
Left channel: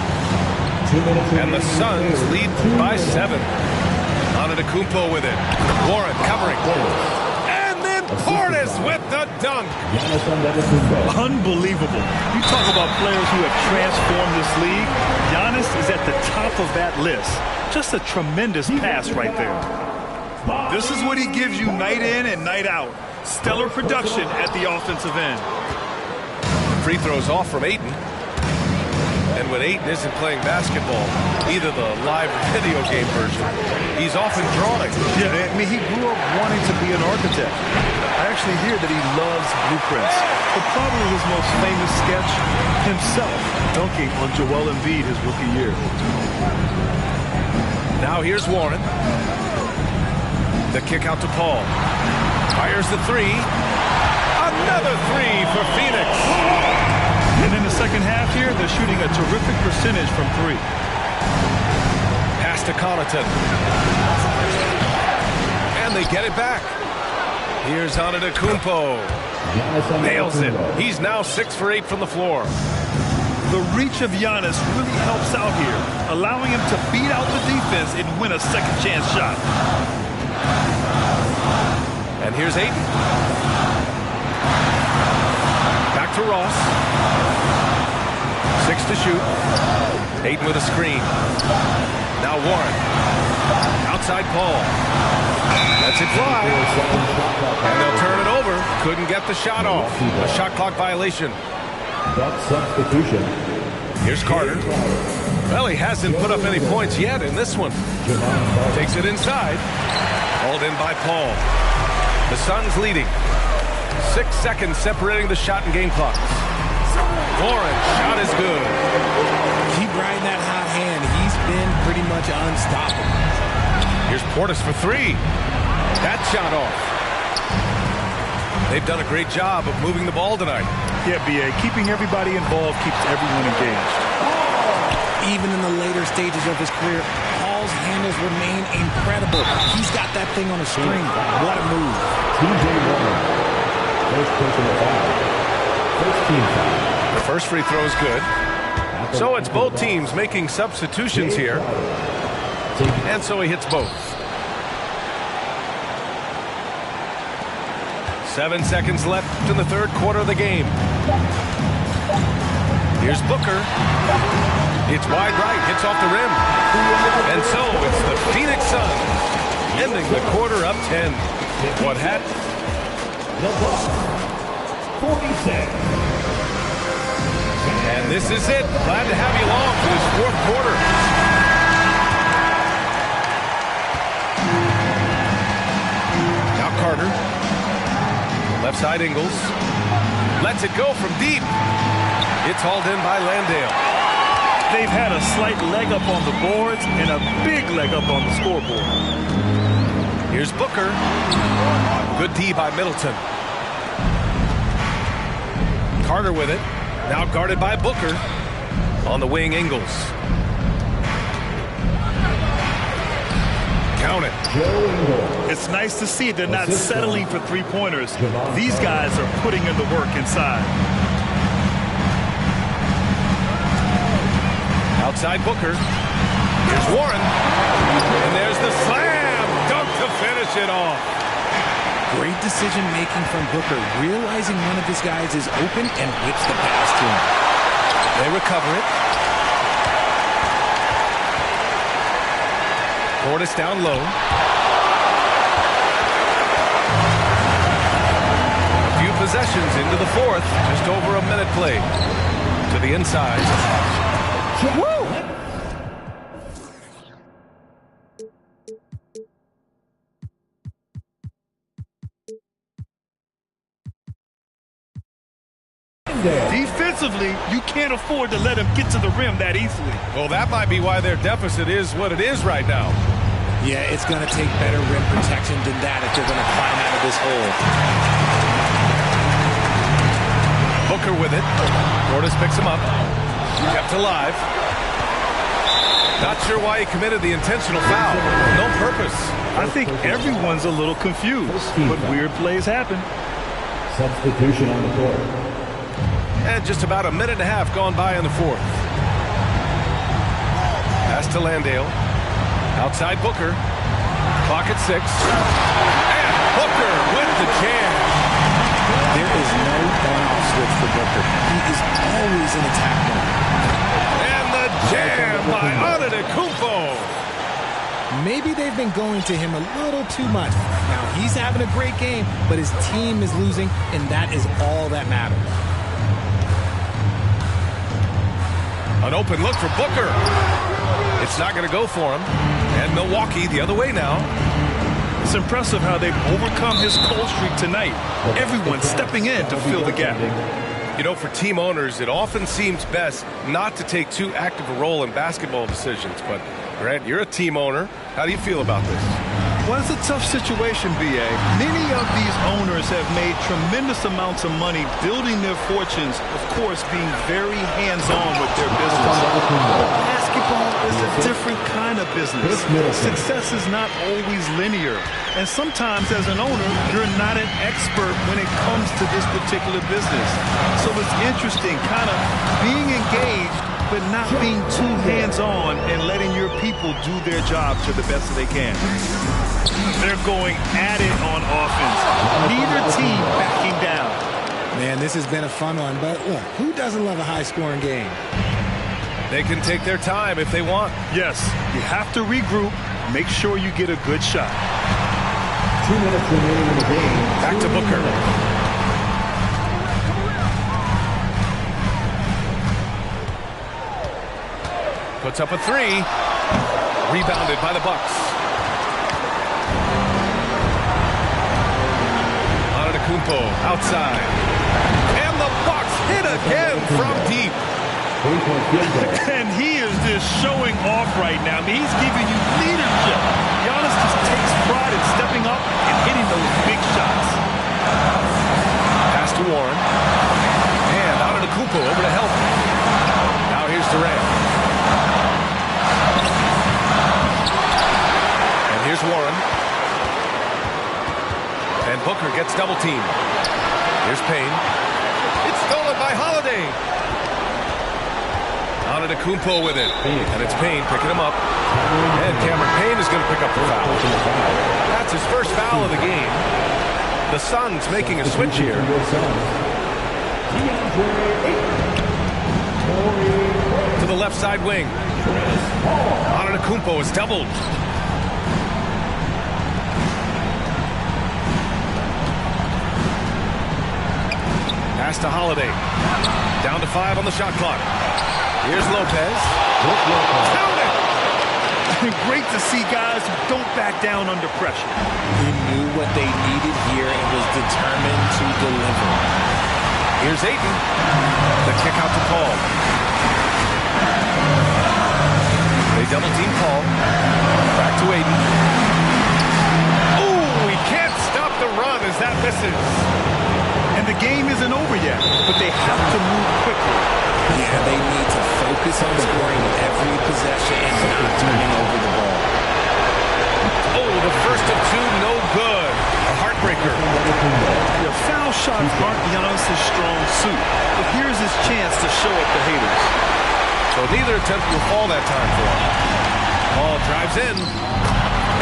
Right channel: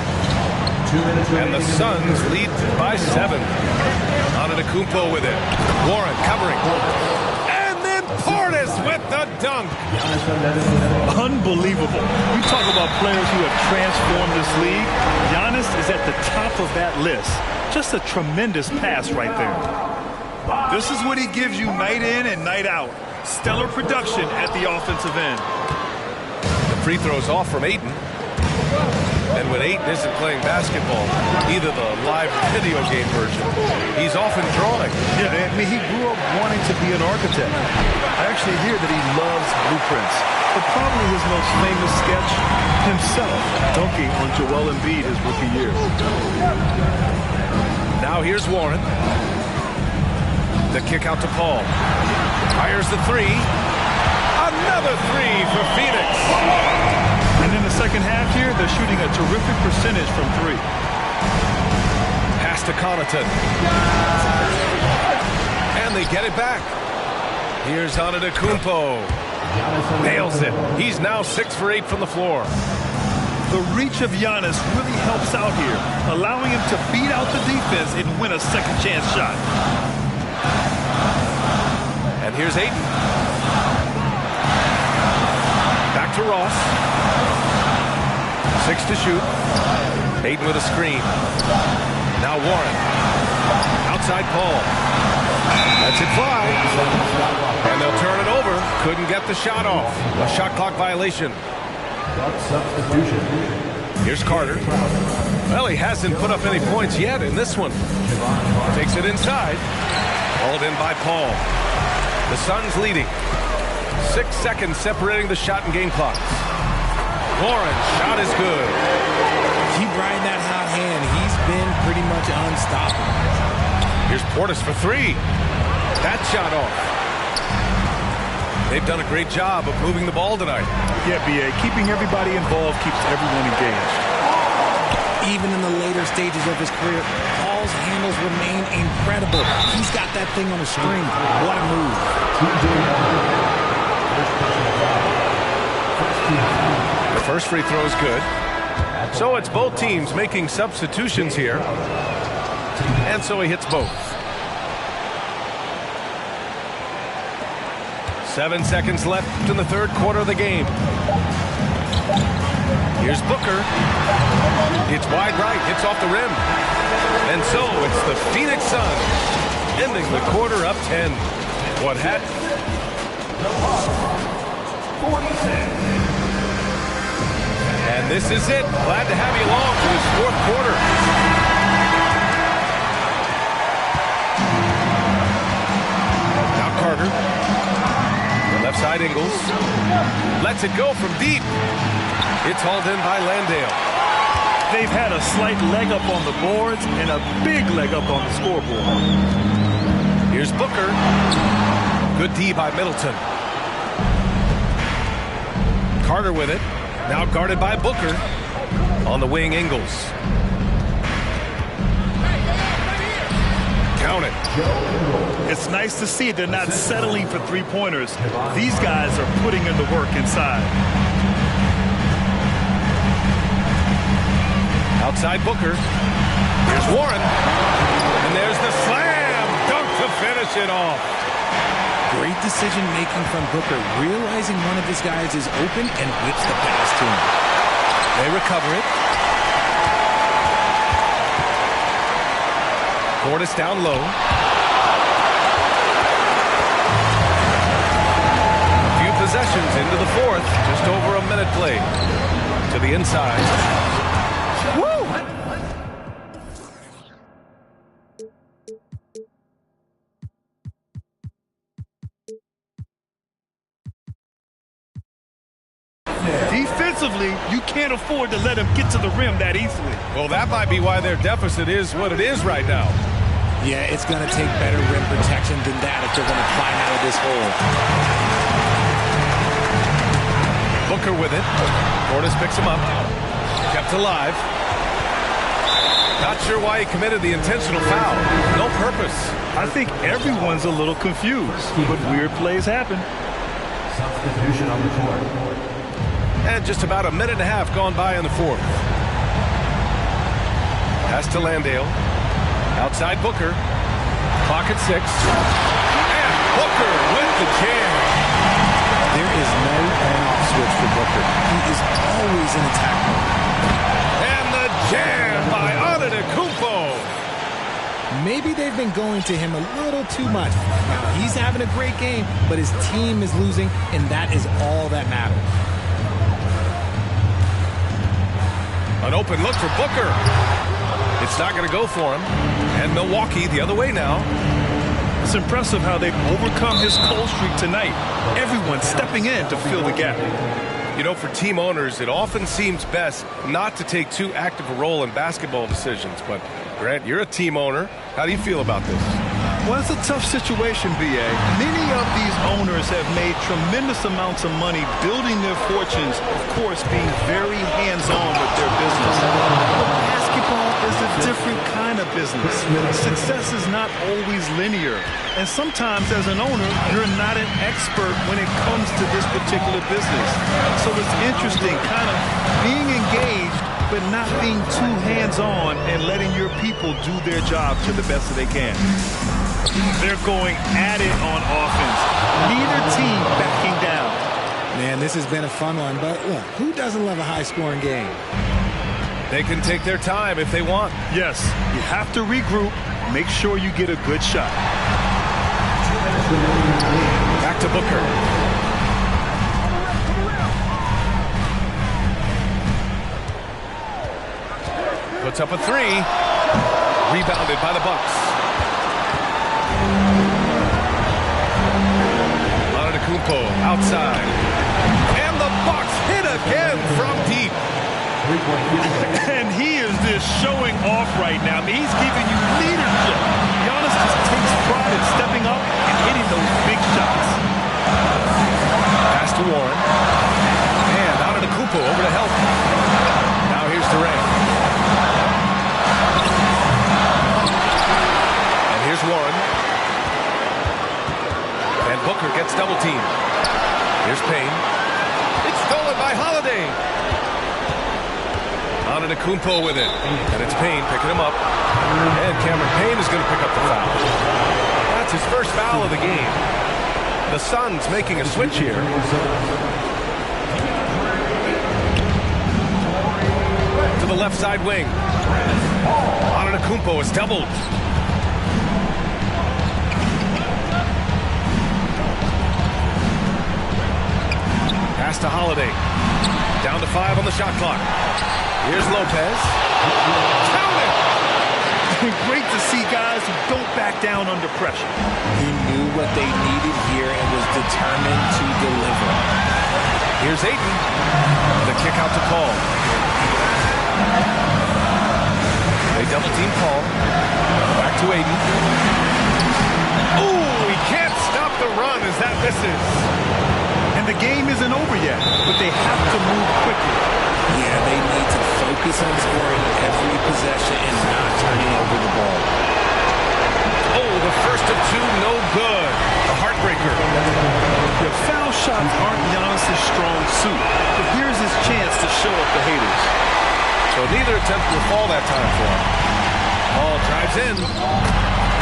And the Suns lead by 7. Antetokounmpo with it. Warren covering. And then Portis with the dunk. Unbelievable. You talk about players who have transformed this league. Giannis is at the top of that list. Just a tremendous pass right there. This is what he gives you night in and night out. Stellar production at the offensive end. The free throw's off from Ayton. And when Ayton isn't playing basketball, either the live video game version, he's often drawing. Yeah, I mean, he grew up wanting to be an architect. I actually hear that he loves blueprints. But probably his most famous sketch, himself dunking on Joel Embiid his rookie year. Now here's Warren. The kick out to Paul. Fires the 3. Another 3 for Phoenix. And in the second half here, they're shooting a terrific percentage from 3. Pass to Connaughton. And they get it back. Here's Antetokounmpo. Nails it. He's now 6 for 8 from the floor. The reach of Giannis really helps out here, allowing him to beat out the defense and win a second chance shot. And here's Ayton. Back to Ross. 6 to shoot. Ayton with a screen. Now Warren. Outside Paul. Lets it fly. And they'll turn it over. Couldn't get the shot off. A shot clock violation. Substitution. Here's Carter. Well, he hasn't put up any points yet in this one. Takes it inside. Hauled in by Paul. The Suns leading. 6 seconds separating the shot and game clocks. Warren, shot is good. Keep riding that hot hand. He's been pretty much unstoppable. Here's Portis for 3. That shot off. They've done a great job of moving the ball tonight. Yeah, B.A. Keeping everybody involved keeps everyone engaged. Even in the later stages of his career, Paul's handles remain incredible. He's got that thing on a string. What a move. TJ Warren. First personal foul. First team foul. The first free throw is good. So it's both teams making substitutions here. And so he hits both. 7 seconds left in the third quarter of the game. Here's Booker. It's wide right, hits off the rim. And so it's the Phoenix Suns ending the quarter up 10. What had? The Bucks, 46. And this is it. Glad to have you along for this fourth quarter. Now Carter. Left side Ingles. Lets it go from deep. It's hauled in by Landale. They've had a slight leg up on the boards and a big leg up on the scoreboard. Here's Booker. Good D by Middleton. Carter with it. Now guarded by Booker. On the wing, Ingles. Count it. It's nice to see they're not settling for three-pointers. These guys are putting in the work inside. Outside Booker. Here's Warren. And there's the slam dunk to finish it off. Great decision-making from Booker, realizing one of his guys is open and whips the pass to him. They recover it. Portis down low. A few possessions into the fourth. Just over a minute played. To the inside. Woo! Defensively, you can't afford to let him get to the rim that easily. Well, that might be why their deficit is what it is right now. Yeah, it's going to take better rim protection than that if they're going to climb out of this hole. Booker with it. Portis picks him up. Kept alive. Not sure why he committed the intentional foul. No purpose. I think everyone's a little confused, but weird plays happen. Substitution on the court. And just about a minute and a half gone by in the fourth. Pass to Landale. Outside Booker. Clock at 6. And Booker with the jam. There is no on-off switch for Booker. He is always in attack mode. And the jam by Antetokounmpo. Maybe they've been going to him a little too much. Now, he's having a great game, but his team is losing, and that is all that matters. An open look for Booker. It's not going to go for him. And Milwaukee the other way now. It's impressive how they've overcome his cold streak tonight. Everyone stepping in to fill the gap. You know, for team owners, it often seems best not to take too active a role in basketball decisions. But, Grant, you're a team owner. How do you feel about this? Well, it's a tough situation, B.A. Many of these owners have made tremendous amounts of money building their fortunes, of course, being very hands-on with their business. But basketball is a different kind of business. Success is not always linear. And sometimes, as an owner, you're not an expert when it comes to this particular business. So it's interesting, kind of being engaged, but not being too hands-on and letting your people do their job to the best that they can. They're going at it on offense. Neither team backing down. Man, this has been a fun one, but look, who doesn't love a high-scoring game? They can take their time if they want. Yes, you have to regroup. Make sure you get a good shot. 2 minutes remaining in the game. Back to Booker. Puts up a 3. Rebounded by the Bucks. Antetokounmpo outside. And the Bucks hit again from deep. And he is just showing off right now. I mean, he's giving you leadership. Giannis just takes pride in stepping up and hitting those big shots. Pass to Warren. And Antetokounmpo over to help. Now here's Durant. And here's Warren. And Booker gets double teamed. Here's Payne. It's stolen by Holiday. Antetokounmpo with it. And it's Payne picking him up. And Cameron Payne is going to pick up the foul. That's his first foul of the game. The Suns making a switch here. To the left side wing. Antetokounmpo is doubled. Pass to Holiday. Down to 5 on the shot clock. Here's Lopez. Count it! Great to see guys who don't back down under pressure. He knew what they needed here and was determined to deliver. Here's Ayton. The kick out to Paul. They double team Paul. Back to Ayton. Oh, he can't stop the run as that misses. And the game isn't over yet, but they have to move quickly. Yeah, they need to focus on scoring every possession and not turning over the ball. Oh, the first of two, no good. A heartbreaker. The foul shots aren't Giannis' strong suit, but here's his chance to show up the haters. So neither attempt will fall that time for him. Paul drives in.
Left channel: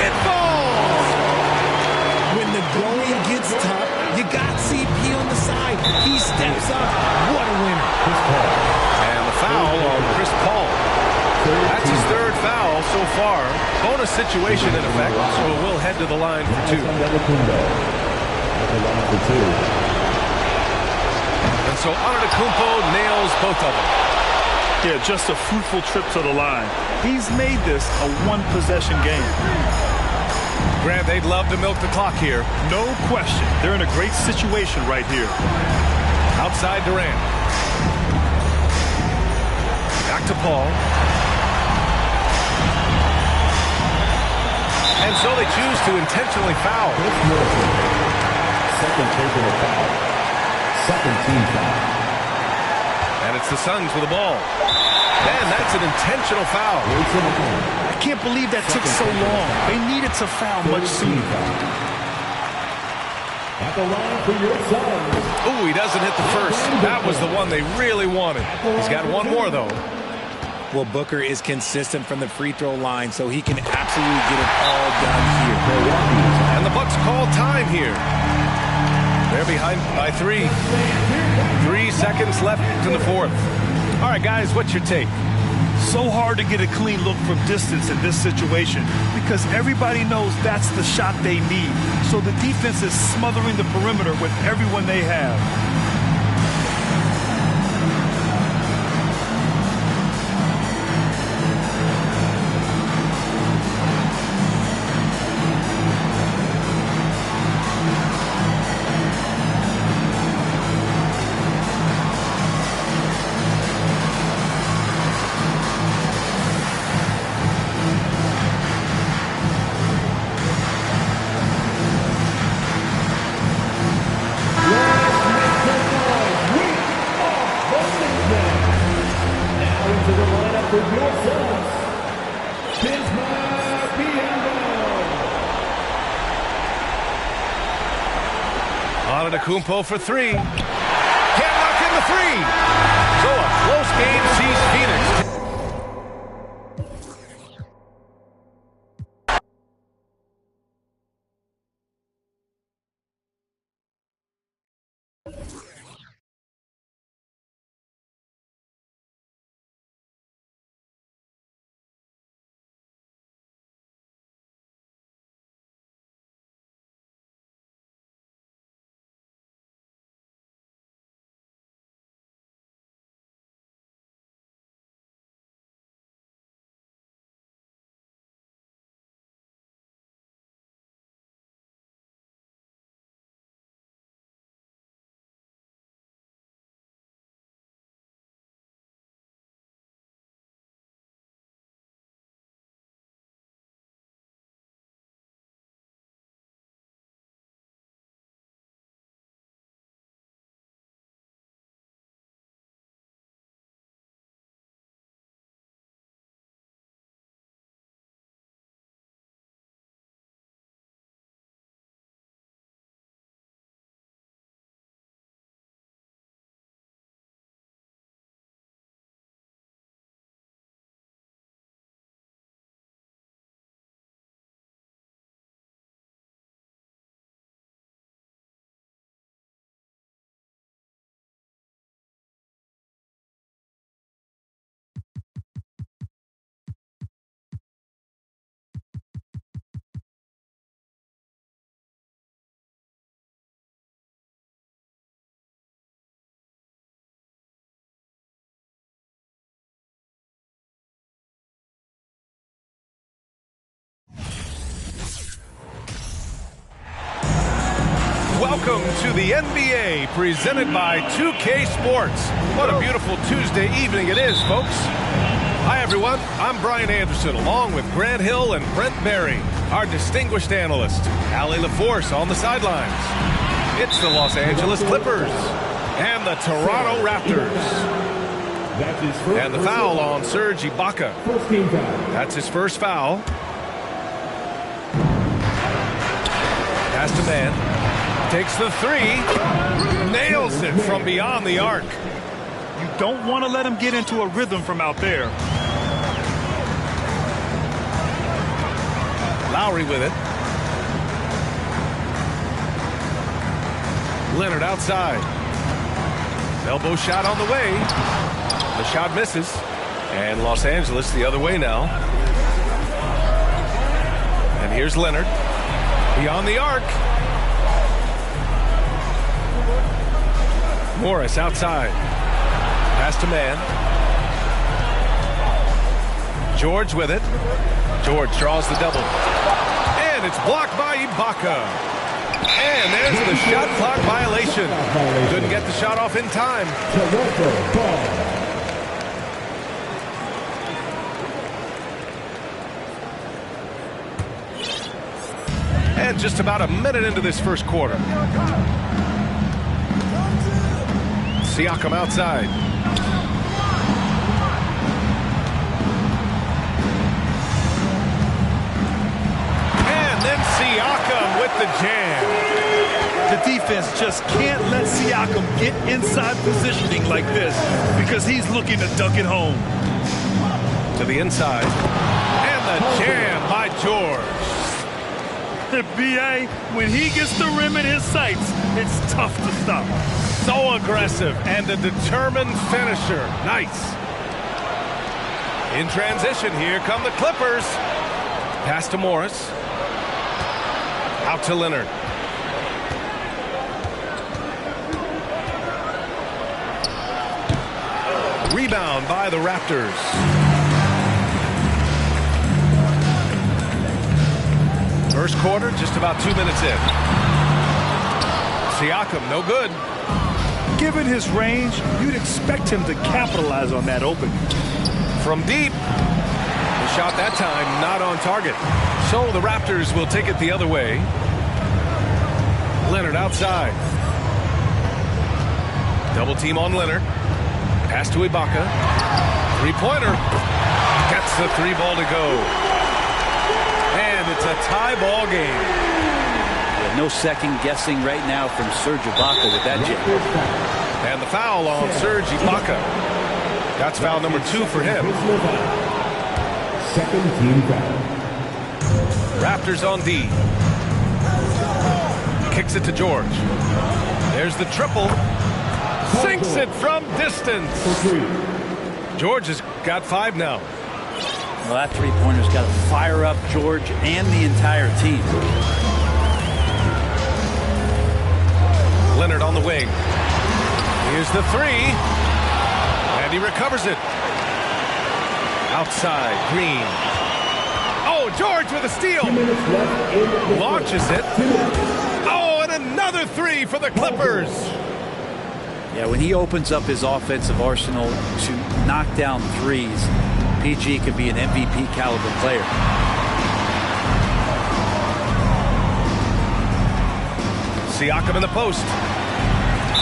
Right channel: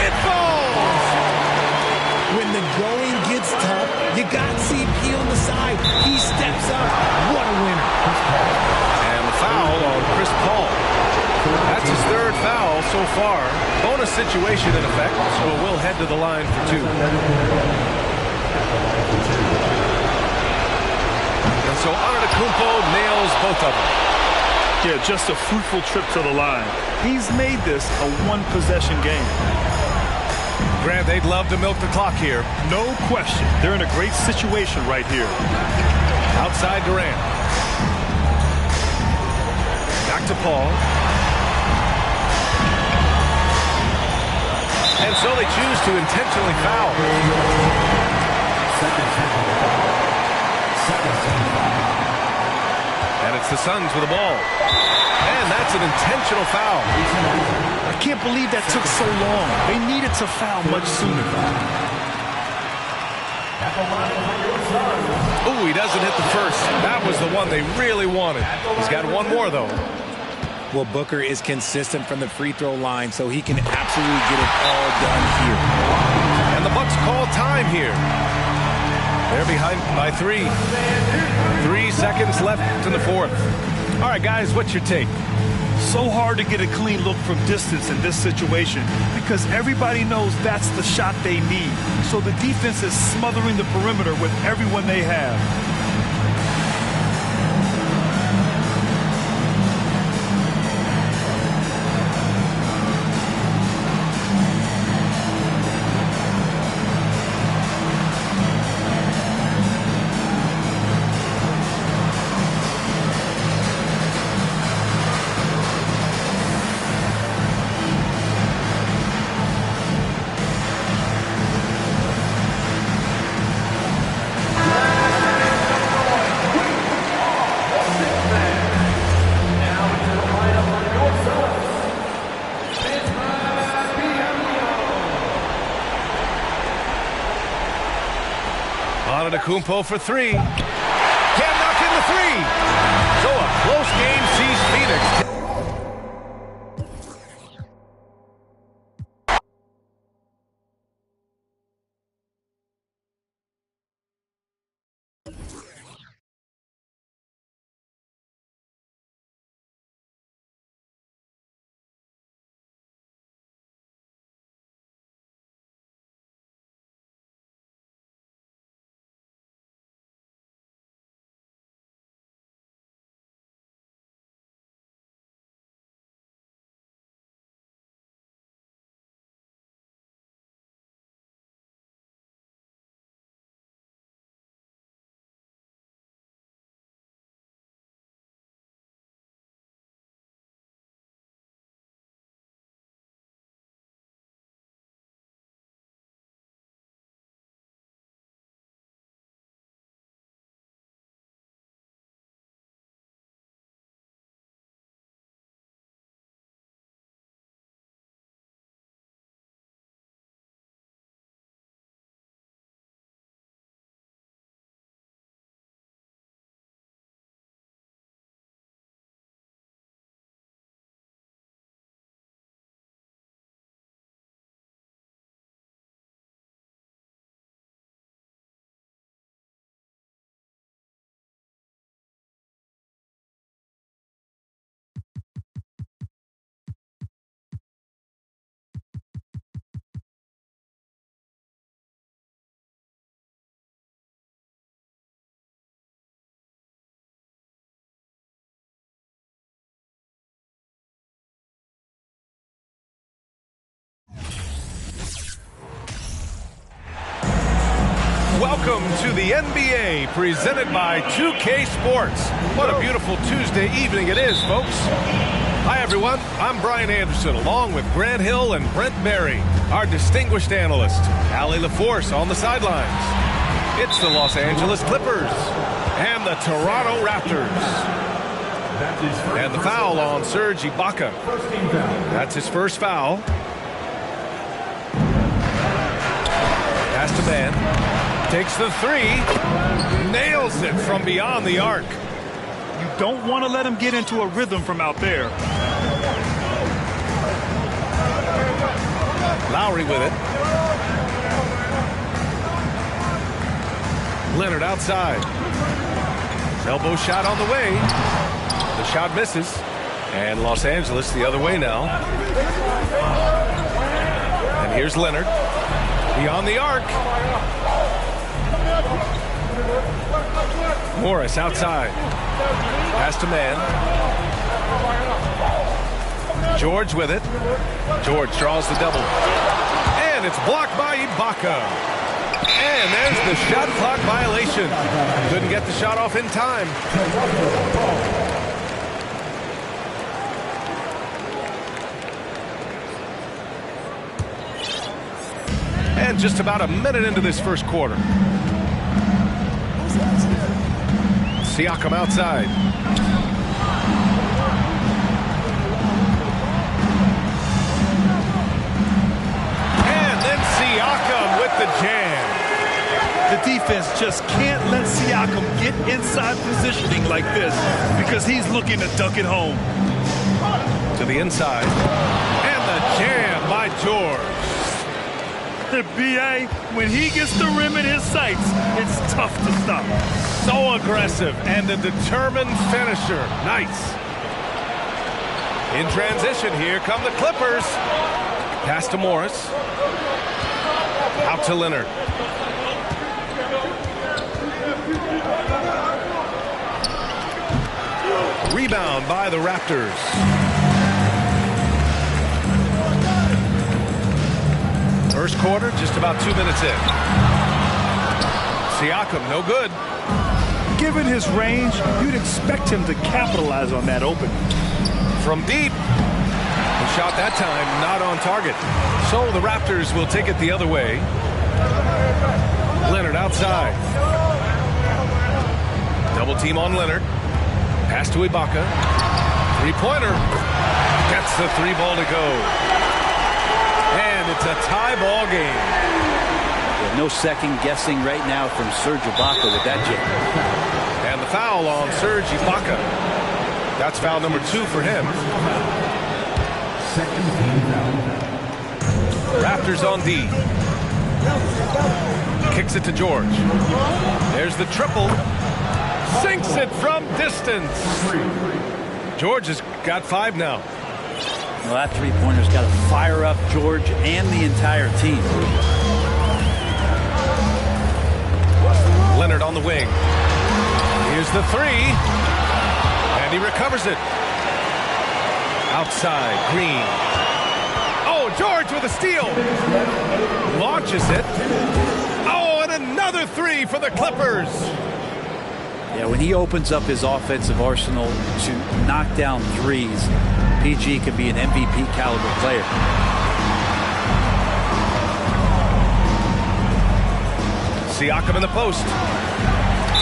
It falls! When the going gets tough, you got CP on the side. He steps up. What a winner. And the foul on Chris Paul. That's his third foul so far. Bonus situation in effect, so we'll head to the line for two. And so Antetokounmpo nails both of them. Yeah, just a fruitful trip to the line. He's made this a one-possession game. Grant, they'd love to milk the clock here. No question. They're in a great situation right here. Outside Durant. Back to Paul. And so they choose to intentionally foul. Second personal foul. Second team foul. And it's the Suns with the ball. Man, that's an intentional foul. I can't believe that took so long. They needed to foul much sooner. At the line for your Suns. Oh, he doesn't hit the first. That was the one they really wanted. He's got one more, though. Well, Booker is consistent from the free throw line, so he can absolutely get it all done here. And the Bucks call time here. They're behind by 3. 3 seconds left in the fourth. All right, guys, what's your take? So hard to get a clean look from distance in this situation because everybody knows that's the shot they need. So the defense is smothering the perimeter with everyone they have. Antetokounmpo for 3. Can't knock in the 3. So a close game sees Phoenix Welcome to the NBA, presented by 2K Sports. What a beautiful Tuesday evening it is, folks. Hi, everyone. I'm Brian Anderson, along with Grant Hill and Brent Barry, our distinguished analyst, Allie LaForce on the sidelines. It's the Los Angeles Clippers and the Toronto Raptors. And the foul on Serge Ibaka. That's his first foul. Pass to man. Takes the three. Nails it from beyond the arc. You don't want to let him get into a rhythm from out there. Lowry with it. Leonard outside. Elbow shot on the way. The shot misses. And Los Angeles the other way now. And here's Leonard. Beyond the arc. Morris outside. Pass to man. George with it. George draws the double. And it's blocked by Ibaka. And there's the shot clock violation. Couldn't get the shot off in time. And just about a minute into this first quarter. Siakam outside. And then Siakam with the jam. The defense just can't let Siakam get inside positioning like this because he's looking to dunk it home. To the inside. And the jam by George. The BA, when he gets the rim in his sights, it's tough to stop. So aggressive and a determined finisher. Nice. In transition, here come the Clippers. Pass to Morris. Out to Leonard. Rebound by the Raptors. First quarter, just about 2 minutes in. Siakam, no good. Given his range, you'd expect him to capitalize on that opening. From deep. The shot that time not on target. So the Raptors will take it the other way. Leonard outside. Double team on Leonard. Pass to Ibaka. Three-pointer. Gets the three ball to go. And it's a tie ball game. Yeah, no second guessing right now from Serge Ibaka with that jam. And the foul on Serge Ibaka. That's foul number 2 for him. Second team foul. Raptors on D. Kicks it to George. There's the triple. Sinks it from distance. George has got 5 now. Well, that three-pointer's got to fire up George and the entire team. Leonard on the wing. Here's the three. And he recovers it. Outside, Green. Oh, George with a steal. Launches it. Oh, and another three for the Clippers. Yeah, when he opens up his offensive arsenal to knock down threes, PG can be an MVP caliber player. Siakam in the post.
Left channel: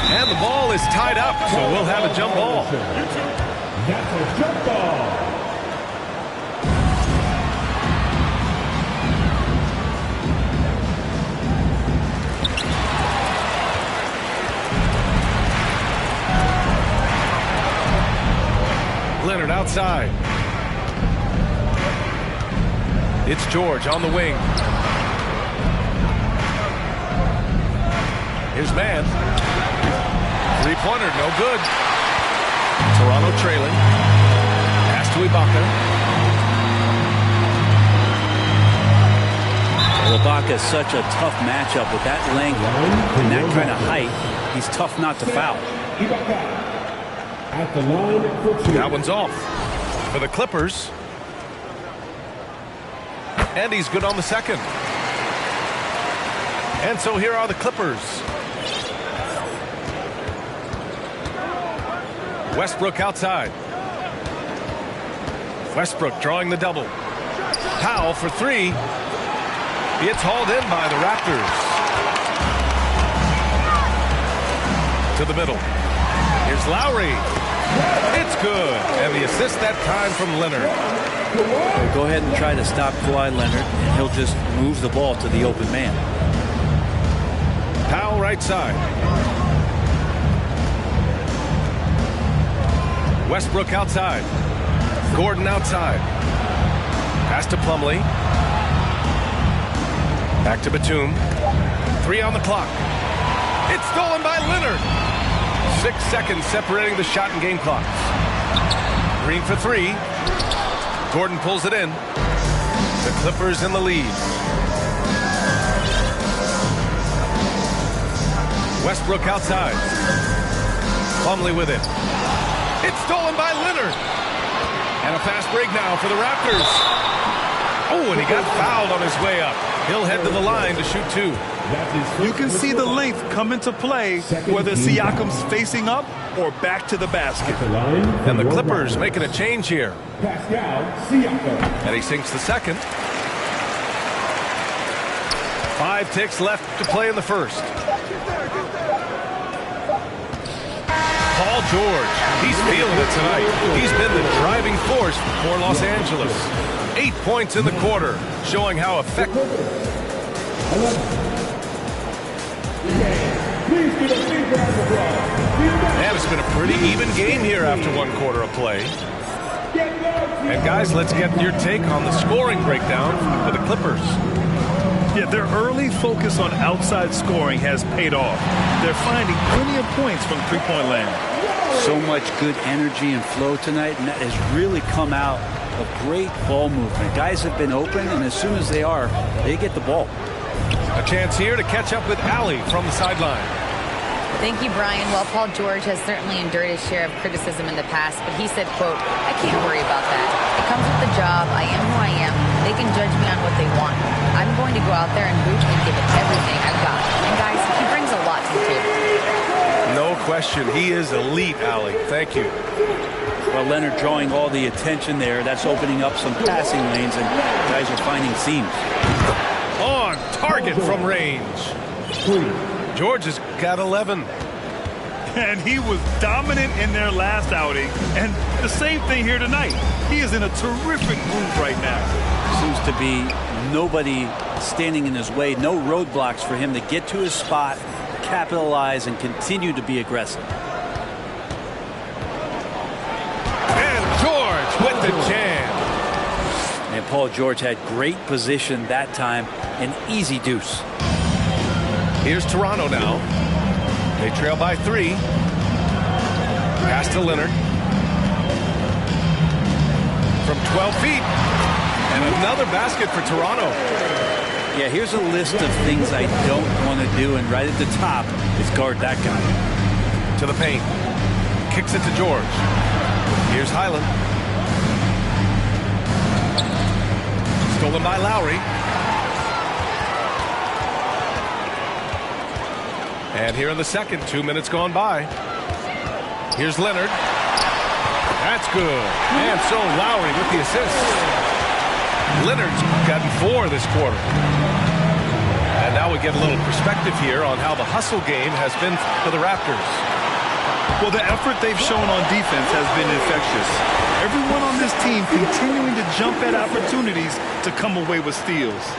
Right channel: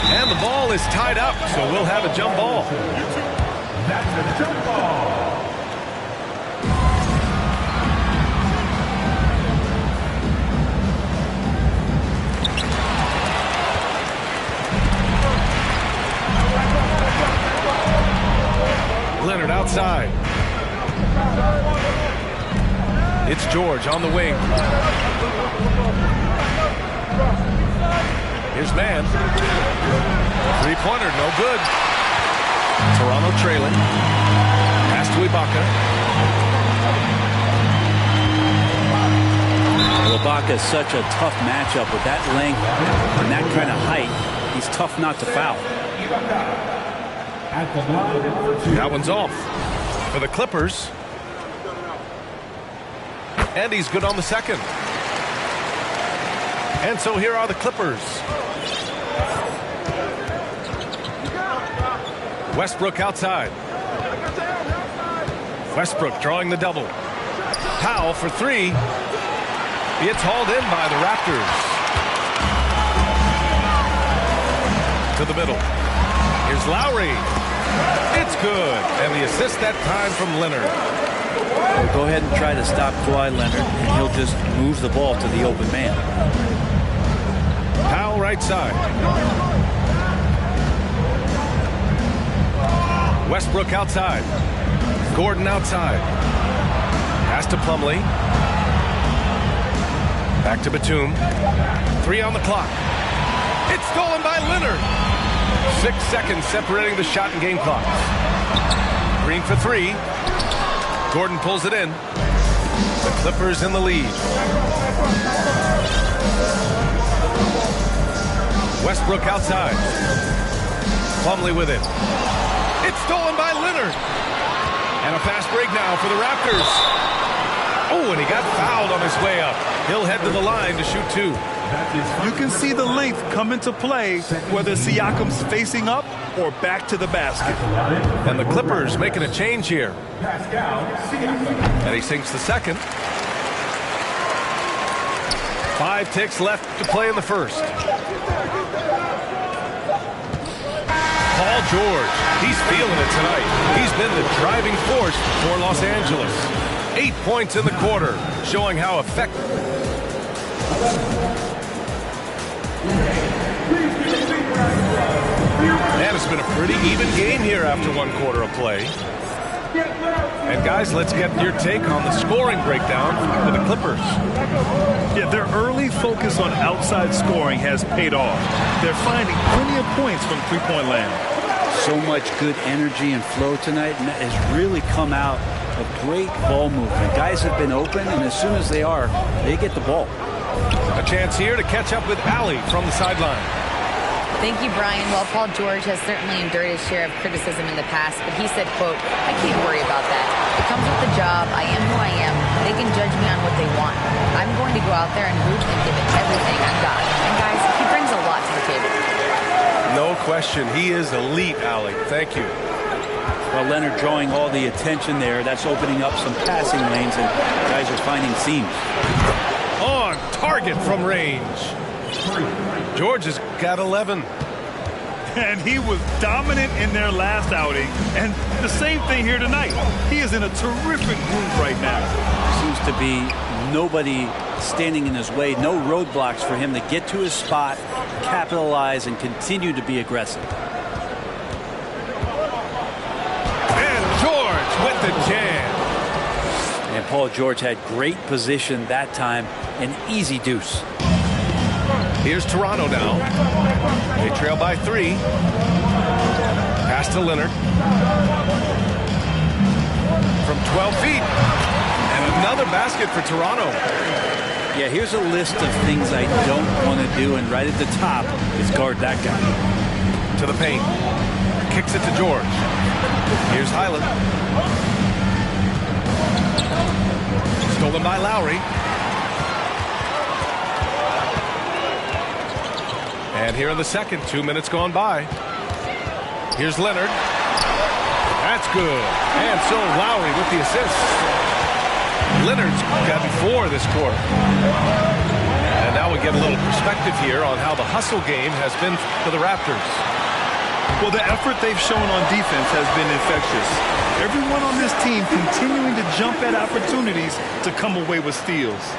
And the ball is tied up, so we'll have a jump ball. That's a jump ball. Leonard outside. It's George on the wing. Here's man. Three-pointer, no good. Toronto trailing. Pass to Ibaka. Well, Ibaka is such a tough matchup with that length and that kind of height. He's tough not to foul. At the line for 2. That one's off for the Clippers. And he's good on the second. And so here are the Clippers. Westbrook outside. Westbrook drawing the double. Powell for three. It's hauled in by the Raptors. To the middle. Here's Lowry. It's good. And the assist that time from Leonard. Well, go ahead and try to stop Kawhi Leonard, and he'll just move the ball to the open man. Powell right side. Westbrook outside. Gordon outside. Pass to Plumlee. Back to Batum. 3 on the clock. It's stolen by Leonard. 6 seconds separating the shot and game clocks. Green for 3. Gordon pulls it in. The Clippers in the lead. Westbrook outside. Plumlee with it. It's stolen by Leonard. And a fast break now for the Raptors. Oh, and he got fouled on his way up. He'll head to the line to shoot 2. You can see the length come into play, whether Siakam's facing up or back to the basket. And the Clippers making a change here. And he sinks the second. 5 ticks left to play in the first. Paul George, he's feeling it tonight. He's been the driving force for Los Angeles. 8 points in the quarter, showing how effective. And it's been a pretty even game here after 1 quarter of play. And guys, let's get your take on the scoring breakdown for the Clippers. Yeah, their early focus on outside scoring has paid off. They're finding plenty of points from three-point land. So much good energy and flow tonight, and that has really come out of great ball movement. Guys have been open, and as soon as they are, they get the ball. A chance here to catch up with Allie from the sideline. Thank you, Brian. Well, Paul George has certainly endured his share of criticism in the past, but he said, quote, "I can't worry about that. It comes with the job. I am who I am. They can judge me on what they want. I'm going to go out there and hoop and give it everything I've got." And guys, he brings a lot to the table. No question. He is elite, Allie. Thank you. Well, Leonard drawing all the attention there. That's opening up some passing lanes, and guys are finding seams. On target from range. George has got 11. And he was dominant in their last outing. And the same thing here tonight. He is in a terrific groove right now. Seems to be nobody standing in his way. No roadblocks for him to get to his spot, capitalize, and continue to be aggressive. And George with the jam. And Paul George had great position that time. An easy deuce. Here's Toronto now. They trail by 3. Pass to Leonard. From 12 feet. And another basket for Toronto. Yeah, here's a list of things I don't want to do, and right at the top is guard that guy. To the paint. Kicks it to George. Here's Highland. Stolen by Lowry. And here in the second, 2 minutes gone by. Here's Leonard. That's good. And so Lowry with the assist. Leonard's gotten 4 this quarter. And now we get a little perspective here on how the hustle game has been for the Raptors. Well, the effort they've shown on defense has been infectious. Everyone on this team continuing to jump at opportunities to come away with steals.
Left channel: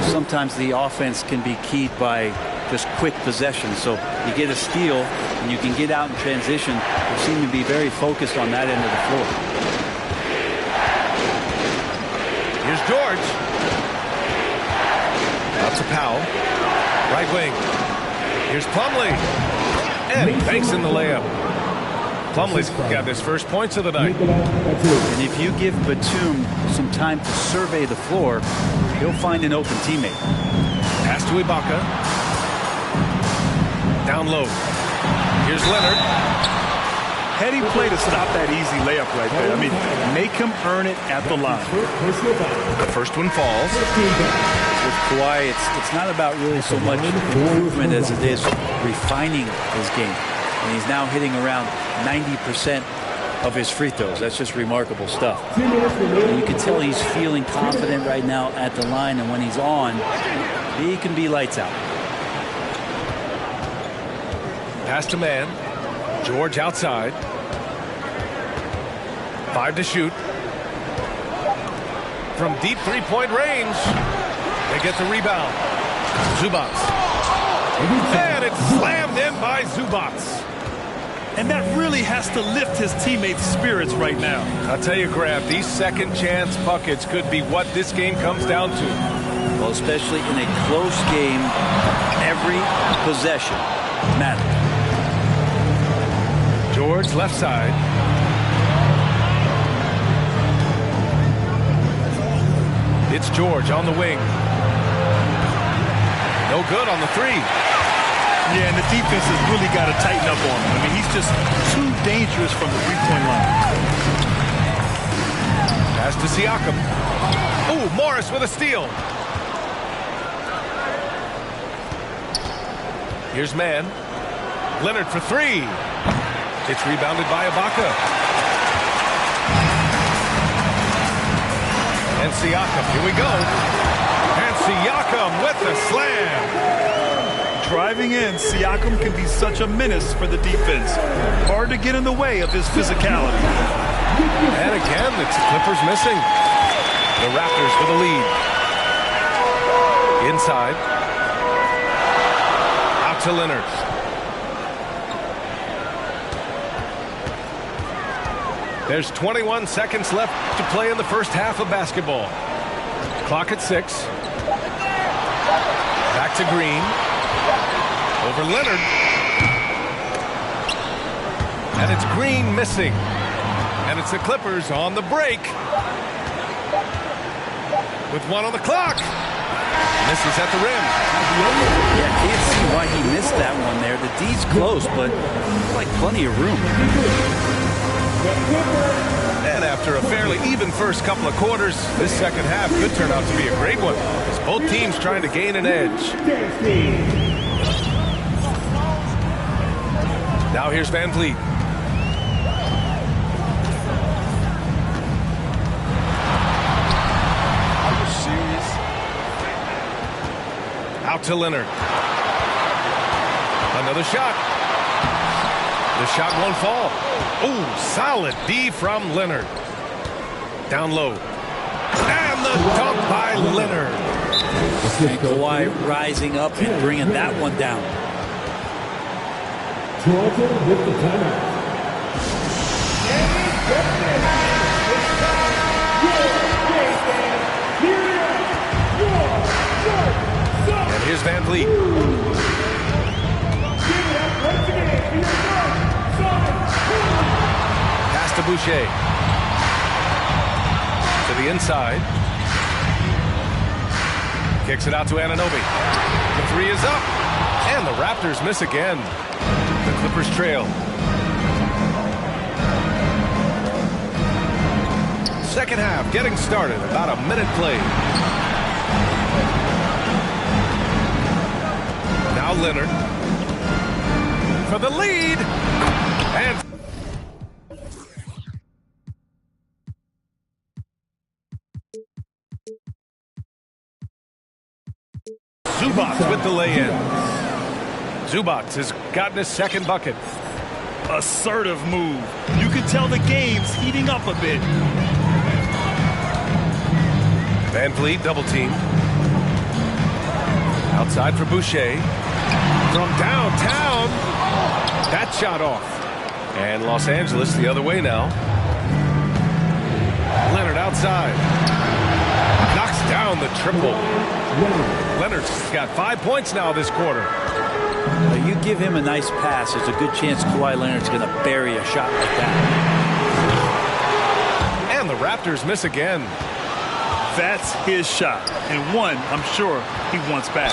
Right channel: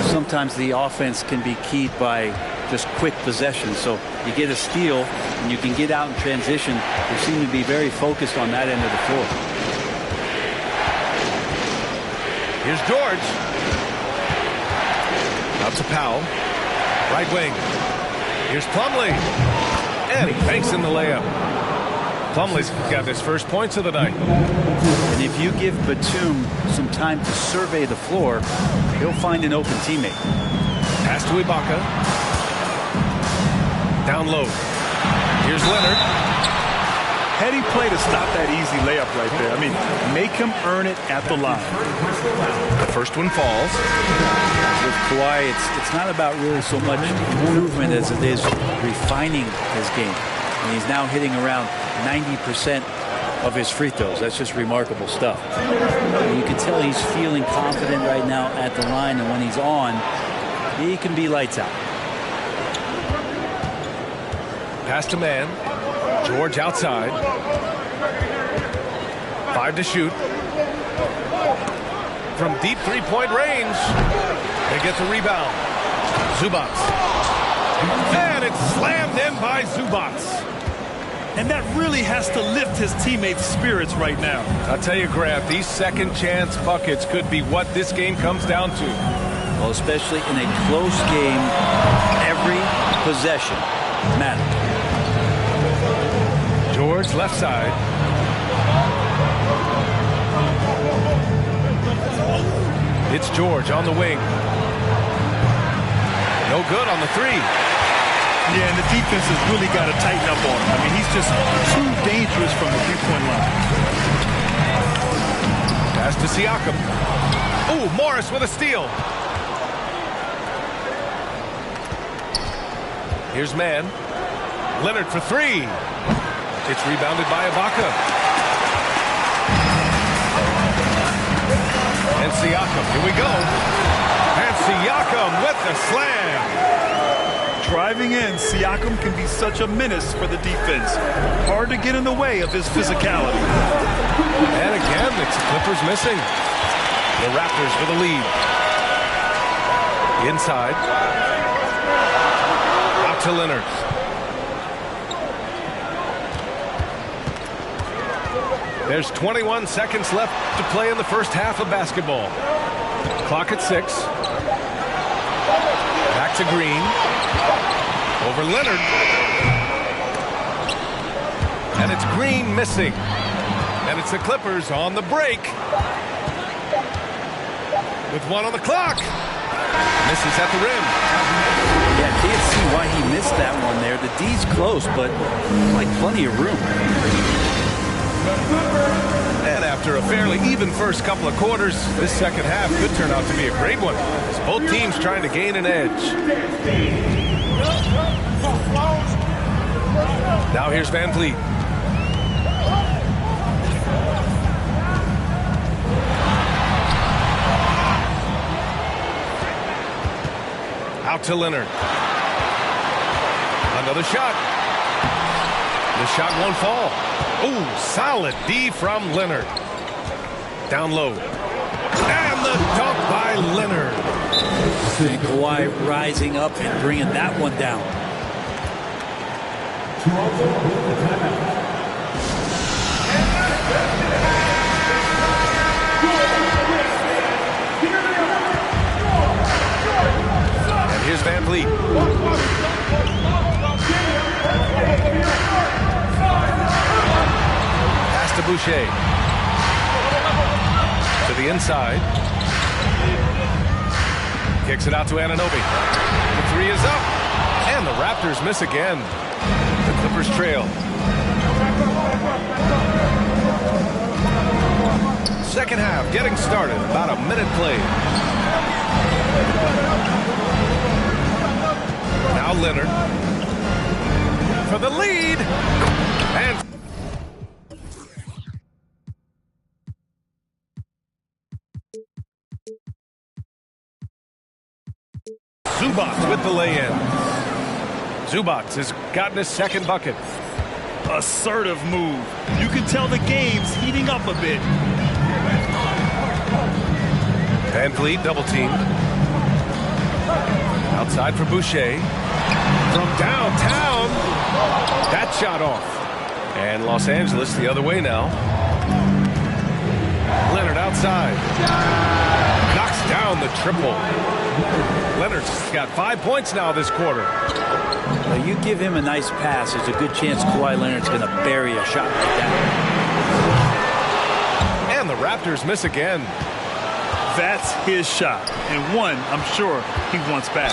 Sometimes the offense can be keyed by just quick possession. So you get a steal and you can get out in transition. They seem to be very focused on that end of the floor. Here's George. Out to Powell. Right wing. Here's Plumlee. And he banks in the layup. Plumlee's got his first points of the night. And if you give Batum some time to survey the floor, he'll find an open teammate. Pass to Ibaka. Down low. Here's Leonard. Heady play to stop that easy layup right there. I mean, make him earn it at the line. The first one falls. with Kawhi, it's not about really so much improvement as it is refining his game. And he's now hitting around 90% of his free throws. That's just remarkable stuff. And you can tell he's feeling confident right now at the line, and when he's on, he can be lights out. Pass to man. George outside. 5 to shoot. From deep three-point range. They get the rebound. Zubac. And it's slammed in by Zubac. And that really has to lift his teammates' spirits right now. I'll tell you, Grant, these second chance buckets could be what this game comes down to. Well, especially in a close game, every possession matters. George left side. It's George on the wing. No good on the three. Yeah, and the defense has really got to tighten up on him. I mean, he's just too dangerous from the three-point line. Pass to Siakam. Ooh, Morris with a steal. Here's man. Leonard for three. It's rebounded by Ibaka. And Siakam, here we go. And Siakam with the slam. Driving in, Siakam can be such a menace for the defense. Hard to get in the way of his physicality. And again, it's Clippers missing. The Raptors for the lead. Inside. Out to Leonard. There's 21 seconds left to play in the first half of basketball. Clock at 6. Back to Green. Over Leonard. And it's Green missing. And it's the Clippers on the break. With 1 on the clock. Misses at the rim. Yeah, can't see why he missed that one there. The D's close, but like plenty of room. And after a fairly even first couple of quarters, this second half could turn out to be a great one, as both teams trying to gain an edge. Now here's Van Vliet. Out to Leonard. Another shot. The shot won't fall. Oh, solid D from Leonard. Down low. And the dunk by Leonard. And Kawhi rising up and bringing that one down. Toronto with the timeout. And here's Van Vliet. Pass to Boucher. To the inside. Kicks it out to Anunoby. The three is up. And the Raptors miss again. The Clippers trail. Second half getting started. About a minute played. Now Leonard. For the lead. And Zubac with the lay-in. Zubac has gotten his second bucket. Assertive move. You can tell the game's heating up a bit. Van Vliet double teamed. Outside for Boucher. From downtown. That shot off. And Los Angeles the other way now. Leonard outside. Knocks down the triple. Leonard's got 5 points now this quarter. You give him a nice pass, there's a good chance Kawhi Leonard's going to bury a shot like that. And the Raptors miss again. That's his shot, and one I'm sure he wants back.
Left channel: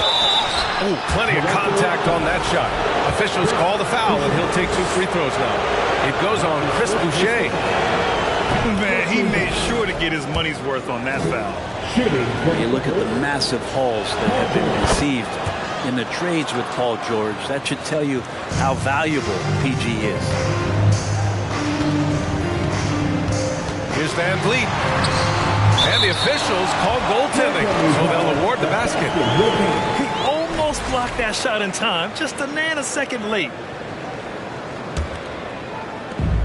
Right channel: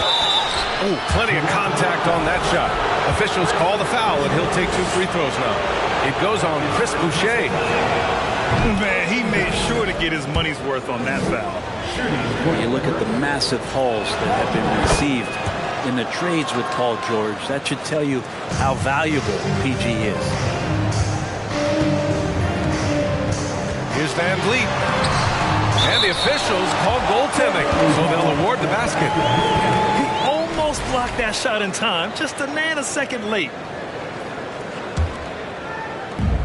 Oh, plenty of contact on that shot. Officials call the foul, and he'll take 2 free throws now. It goes on Chris Boucher. Man, he made sure to get his money's worth on that foul. You look at the massive hauls that have been received in the trades with Paul George. That should tell you how valuable PG is. Here's Van Vliet. And the officials call goaltending, so they'll award the basket. He almost blocked that shot in time, just a nanosecond late.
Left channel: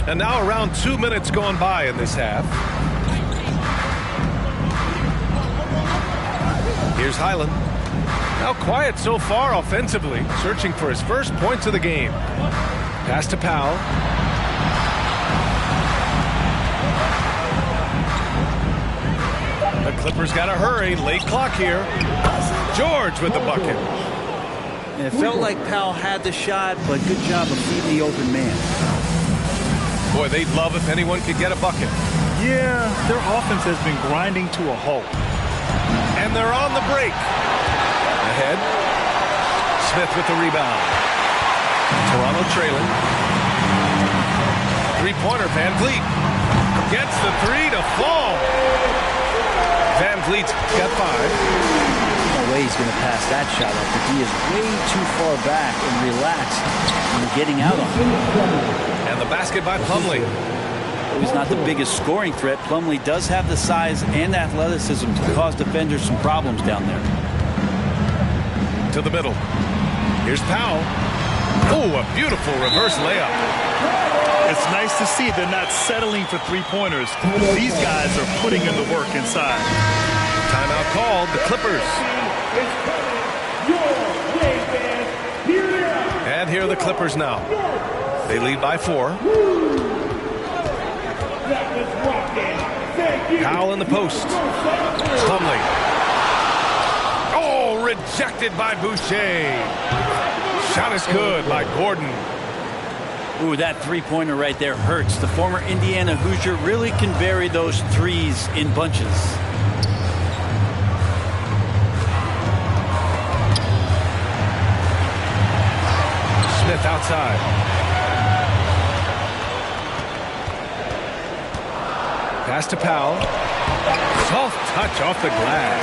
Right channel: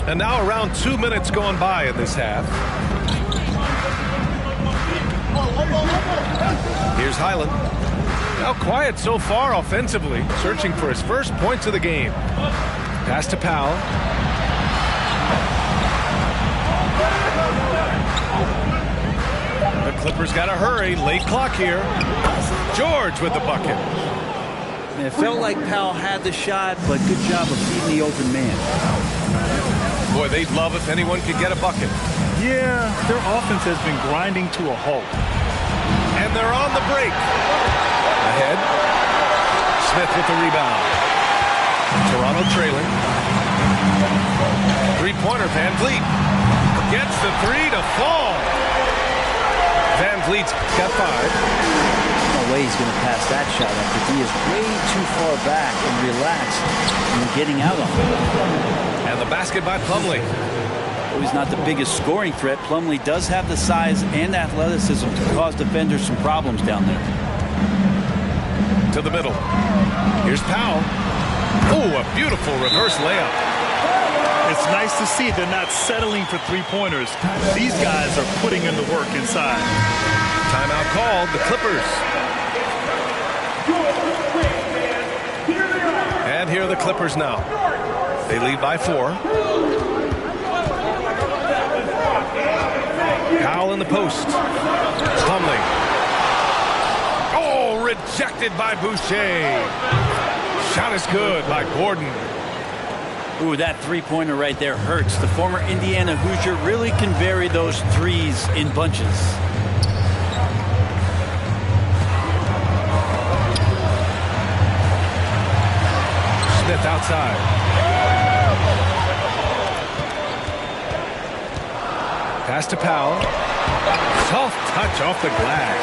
And now around 2 minutes gone by in this half. Here's Hyland. Now quiet so far offensively, searching for his first points of the game. Pass to Powell. The Clippers got to hurry. Late clock here. George with the bucket. And it felt like Powell had the shot, but good job of feeding the open man. Boy, they'd love if anyone could get a bucket. Yeah, their offense has been grinding to a halt. And they're on the break. Ahead. Smith with the rebound. Toronto trailing. Three-pointer, Van Vliet. Gets the three to fall. Van Vliet's got 5. No way he's going to pass that shot after he is way too far back and relaxed in getting out on him. And the basket by Plumlee. Though he's not the biggest scoring threat, Plumlee does have the size and athleticism to cause defenders some problems down there. To the middle. Here's Powell. Oh, a beautiful reverse layup. It's nice to see they're not settling for three-pointers. These guys are putting in the work inside. Timeout called, the Clippers. And here are the Clippers now. They lead by 4. Powell in the post. Plumlee. Oh, rejected by Boucher. Shot is good by Gordon. Ooh, that three-pointer right there hurts. The former Indiana Hoosier really can vary those threes in bunches. Smith outside. Pass to Powell. Soft touch off the glass.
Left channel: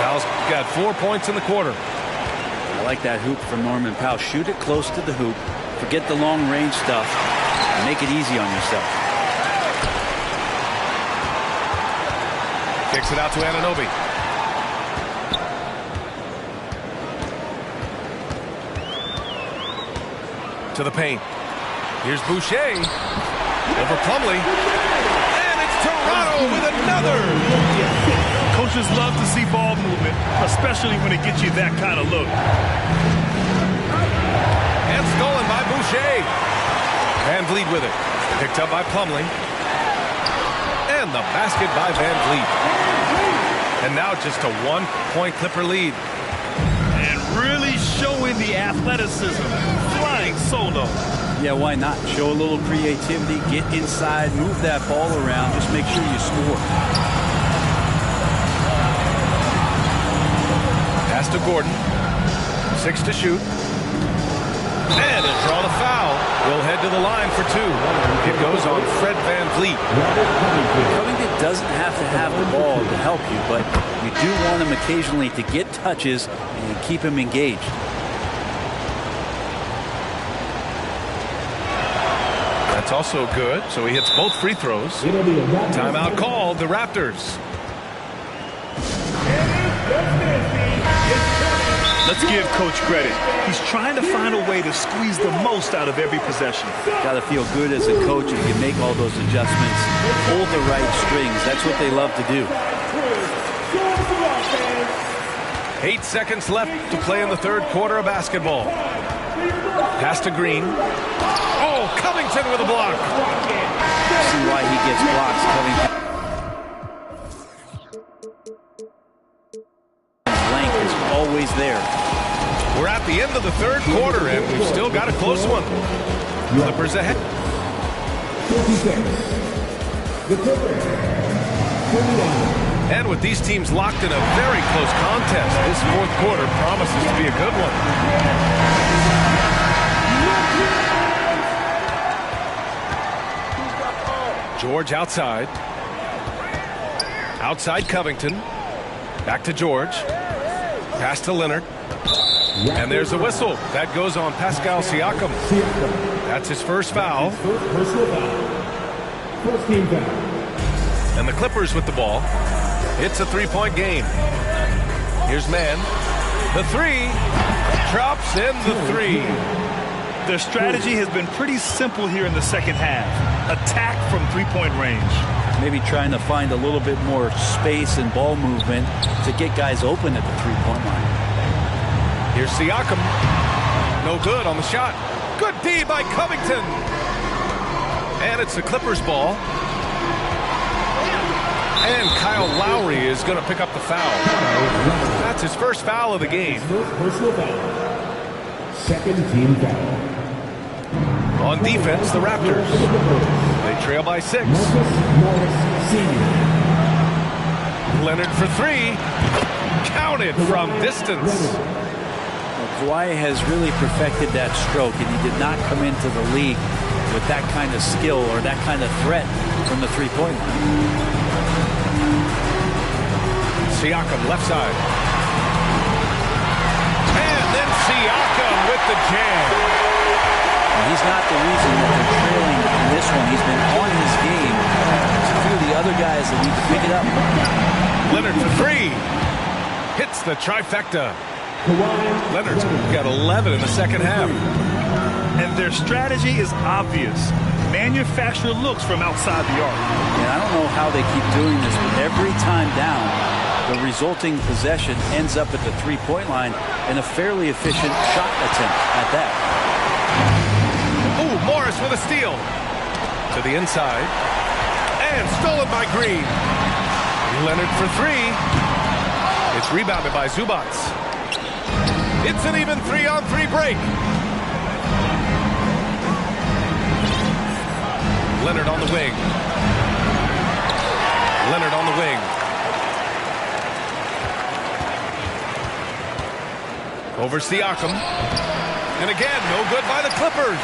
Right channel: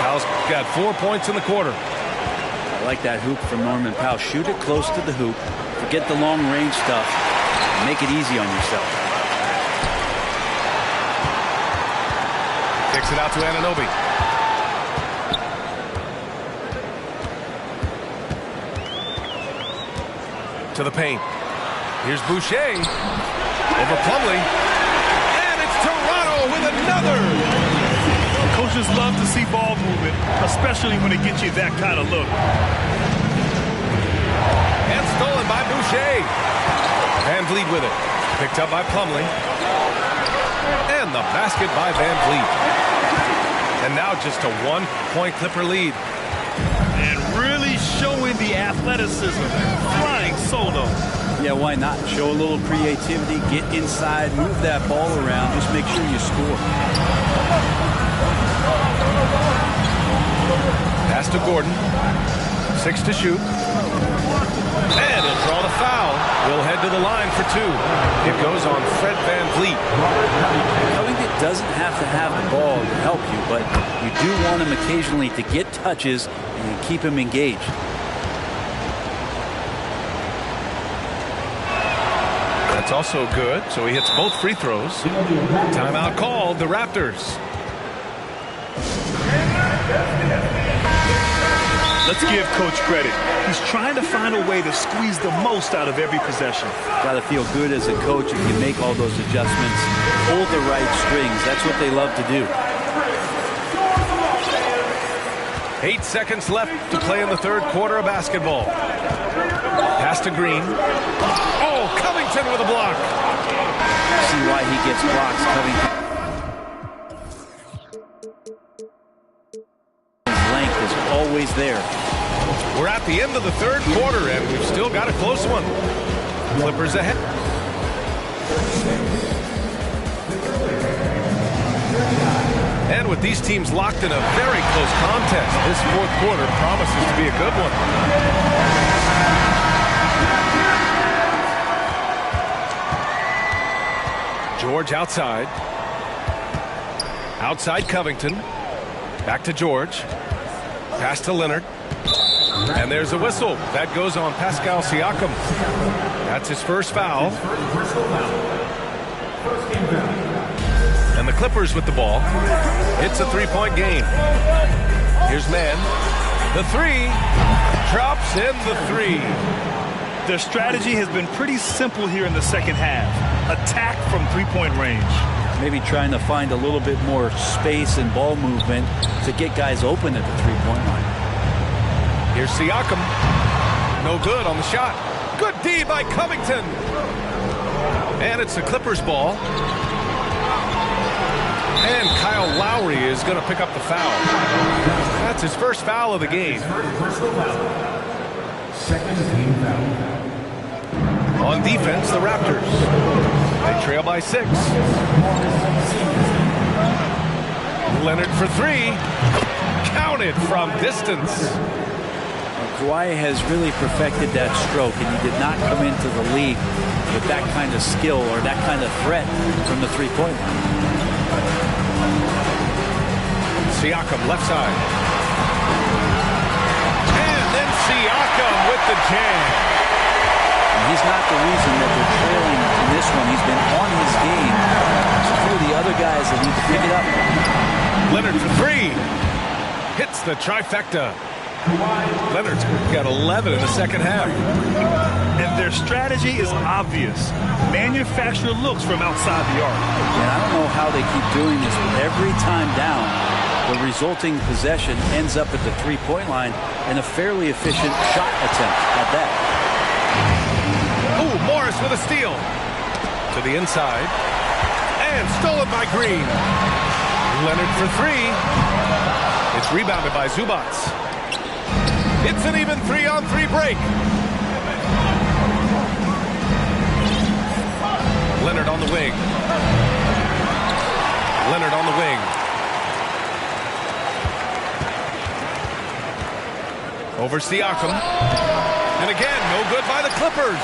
Powell's got 4 points in the quarter. I like that hoop from Norman Powell. Shoot it close to the hoop. Forget the long-range stuff. And make it easy on yourself. Kicks it out to Anunoby. To the paint. Here's Boucher. Over Plumlee. And it's Toronto with another. Coaches love to see ball movement, especially when it gets you that kind of look. And stolen by Boucher. Van Vliet with it. Picked up by Plumlee. And the basket by Van Vliet. And now just a 1-point Clipper lead. And really showing the athleticism. Flying solo. Yeah, why not? Show a little creativity, get inside, move that ball around, just make sure you score. Pass to Gordon. 6 to shoot. And he'll draw the foul. He'll head to the line for 2. It goes on Fred Van Vliet. Covington doesn't have to have the ball to help you, but you do want him occasionally to get touches and keep him engaged. That's also good, so he hits both free throws. Timeout called, the Raptors. Let's give Coach credit. He's trying to find a way to squeeze the most out of every possession. Got to feel good as a coach if you make all those adjustments. Hold the right strings. That's what they love to do. 8 seconds left to play in the third quarter of basketball. Pass to Green. Oh, Covington with a block. See why he gets blocks, Covington. His length is always there. We're at the end of the third quarter, and we've still got a close one. Clippers ahead. And with these teams locked in a very close contest, this fourth quarter promises to be a good one. George outside. Outside Covington. Back to George. Pass to Leonard. And there's a whistle. That goes on Pascal Siakam. That's his first foul. Personal foul. First team foul. And the Clippers with the ball. It's a three-point game. Here's Mann. The three. Drops in the three. Their strategy has been pretty simple here in the second half. Attack from three-point range. Maybe trying to find a little bit more space and ball movement to get guys open at the three-point line. Here's Siakam. No good on the shot. Good D by Covington. And it's the Clippers ball. And Kyle Lowry is going to pick up the foul. That's his first foul of the game. First personal foul. Second team foul. On defense, the Raptors. They trail by 6. Leonard for three. Counted from distance. Well, Kawhi has really perfected that stroke, and he did not come into the league with that kind of skill or that kind of threat from the three-point line. Siakam left side. And then Siakam with the jam. And he's not the reason that they're trailing in this one. He's been on his game. There's a few of the other guys that need to pick it up. Leonard for three. Hits the trifecta. Leonard's got 11 in the second half. And their strategy is obvious. Manufacture looks from outside the arc. And I don't know how they keep doing this, but every time down, the resulting possession ends up at the three-point line and a fairly efficient shot attempt at that. Ooh, Morris with a steal. To the inside. And stolen by Green. Leonard for three. It's rebounded by Zubac. It's an even 3-on-3 break. Leonard on the wing. Leonard on the wing. Over Siakam. And again, no good by the Clippers.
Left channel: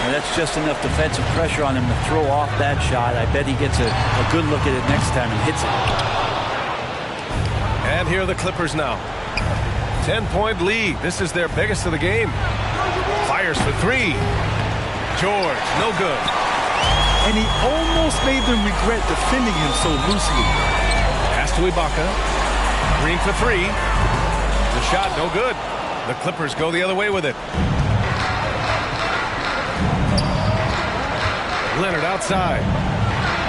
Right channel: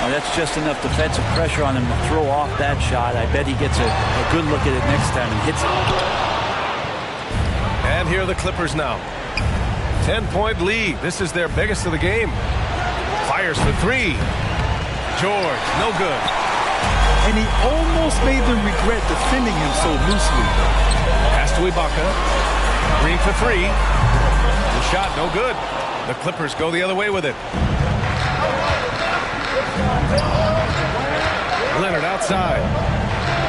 Well, that's just enough defensive pressure on him to throw off that shot. I bet he gets a good look at it next time and hits it. And here are the Clippers now. 10-point lead. This is their biggest of the game. Fires for three. George, no good. And he almost made them regret defending him so loosely. Pass to Ibaka. Green for three. The shot, no good. The Clippers go the other way with it. Leonard outside.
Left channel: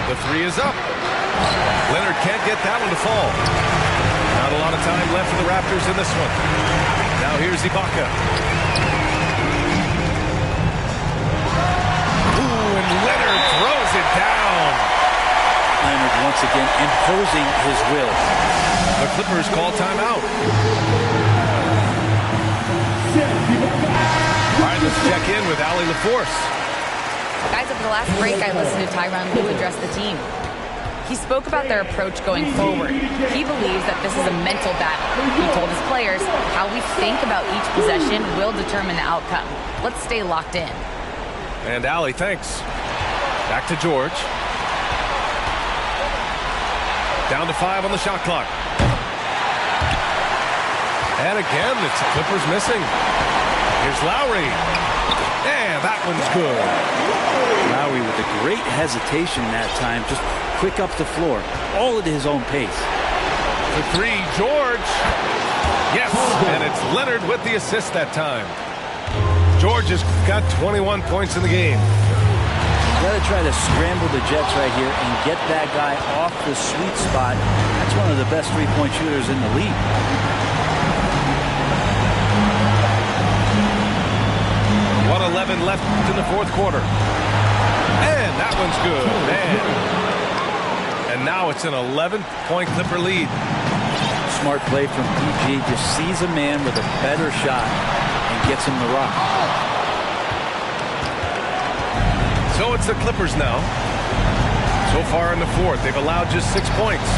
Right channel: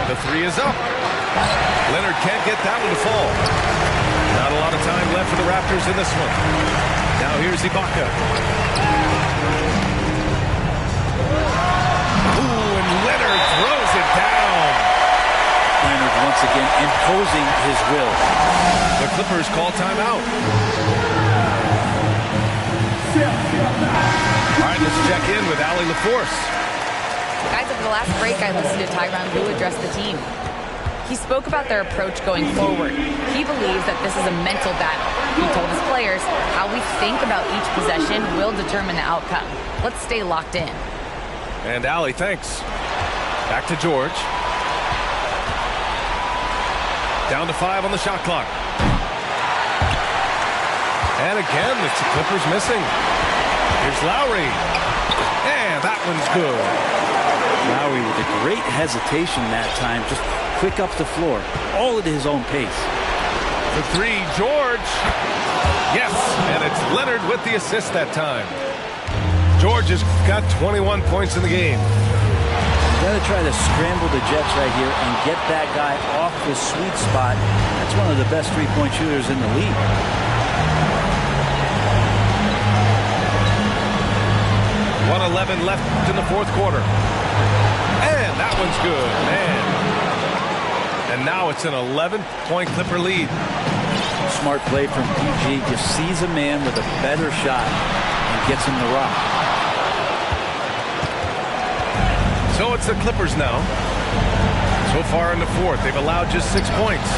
The three is up. Leonard can't get that one to fall. Not a lot of time left for the Raptors in this one. Now here's Ibaka. Ooh, and Leonard throws it down. Leonard once again imposing his will. The Clippers call timeout. All right, let's check in with Allie LaForce. Guys, over the last break, I listened to Tyronn Lue address the team. He spoke about their approach going forward. He believes that this is a mental battle. He told his players how we think about each possession will determine the outcome. Let's stay locked in. And Allie, thanks. Back to George. Down to 5 on the shot clock. And again, it's the Clippers missing. Here's Lowry. And that one's good. Lowry with a great hesitation that time, just quick up the floor, all at his own pace. For three, George. Yes, and it's Leonard with the assist that time. George has got 21 points in the game. You got to try to scramble the Jets right here and get that guy off the sweet spot. That's one of the best three-point shooters in the league. .111 left in the fourth quarter. And that one's good, man. And now it's an 11-point Clipper lead. Smart play from PG. Just sees a man with a better shot and gets him the rock. So it's the Clippers now. So far in the fourth, they've allowed just 6 points.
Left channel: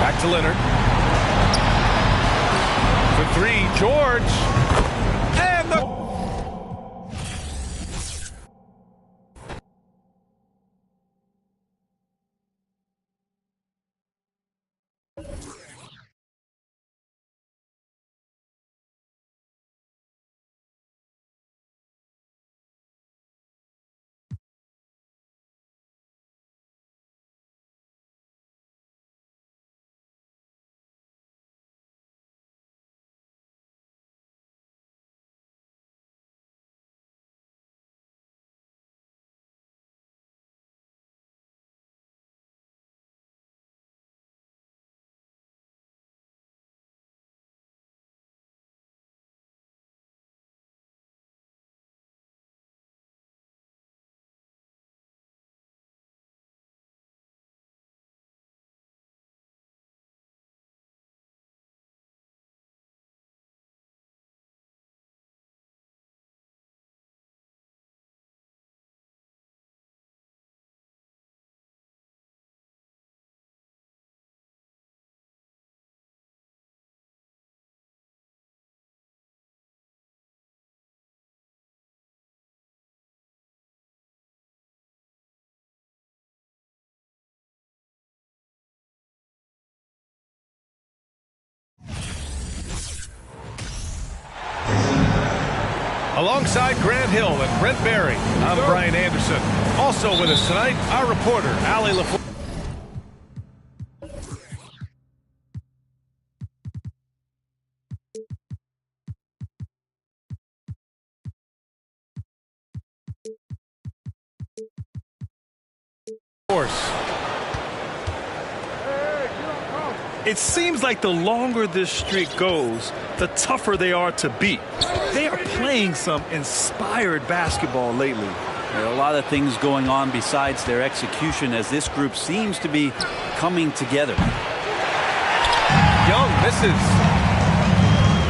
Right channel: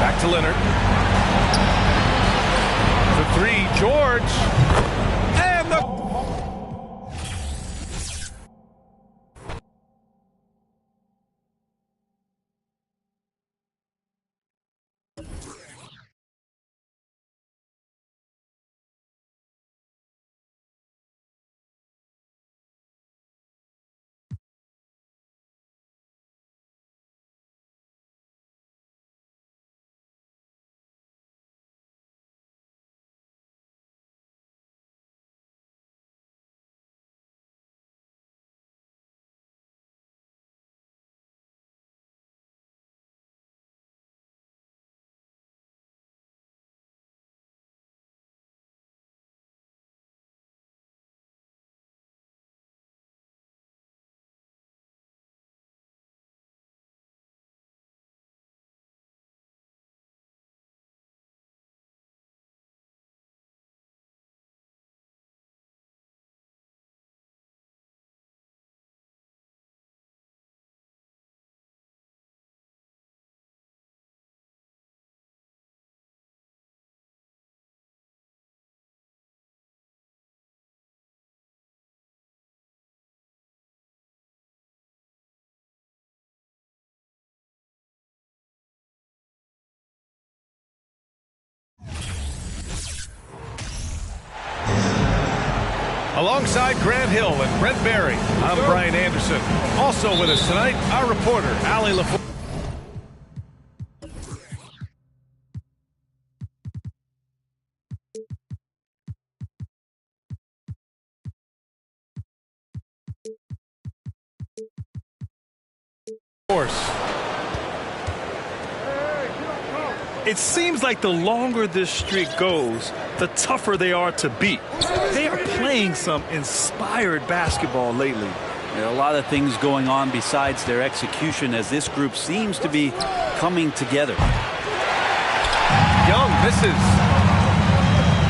Back to Leonard. For three, George. And the Alongside Grant Hill and Brent Barry, I'm Brian Anderson. Also with us tonight, our reporter, Allie LaForce. It seems like the longer this streak goes, the tougher they are to beat. They are playing some inspired basketball lately. There are a lot of things going on besides their execution as this group seems to be coming together. Young misses.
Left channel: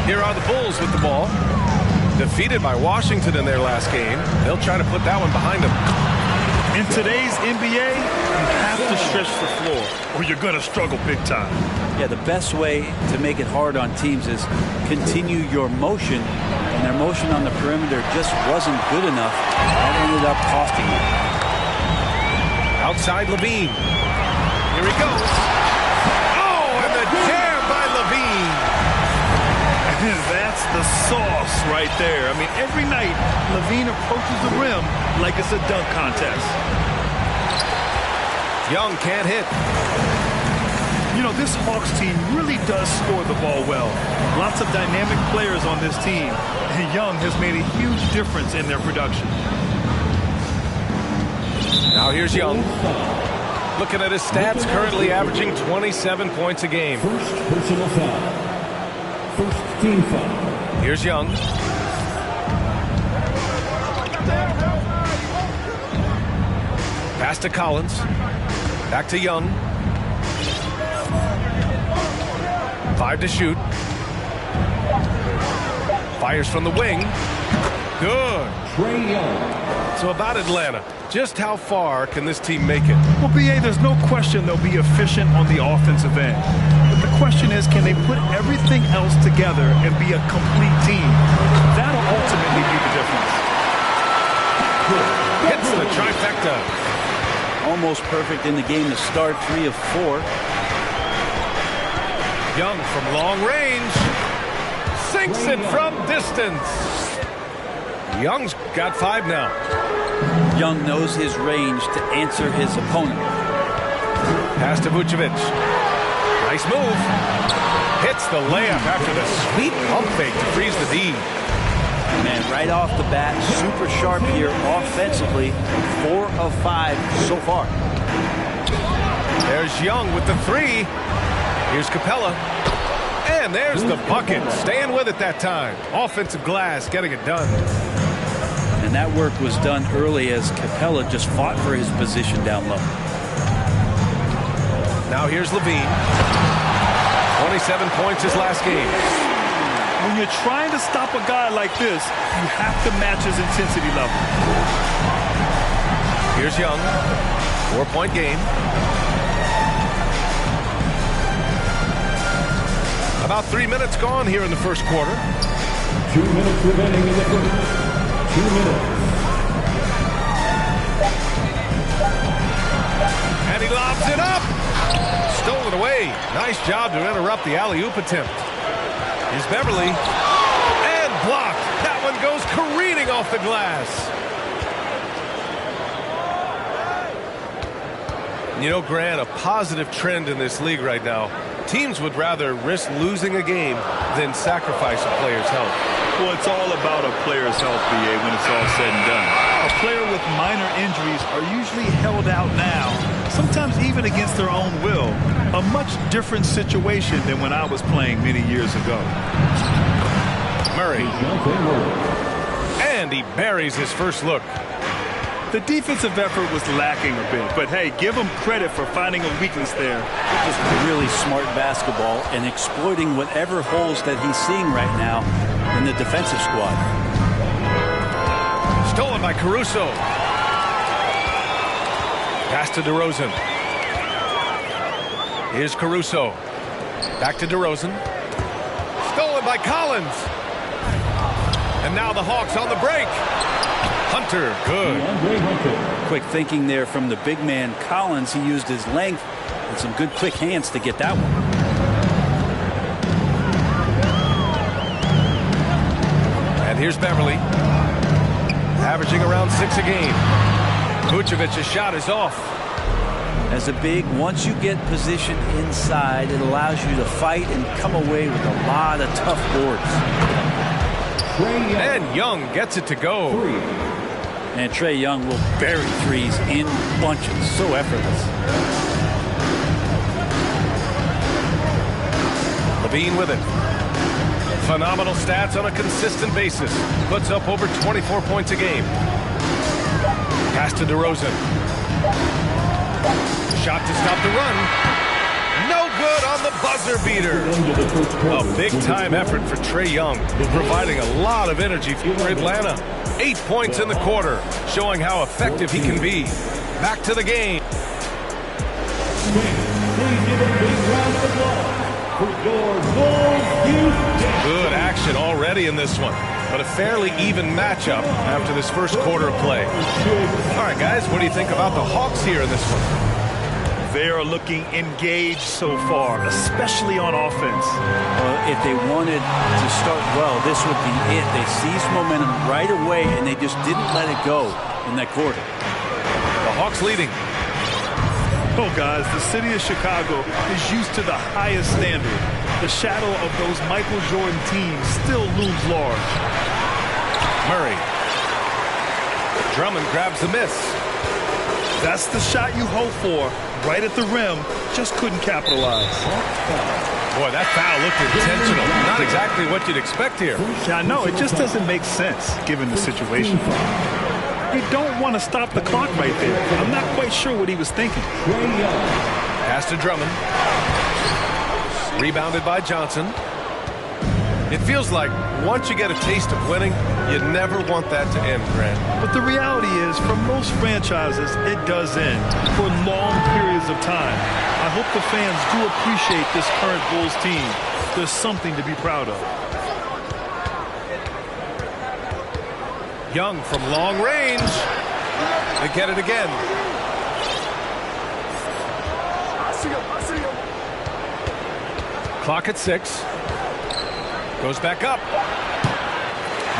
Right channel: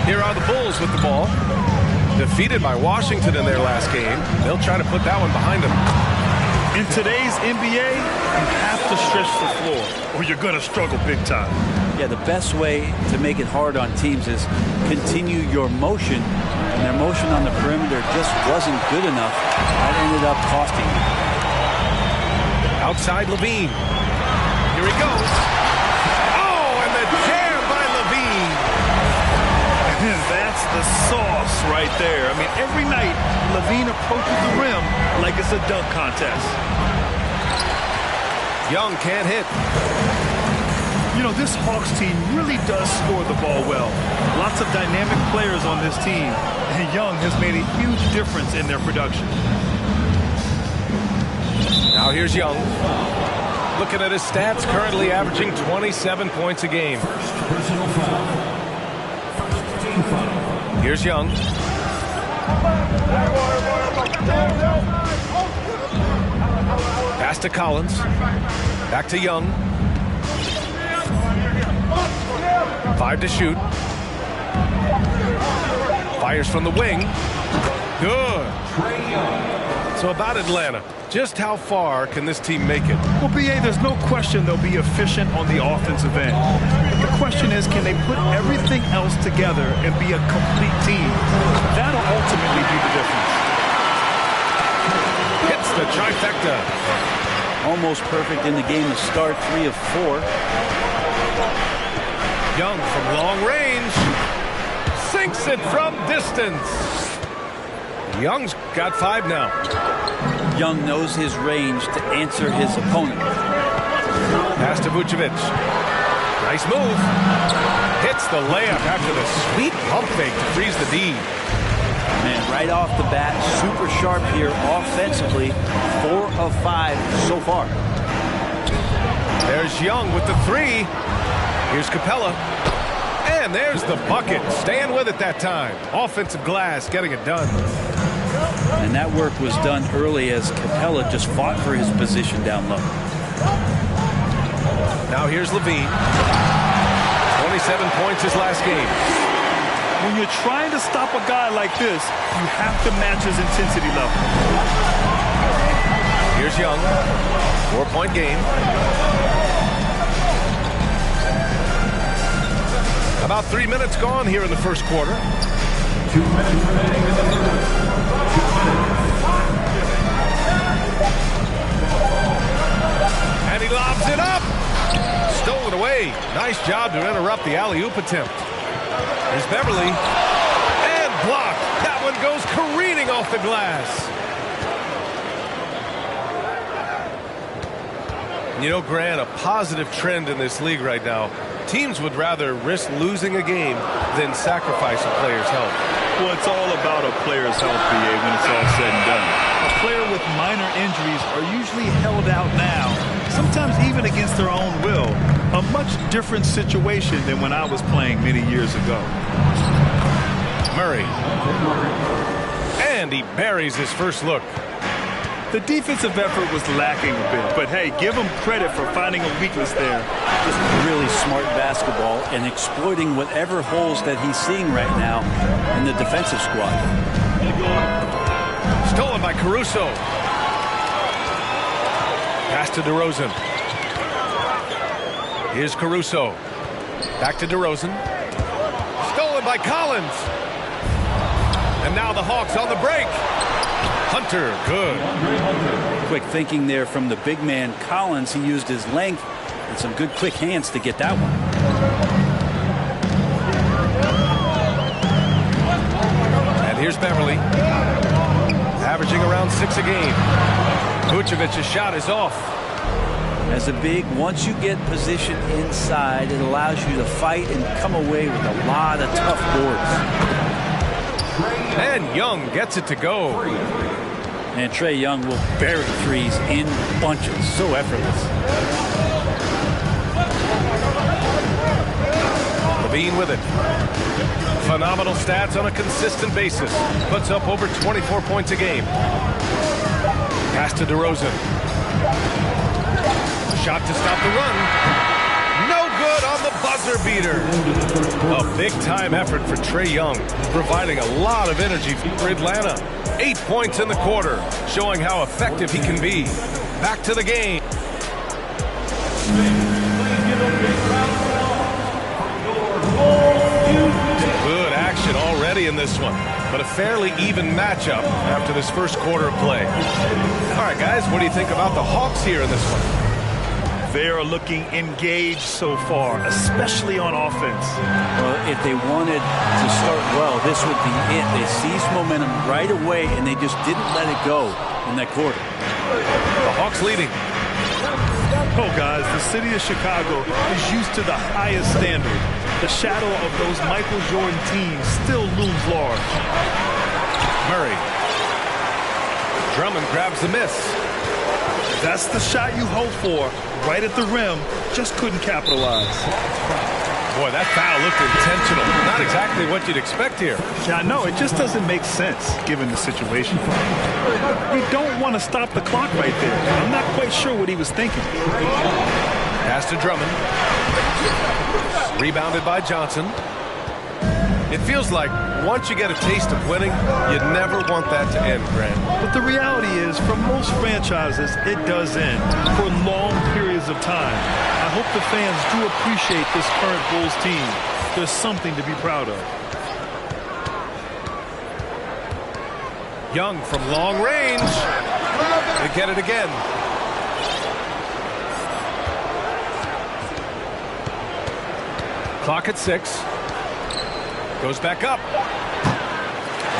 Here are the Bulls with the ball. Defeated by Washington in their last game. They'll try to put that one behind them. In today's NBA, you have to stretch the floor or you're going to struggle big time. Yeah, the best way to make it hard on teams is continue your motion, and their motion on the perimeter just wasn't good enough. That ended up costing them. Outside Levine. Here he goes. Oh, and the jam by Levine. And that's the sauce right there. I mean, every night, Levine approaches the rim like it's a dunk contest. Young can't hit. You know, this Hawks team really does score the ball well. Lots of dynamic players on this team, and Young has made a huge difference in their production. Now here's Young. Looking at his stats, currently averaging 27 points a game. First personal foul. First team foul. Here's Young. Pass to Collins. Back to Young. 5 to shoot. Fires from the wing. Good. Trae Young. So about Atlanta, just how far can this team make it? Well, B.A., there's no question they'll be efficient on the offensive end. But the question is, can they put everything else together and be a complete team? That'll ultimately be the difference. Hits the trifecta. Almost perfect in the game to start, 3 of 4. Young from long range. Sinks it from distance. Young's got 5 now. Young knows his range to answer his opponent. Pass to Vucevic. Nice move. Hits the layup after the sweet pump fake to freeze the D. Man, right off the bat, super sharp here offensively. 4 of 5 so far. There's Young with the 3. Here's Capella. And there's the bucket. Staying with it that time. Offensive glass getting it done. And that work was done early as Capella just fought for his position down low. Now here's Levine. 27 points his last game. When you're trying to stop a guy like this, you have to match his intensity level. Here's Young. 4-point game. About 3 minutes gone here in the first quarter. 2 minutes remaining in the first. 2 minutes. And he lobs it up. Stolen away. Nice job to interrupt the alley-oop attempt. Here's Beverly. And blocked. That one goes careening off the glass. You know, Grant, a positive trend in this league right now. Teams would rather risk losing a game than sacrifice a player's health. Well, it's all about a player's health, B.A., when it's all said and done. A player with minor injuries are usually held out now, sometimes even against their own will. A much different situation than when I was playing many years ago. Murray. And he buries his first look. The defensive effort was lacking a bit, but hey, give him credit for finding a weakness there. Just really smart basketball and exploiting whatever holes that he's seeing right now in the defensive squad. Stolen by Caruso. Pass to DeRozan. Here's Caruso. Back to DeRozan. Stolen by Collins. And now the Hawks on the break. Hunter, good. Quick thinking there from the big man Collins. He used his length and some good quick hands to get that one. And here's Beverly. averaging around 6 a game. Vucevic's shot is off. As a big, once you get position inside, it allows you to fight and come away with a lot of tough boards. And Young gets it to go. And Trae Young will bury threes in bunches. So effortless. LaVine with it. Phenomenal stats on a consistent basis. Puts up over 24 points a game. Pass to DeRozan. Shot to stop the run. No good on the buzzer beater. A big-time effort for Trae Young, providing a lot of energy for Atlanta. 8 points in the quarter, showing how effective he can be. Back to the game. Good action already in this one, but a fairly even matchup after this first quarter of play. All right, guys, what do you think about the Hawks here in this one? They are looking engaged so far, especially on offense. Well, if they wanted to start well, this would be it. They seized momentum right away, and they just didn't let it go in that quarter. The Hawks leading. Oh, guys, the city of Chicago is used to the highest standard. The shadow of those Michael Jordan teams still looms large. Murray. Drummond grabs the miss. That's the shot you hope for, right at the rim, just couldn't capitalize. Boy, that foul looked intentional. Not exactly what you'd expect here. Yeah, I know, it just doesn't make sense, given the situation. You don't want to stop the clock right there. I'm not quite sure what he was thinking. Pass to Drummond. Rebounded by Johnson. It feels like once you get a taste of winning, you never want that to end, Grant. But the reality is, for most franchises, it does end for long periods of time. I hope the fans do appreciate this current Bulls team. There's something to be proud of. Young from long range. They get it again. Clock at 6. Goes back up.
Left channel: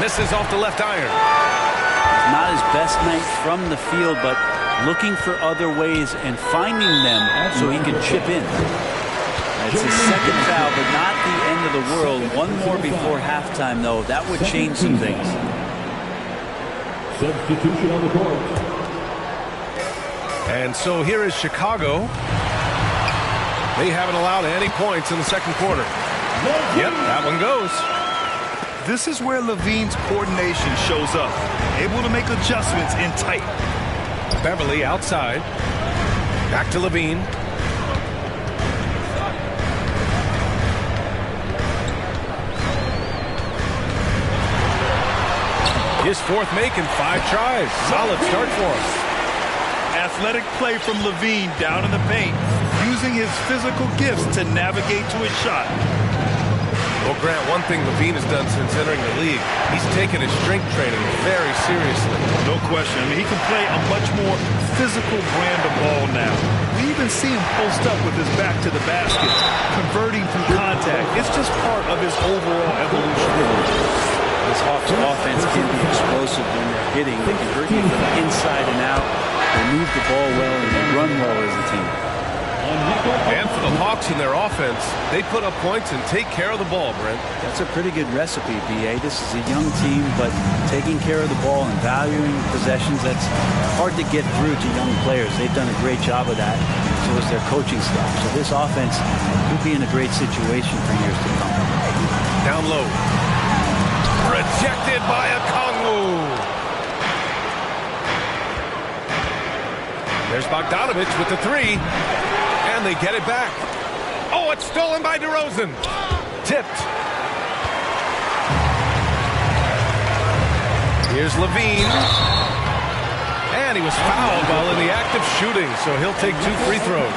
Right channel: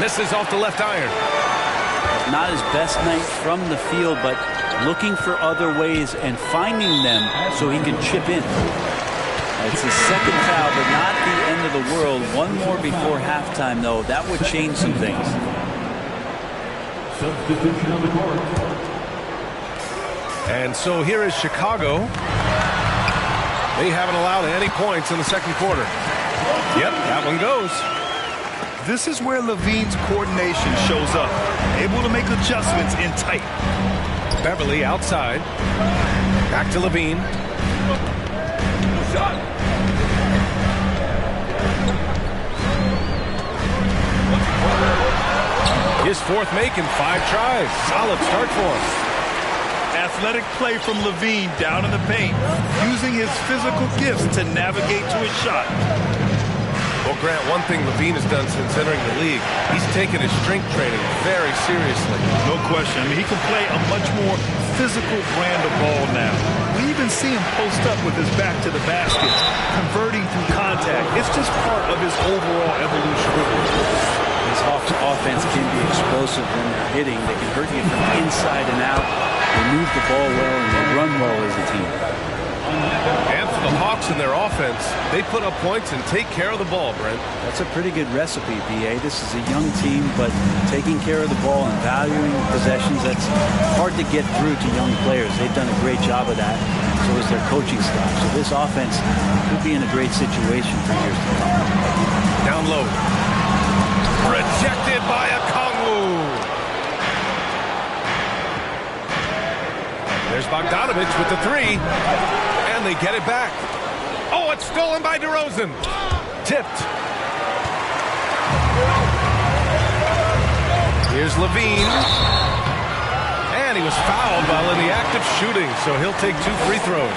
Misses off the left iron. It's not his best night from the field, but looking for other ways and finding them so he can chip in. It's his second foul, but not the end of the world. One more before halftime, though. That would change some things. Substitution on the court. And so here is Chicago. They haven't allowed any points in the second quarter. Yep, that one goes. This is where LaVine's coordination shows up. Able to make adjustments in tight. Beverly outside. Back to LaVine. His fourth make in 5 tries. Solid start for him. Athletic play from LaVine down in the paint, using his physical gifts to navigate to his shot. Well, Grant, one thing LaVine has done since entering the league, he's taken his strength training very seriously. No question. I mean, he can play a much more physical brand of ball now. We even see him post up with his back to the basket, converting through contact. It's just part of his overall evolution. This Hawks offense can be explosive when they're hitting. They can hurt you from inside and out. They move the ball well and they run well as a team. And for the Hawks in their offense, they put up points and take care of the ball, Brent. That's a pretty good recipe, B.A. This is a young team, but taking care of the ball and valuing possessions, that's hard to get through to young players. They've done a great job of that. So is their coaching staff. So this offense could be in a great situation for years to come. Down low. Rejected by Okongwu. There's Bogdanovich with the 3. And they get it back. Oh, it's stolen by DeRozan. Tipped. Here's LaVine. And he was fouled while in the act of shooting, so he'll take 2 free throws.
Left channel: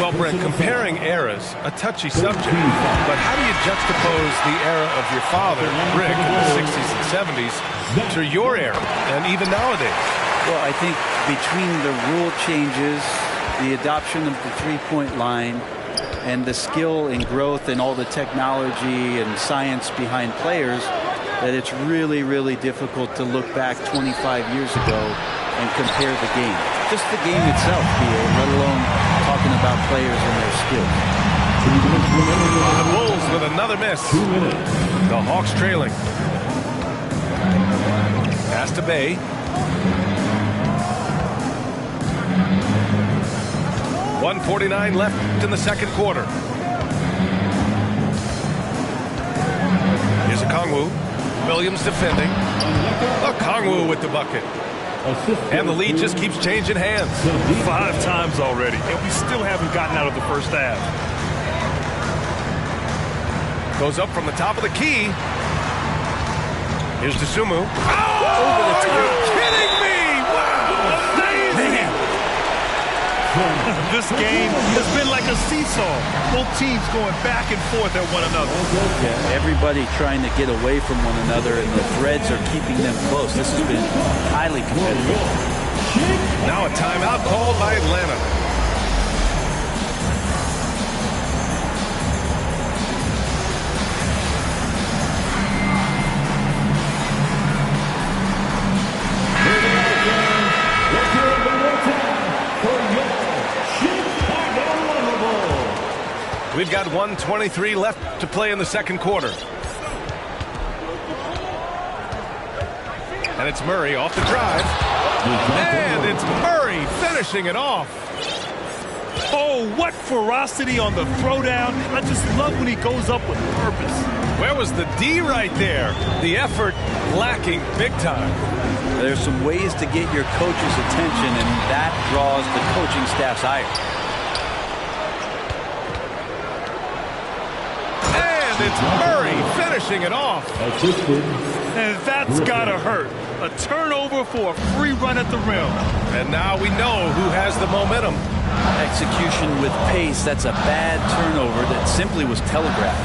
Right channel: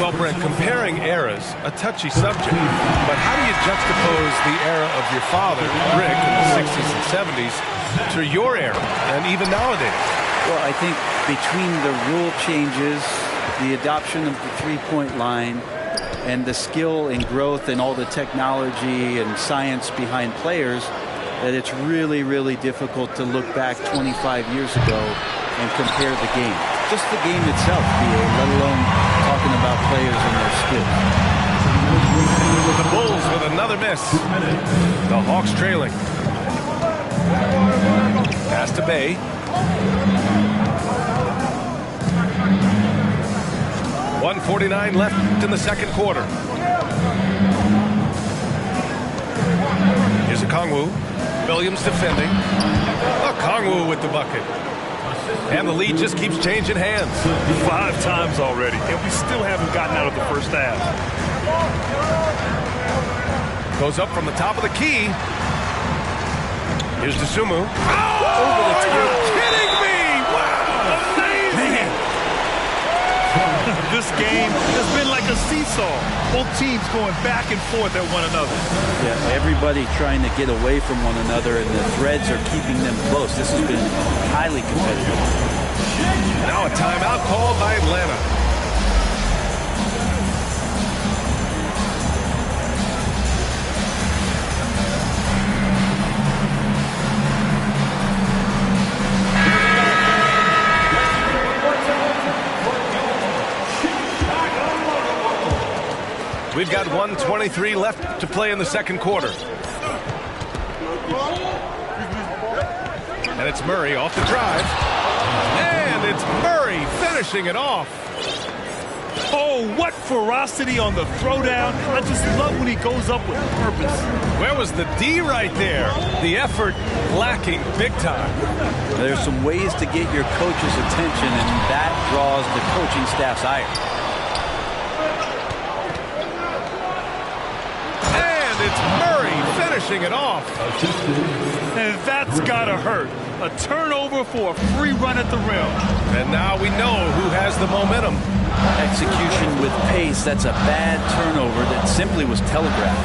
Well, Brent, comparing eras, a touchy subject, but how do you juxtapose the era of your father, Rick, in the 60s and 70s, to your era, and even nowadays? Well, I think between the rule changes, the adoption of the three-point line, and the skill and growth and all the technology and science behind players, that it's really, really difficult to look back 25 years ago and compare the game. Just the game itself, BA, let alone talking about players and their skills. The Bulls with another miss. The Hawks trailing. Pass to Bay. .149 left in the second quarter. Here's Okongwu. Williams defending. Okongwu with the bucket. And the lead just keeps changing hands. 5 times already, and we still haven't gotten out of the first half. Goes up from the top of the key. Here's Dosunmu. Oh, over the top. Are you kidding me? Wow. Amazing. This game has been like a seesaw. Both teams going back and forth at one another. Yeah, everybody trying to get away from one another, and the threads are keeping them close. This has been highly competitive. Now a timeout called by Atlanta. We've got 1:23 left to play in the second quarter. And it's Murray off the drive. And it's Murray finishing it off. Oh, what ferocity on the throwdown. I just love when he goes up with purpose. Where was the D right there? The effort lacking big time. There's some ways to get your coach's attention, and that draws the coaching staff's ire. It's Murray finishing it off. And that's gotta hurt. A turnover for a free run at the rim. And now we know who has the momentum. Execution with pace. That's a bad turnover that simply was telegraphed.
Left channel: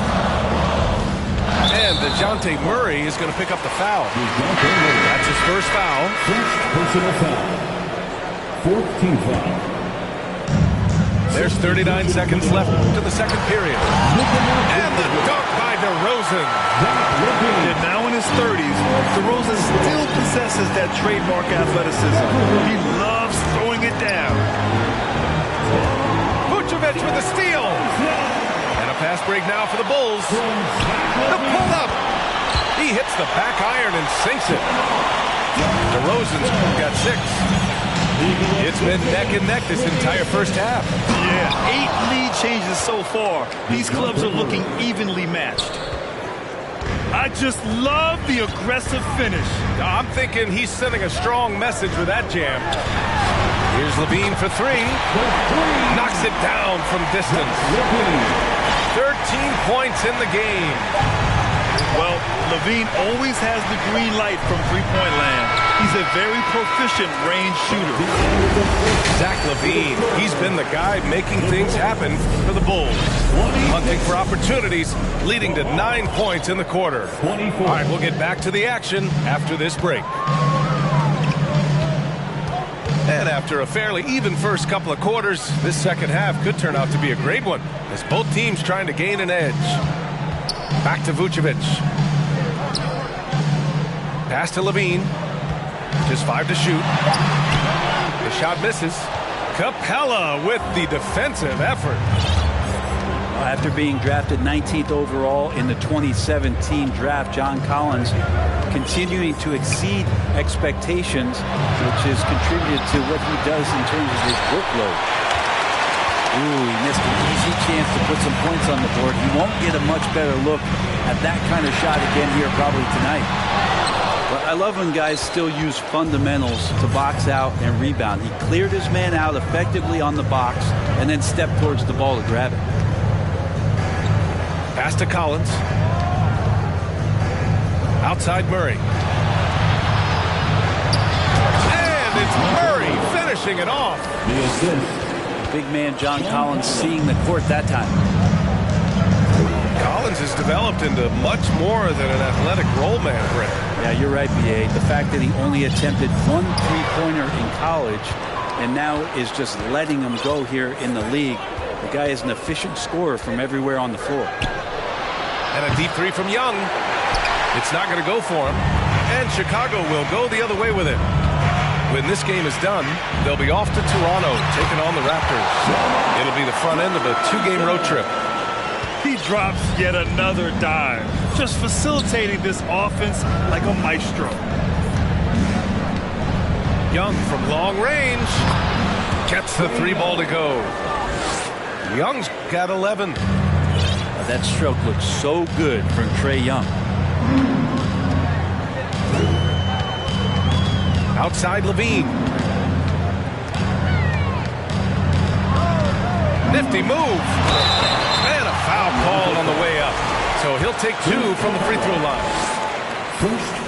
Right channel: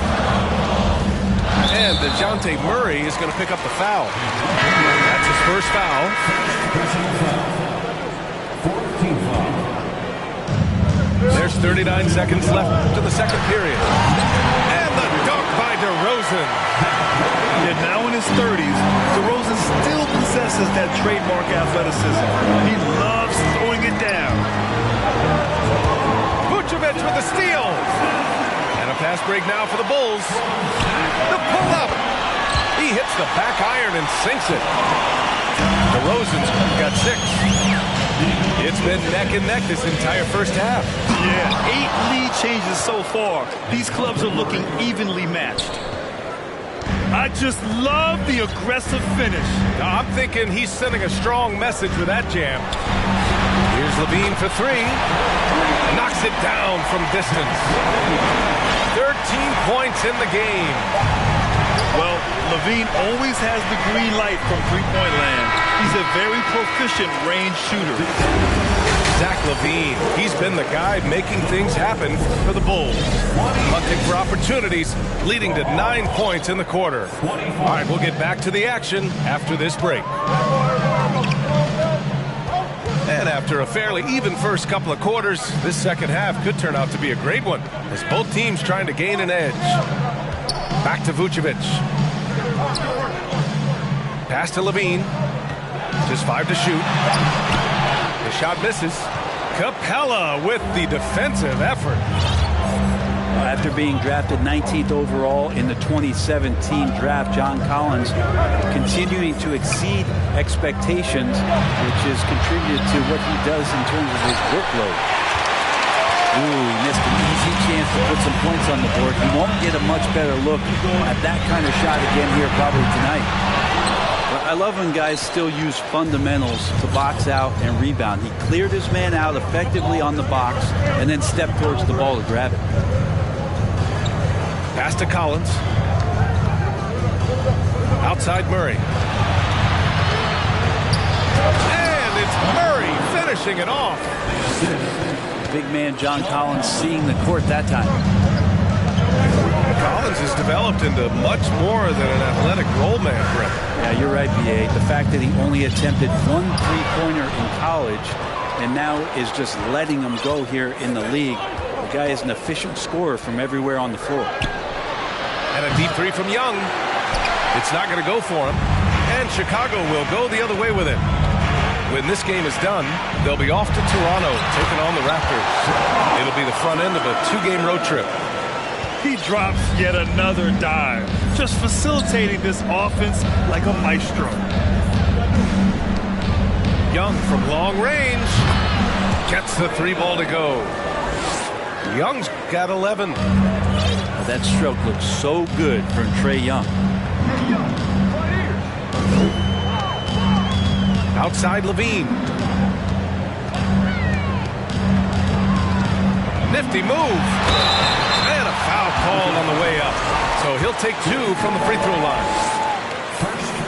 And DeJounte Murray is going to pick up the foul. That's his first foul. Personal foul. Fourth team foul. There's 39 seconds left to the second period. And the dunk by DeRozan. Yeah, now in his 30s, DeRozan still possesses that trademark athleticism. He loves throwing it down. Vucevic with a steal. And a fast break now for the Bulls. The pull-up. He hits the back iron and sinks it. DeRozan's got 6. It's been neck and neck this entire first half. Yeah, 8 lead changes so far. These clubs are looking evenly matched. I just love the aggressive finish. I'm thinking he's sending a strong message with that jam. Here's LaVine for 3. Knocks it down from distance. 13 points in the game. Well, LaVine always has the green light from three-point land. He's a very proficient range shooter. Zach LaVine, he's been the guy making things happen for the Bulls. Hunting for opportunities, leading to 9 points in the quarter. All right, we'll get back to the action after this break. And after a fairly even first couple of quarters, this second half could turn out to be a great one, as both teams trying to gain an edge. Back to Vucevic. Pass to LaVine. Just 5 to shoot. The shot misses. Capella with the defensive effort. After being drafted 19th overall in the 2017 draft, John Collins continuing to exceed expectations, which has contributed to what he does in terms of his workload. Ooh, he missed an easy chance to put some points on the board. He won't get a much better look at that kind of shot again here probably tonight. But I love when guys still use fundamentals to box out and rebound. He cleared his man out effectively on the box and then stepped towards the ball to grab it. Pass to Collins. Outside Murray. And it's Murray finishing it off. Big man John Collins seeing the court that time. Collins has developed into much more than an athletic roll man, Brent. Yeah, you're right, B.A. The fact that he only attempted 1 3-pointer in college and now is just letting them go here in the league. The guy is an efficient scorer from everywhere on the floor. And a deep 3 from Young. It's not going to go for him, and Chicago will go the other way with it. When this game is done, they'll be off to Toronto, taking on the Raptors. It'll be the front end of a 2-game road trip. He drops yet another dime, just facilitating this offense like a maestro. Young from long range gets the 3-ball to go. Young's got 11. That stroke looks so good from Trae Young. Outside Levine. Nifty move. And a foul called on the way up. So he'll take 2 from the free throw line.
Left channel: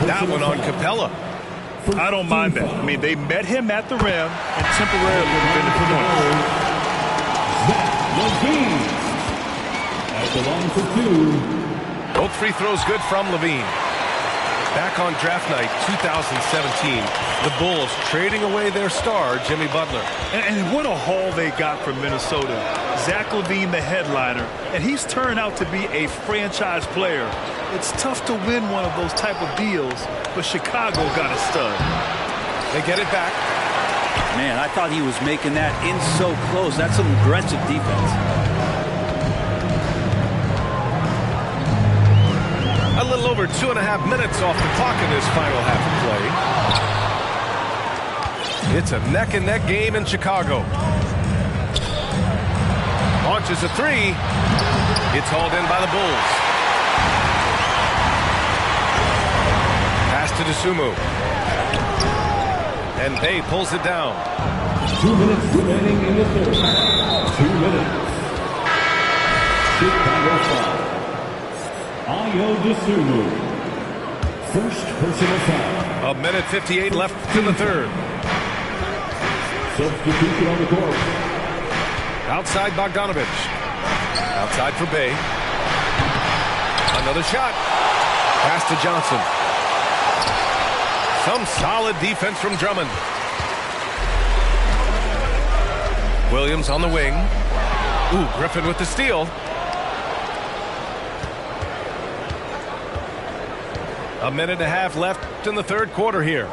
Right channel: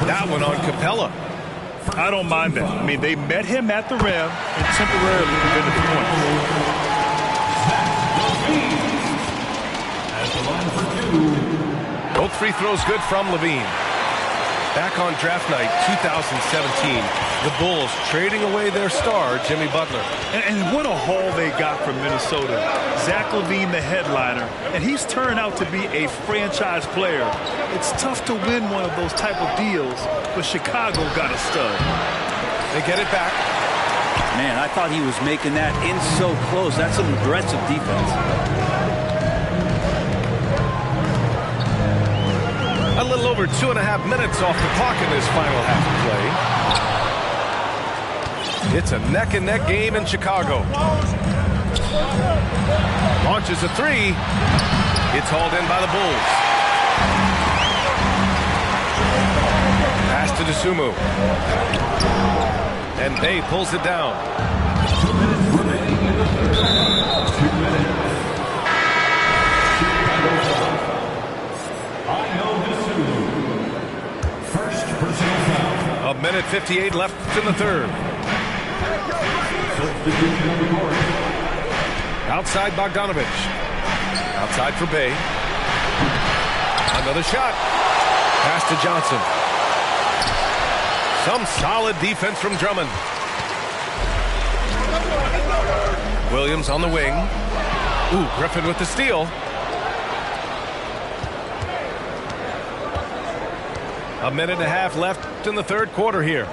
That one on Capella. I don't mind that. I mean, they met him at the rim and temporarily prevented the points. At the line for 2. Both free throws good from Levine. Back on draft night 2017, the Bulls trading away their star, Jimmy Butler. And what a haul they got from Minnesota. Zach LaVine, the headliner, and he's turned out to be a franchise player. It's tough to win one of those type of deals, but Chicago got a stud. They get it back. Man, I thought he was making that in so close. That's some aggressive defense. A little over 2.5 minutes off the clock in this final half of play. It's a neck-and-neck game in Chicago. Launches a 3. It's hauled in by the Bulls. Pass to Dosunmu. And Bay pulls it down. 2 minutes remaining in the third. 2 minutes. Chicago foul. Ayo Dosunmu. First personal foul. 1:58 left in the third. Substitution on the court. Outside Bogdanovich. Outside for Bay. Another shot. Pass to Johnson. Some solid defense from Drummond. Williams on the wing. Ooh, Griffin with the steal. A minute and a half left in the third quarter here.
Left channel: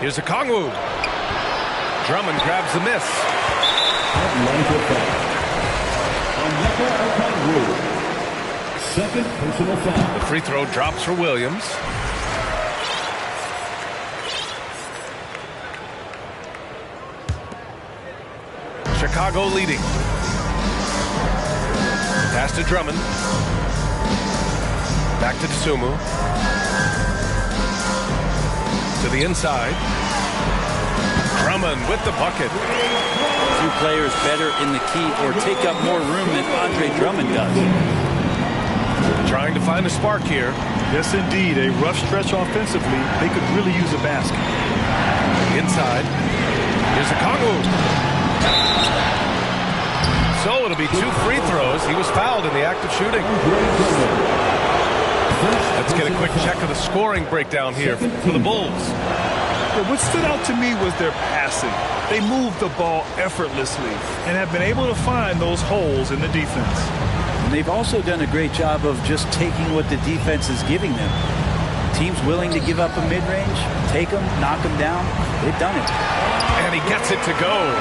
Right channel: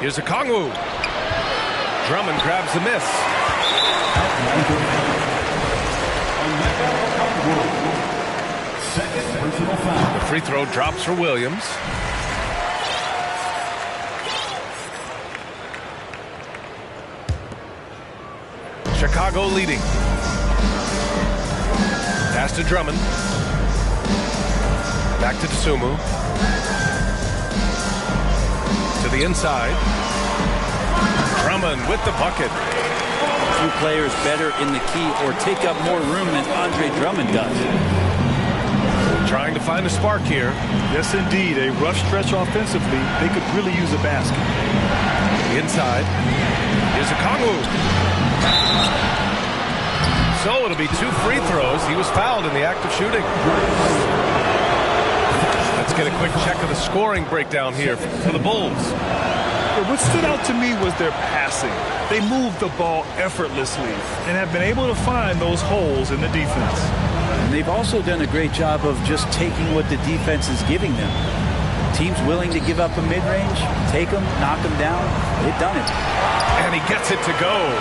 Here's Okongwu. Drummond grabs the miss. Onyeka Okongwu. Second personal foul. The free throw drops for Williams. Chicago leading. Pass to Drummond. Back to Dosunmu. To the inside. Drummond with the bucket. Few players better in the key or take up more room than Andre Drummond does. Trying to find a spark here. Yes, indeed. A rough stretch offensively. They could really use a basket. Inside. Here's Okongwu. So it'll be 2 free throws. He was fouled in the act of shooting. Let's get a quick check of the scoring breakdown here for the Bulls. What stood out to me was their passing. They moved the ball effortlessly and have been able to find those holes in the defense. And they've also done a great job of just taking what the defense is giving them. Teams willing to give up a mid-range, take them, knock them down. They've done it. And he gets it to go.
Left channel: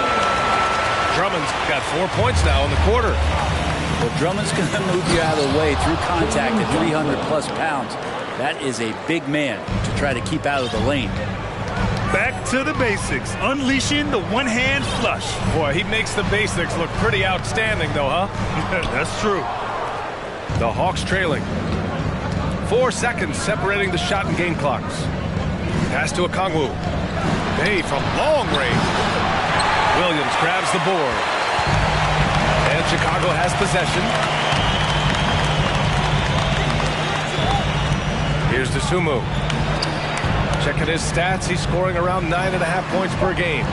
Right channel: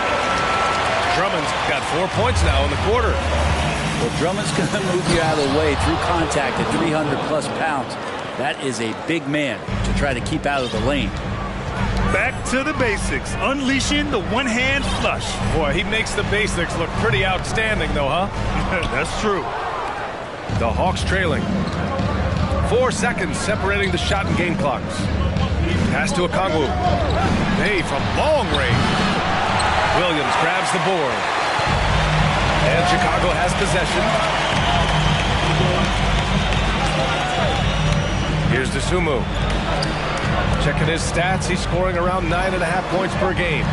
Drummond's got 4 points now in the quarter. Well, Drummond's going to move you out of the way through contact at 300-plus pounds. That is a big man to try to keep out of the lane. Back to the basics, unleashing the one-hand flush. Boy, he makes the basics look pretty outstanding, though, huh? That's true. The Hawks trailing. 4 seconds separating the shot and game clocks. Pass to Okongwu. Bay from long range. Williams grabs the board. And Chicago has possession. Here's Dosunmu. Checking his stats, he's scoring around 9.5 points per game.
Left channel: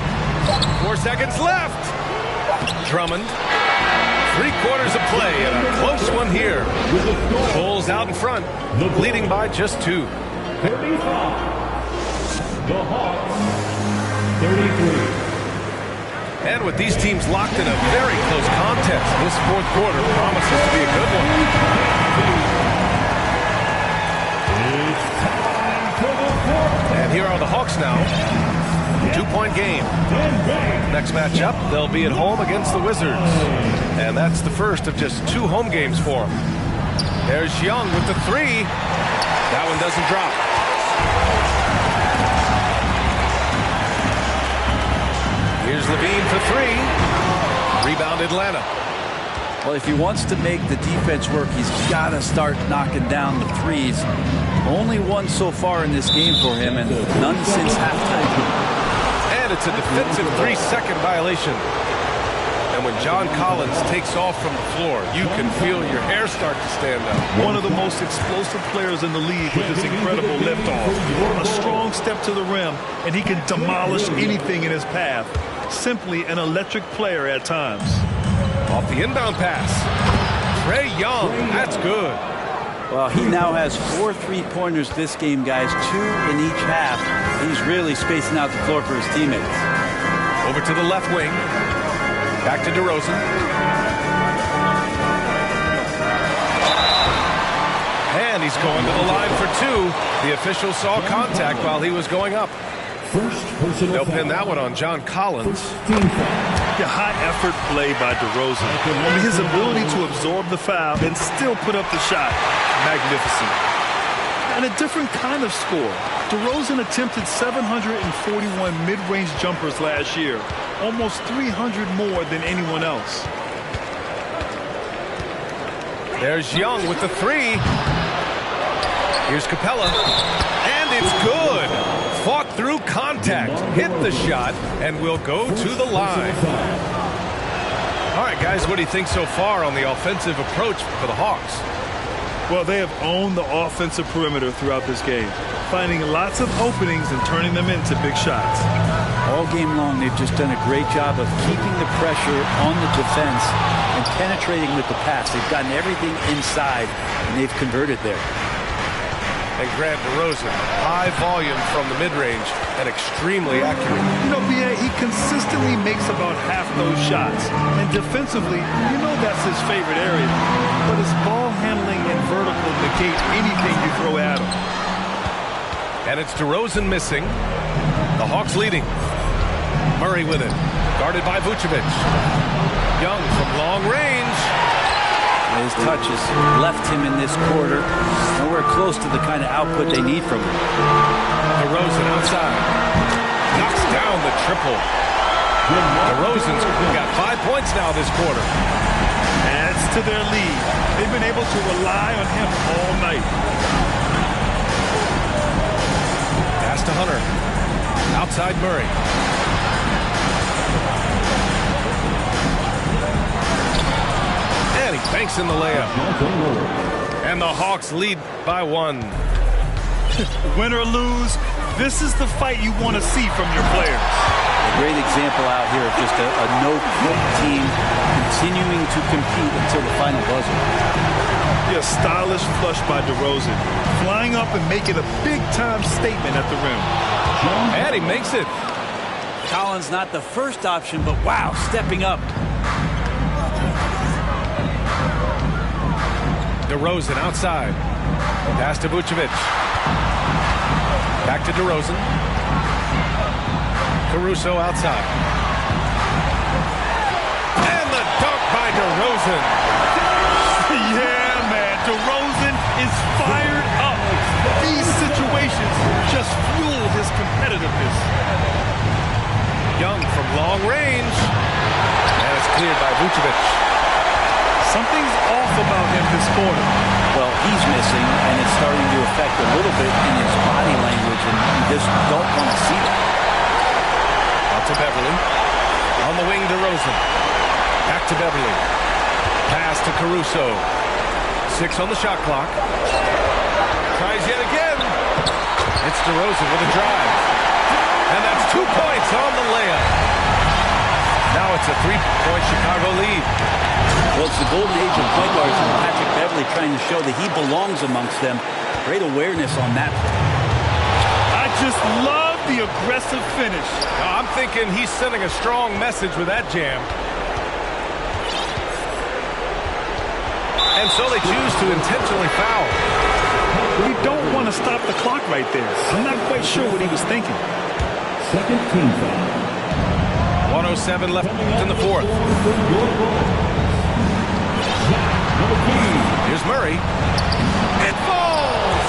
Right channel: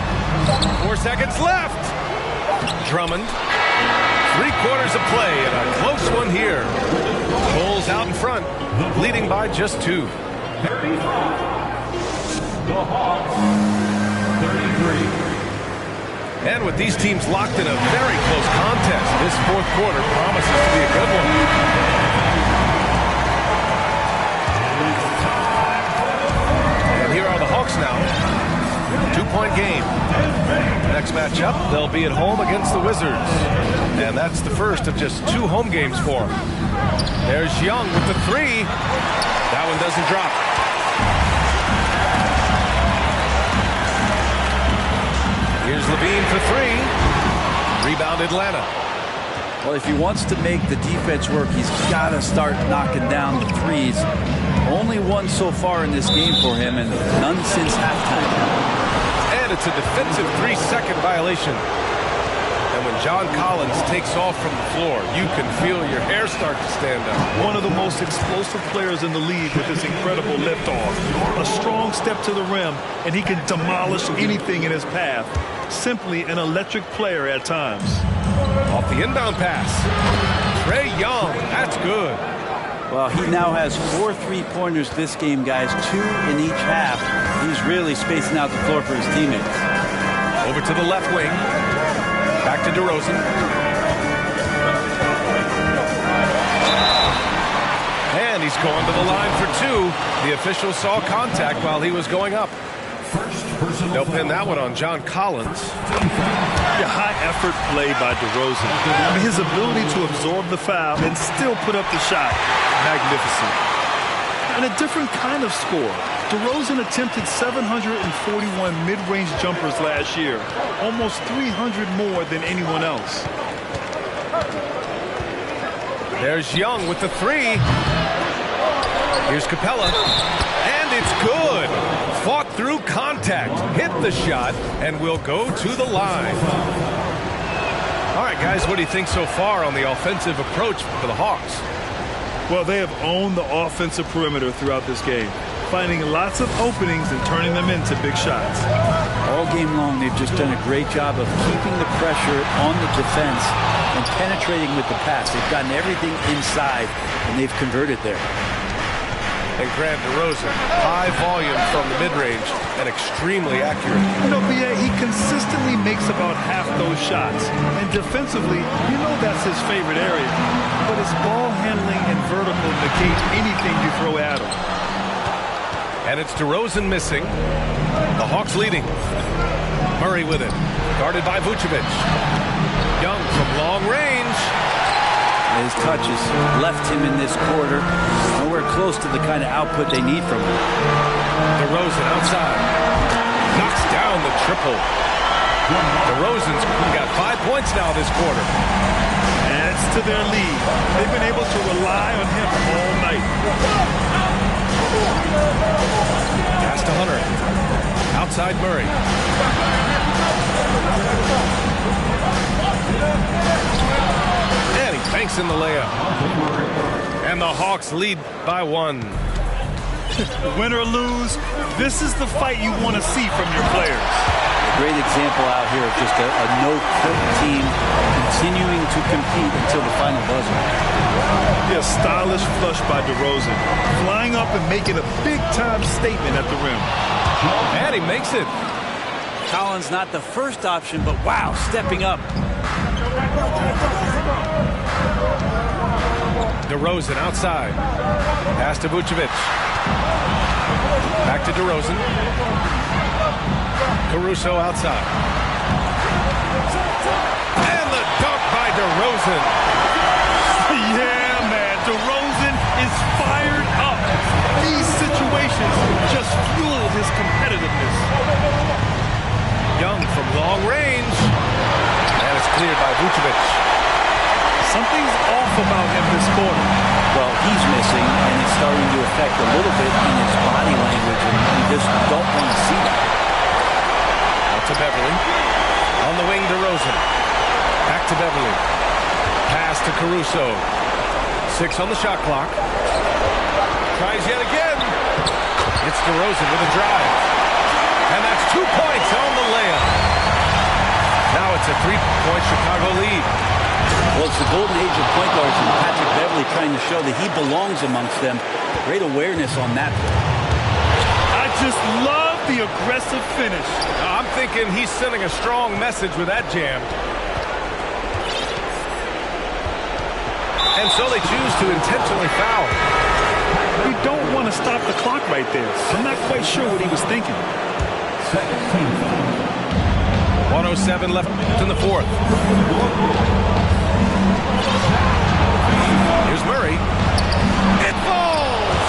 4 seconds left. Drummond. 3/4 of play and a close one here. Bulls out in front, leading by just 2. 35. The Hawks, 33. And with these teams locked in a very close contest, this fourth quarter promises to be a good one. here are the Hawks now. 2-point game. Next matchup, they'll be at home against the Wizards. And that's the first of just 2 home games for them. There's Young with the 3. That one doesn't drop. Here's Levine for 3. Rebound Atlanta. Well, if he wants to make the defense work, he's got to start knocking down the threes. Only one so far in this game for him, and none since halftime. And it's a defensive 3-second violation. And when John Collins takes off from the floor, you can feel your hair start to stand up. One of the most explosive players in the league with his incredible liftoff. A strong step to the rim, and he can demolish anything in his path. Simply an electric player at times. Off the inbound pass. Trae Young, that's good. Well, he now has 4 3-pointers this game, guys, 2 in each half. He's really spacing out the floor for his teammates. Over to the left wing. Back to DeRozan. And he's going to the line for 2. The official saw contact while he was going up. They'll pin that one on John Collins. Yeah, high-effort play by DeRozan. I mean, his ability to absorb the foul and still put up the shot, magnificent. And a different kind of score. DeRozan attempted 741 mid-range jumpers last year, almost 300 more than anyone else. There's Young with the 3. Here's Capella, and it's good. Fought through contact, hit the shot, and will go to the line. All right, guys, what do you think so far on the offensive approach for the Hawks? Well, they have owned the offensive perimeter throughout this game, finding lots of openings and turning them into big shots. All game long, they've just done a great job of keeping the pressure on the defense and penetrating with the pass. They've gotten everything inside, and they've converted there. And Grant DeRozan, high volume from the mid-range and extremely accurate. You know, B.A., he consistently makes about half those shots. And defensively, you know that's his favorite area. But his ball handling and vertical negate anything you throw at him. And it's DeRozan missing. The Hawks leading. Murray with it. Guarded by Vucevic. Young from long range. His touches left him in this quarter. Nowhere close to the kind of output they need from him. DeRozan outside. Knocks down the triple. DeRozan's got 5 points now this quarter. Adds to their lead. They've been able to rely on him all night. Pass to Hunter. Outside Murray. And he banks in the layup. And the Hawks lead by 1. Win or lose, this is the fight you want to see from your players. A great example out here of just a no-quit team continuing to compete until the final buzzer. Yeah, stylish flush by DeRozan. Flying up and making a big-time statement at the rim. And he makes it. Collins not the first option, but wow, stepping up. DeRozan outside. Pass to Vucevic. Back to DeRozan. Caruso outside. And the dunk by DeRozan. Yeah, man. DeRozan is fired up. These situations just fuel his competitiveness. Young from long range. And it's cleared by Vucevic. Something's off about him this quarter. Well, he's missing, and it's starting to affect a little bit in his body language, and you just don't want to see that. Out to Beverly. On the wing, DeRozan. Back to Beverly. Pass to Caruso. 6 on the shot clock. Tries yet again. It's DeRozan with a drive. And that's 2 points on the layup. Now it's a 3-point Chicago lead. Well, it's the golden age of point guards, and Patrick Beverly trying to show that he belongs amongst them. Great awareness on that play. I just love the aggressive finish. I'm thinking he's sending a strong message with that jam. And so they choose to intentionally foul. but you don't want to stop the clock right there. I'm not quite sure what he was thinking. Second team foul. 1:07 left in the fourth. Here's Murray. It falls!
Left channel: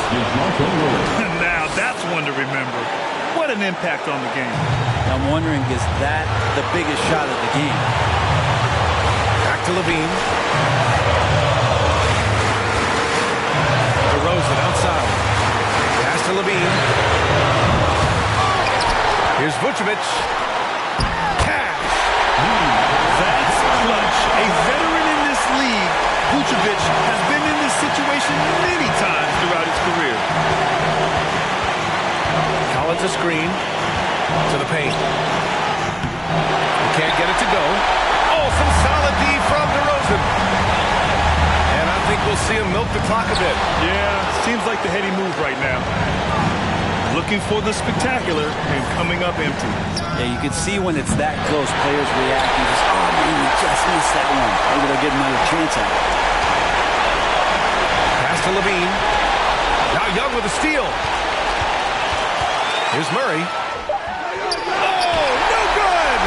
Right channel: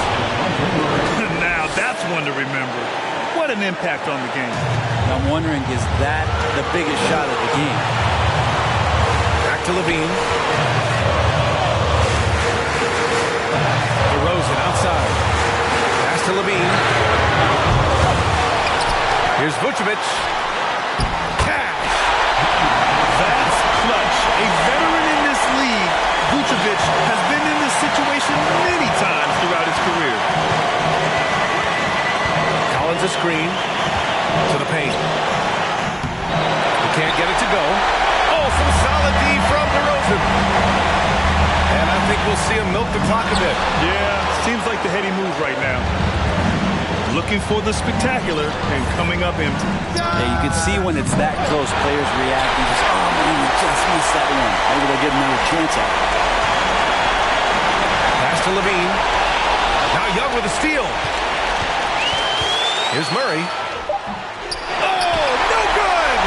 Now that's one to remember. What an impact on the game. Now I'm wondering, is that the biggest shot of the game? Back to Levine. DeRozan outside. Pass to Levine. Here's Vucevic. Cash. That's clutch. A veteran in this league, Vucevic has been in this situation many times throughout his career. Collins a screen to the paint. He can't get it to go. Oh, some solid D from DeRozan. And I think we'll see him milk the clock a bit. Yeah, seems like the heady move right now. Looking for the spectacular and coming up empty. Yeah, you can see when it's that close, players reacting. Just, oh man, we just missed that one. Maybe they'll get another chance at it. Pass to Levine. Now Young with a steal. Here's Murray. Oh, no good!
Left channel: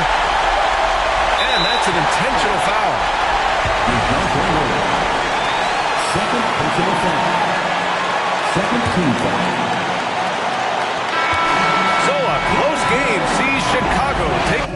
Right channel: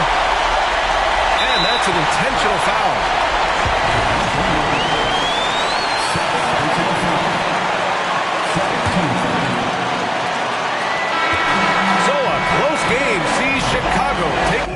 And that's an intentional foul. Second personal foul. Second team foul. So a close game sees Chicago take...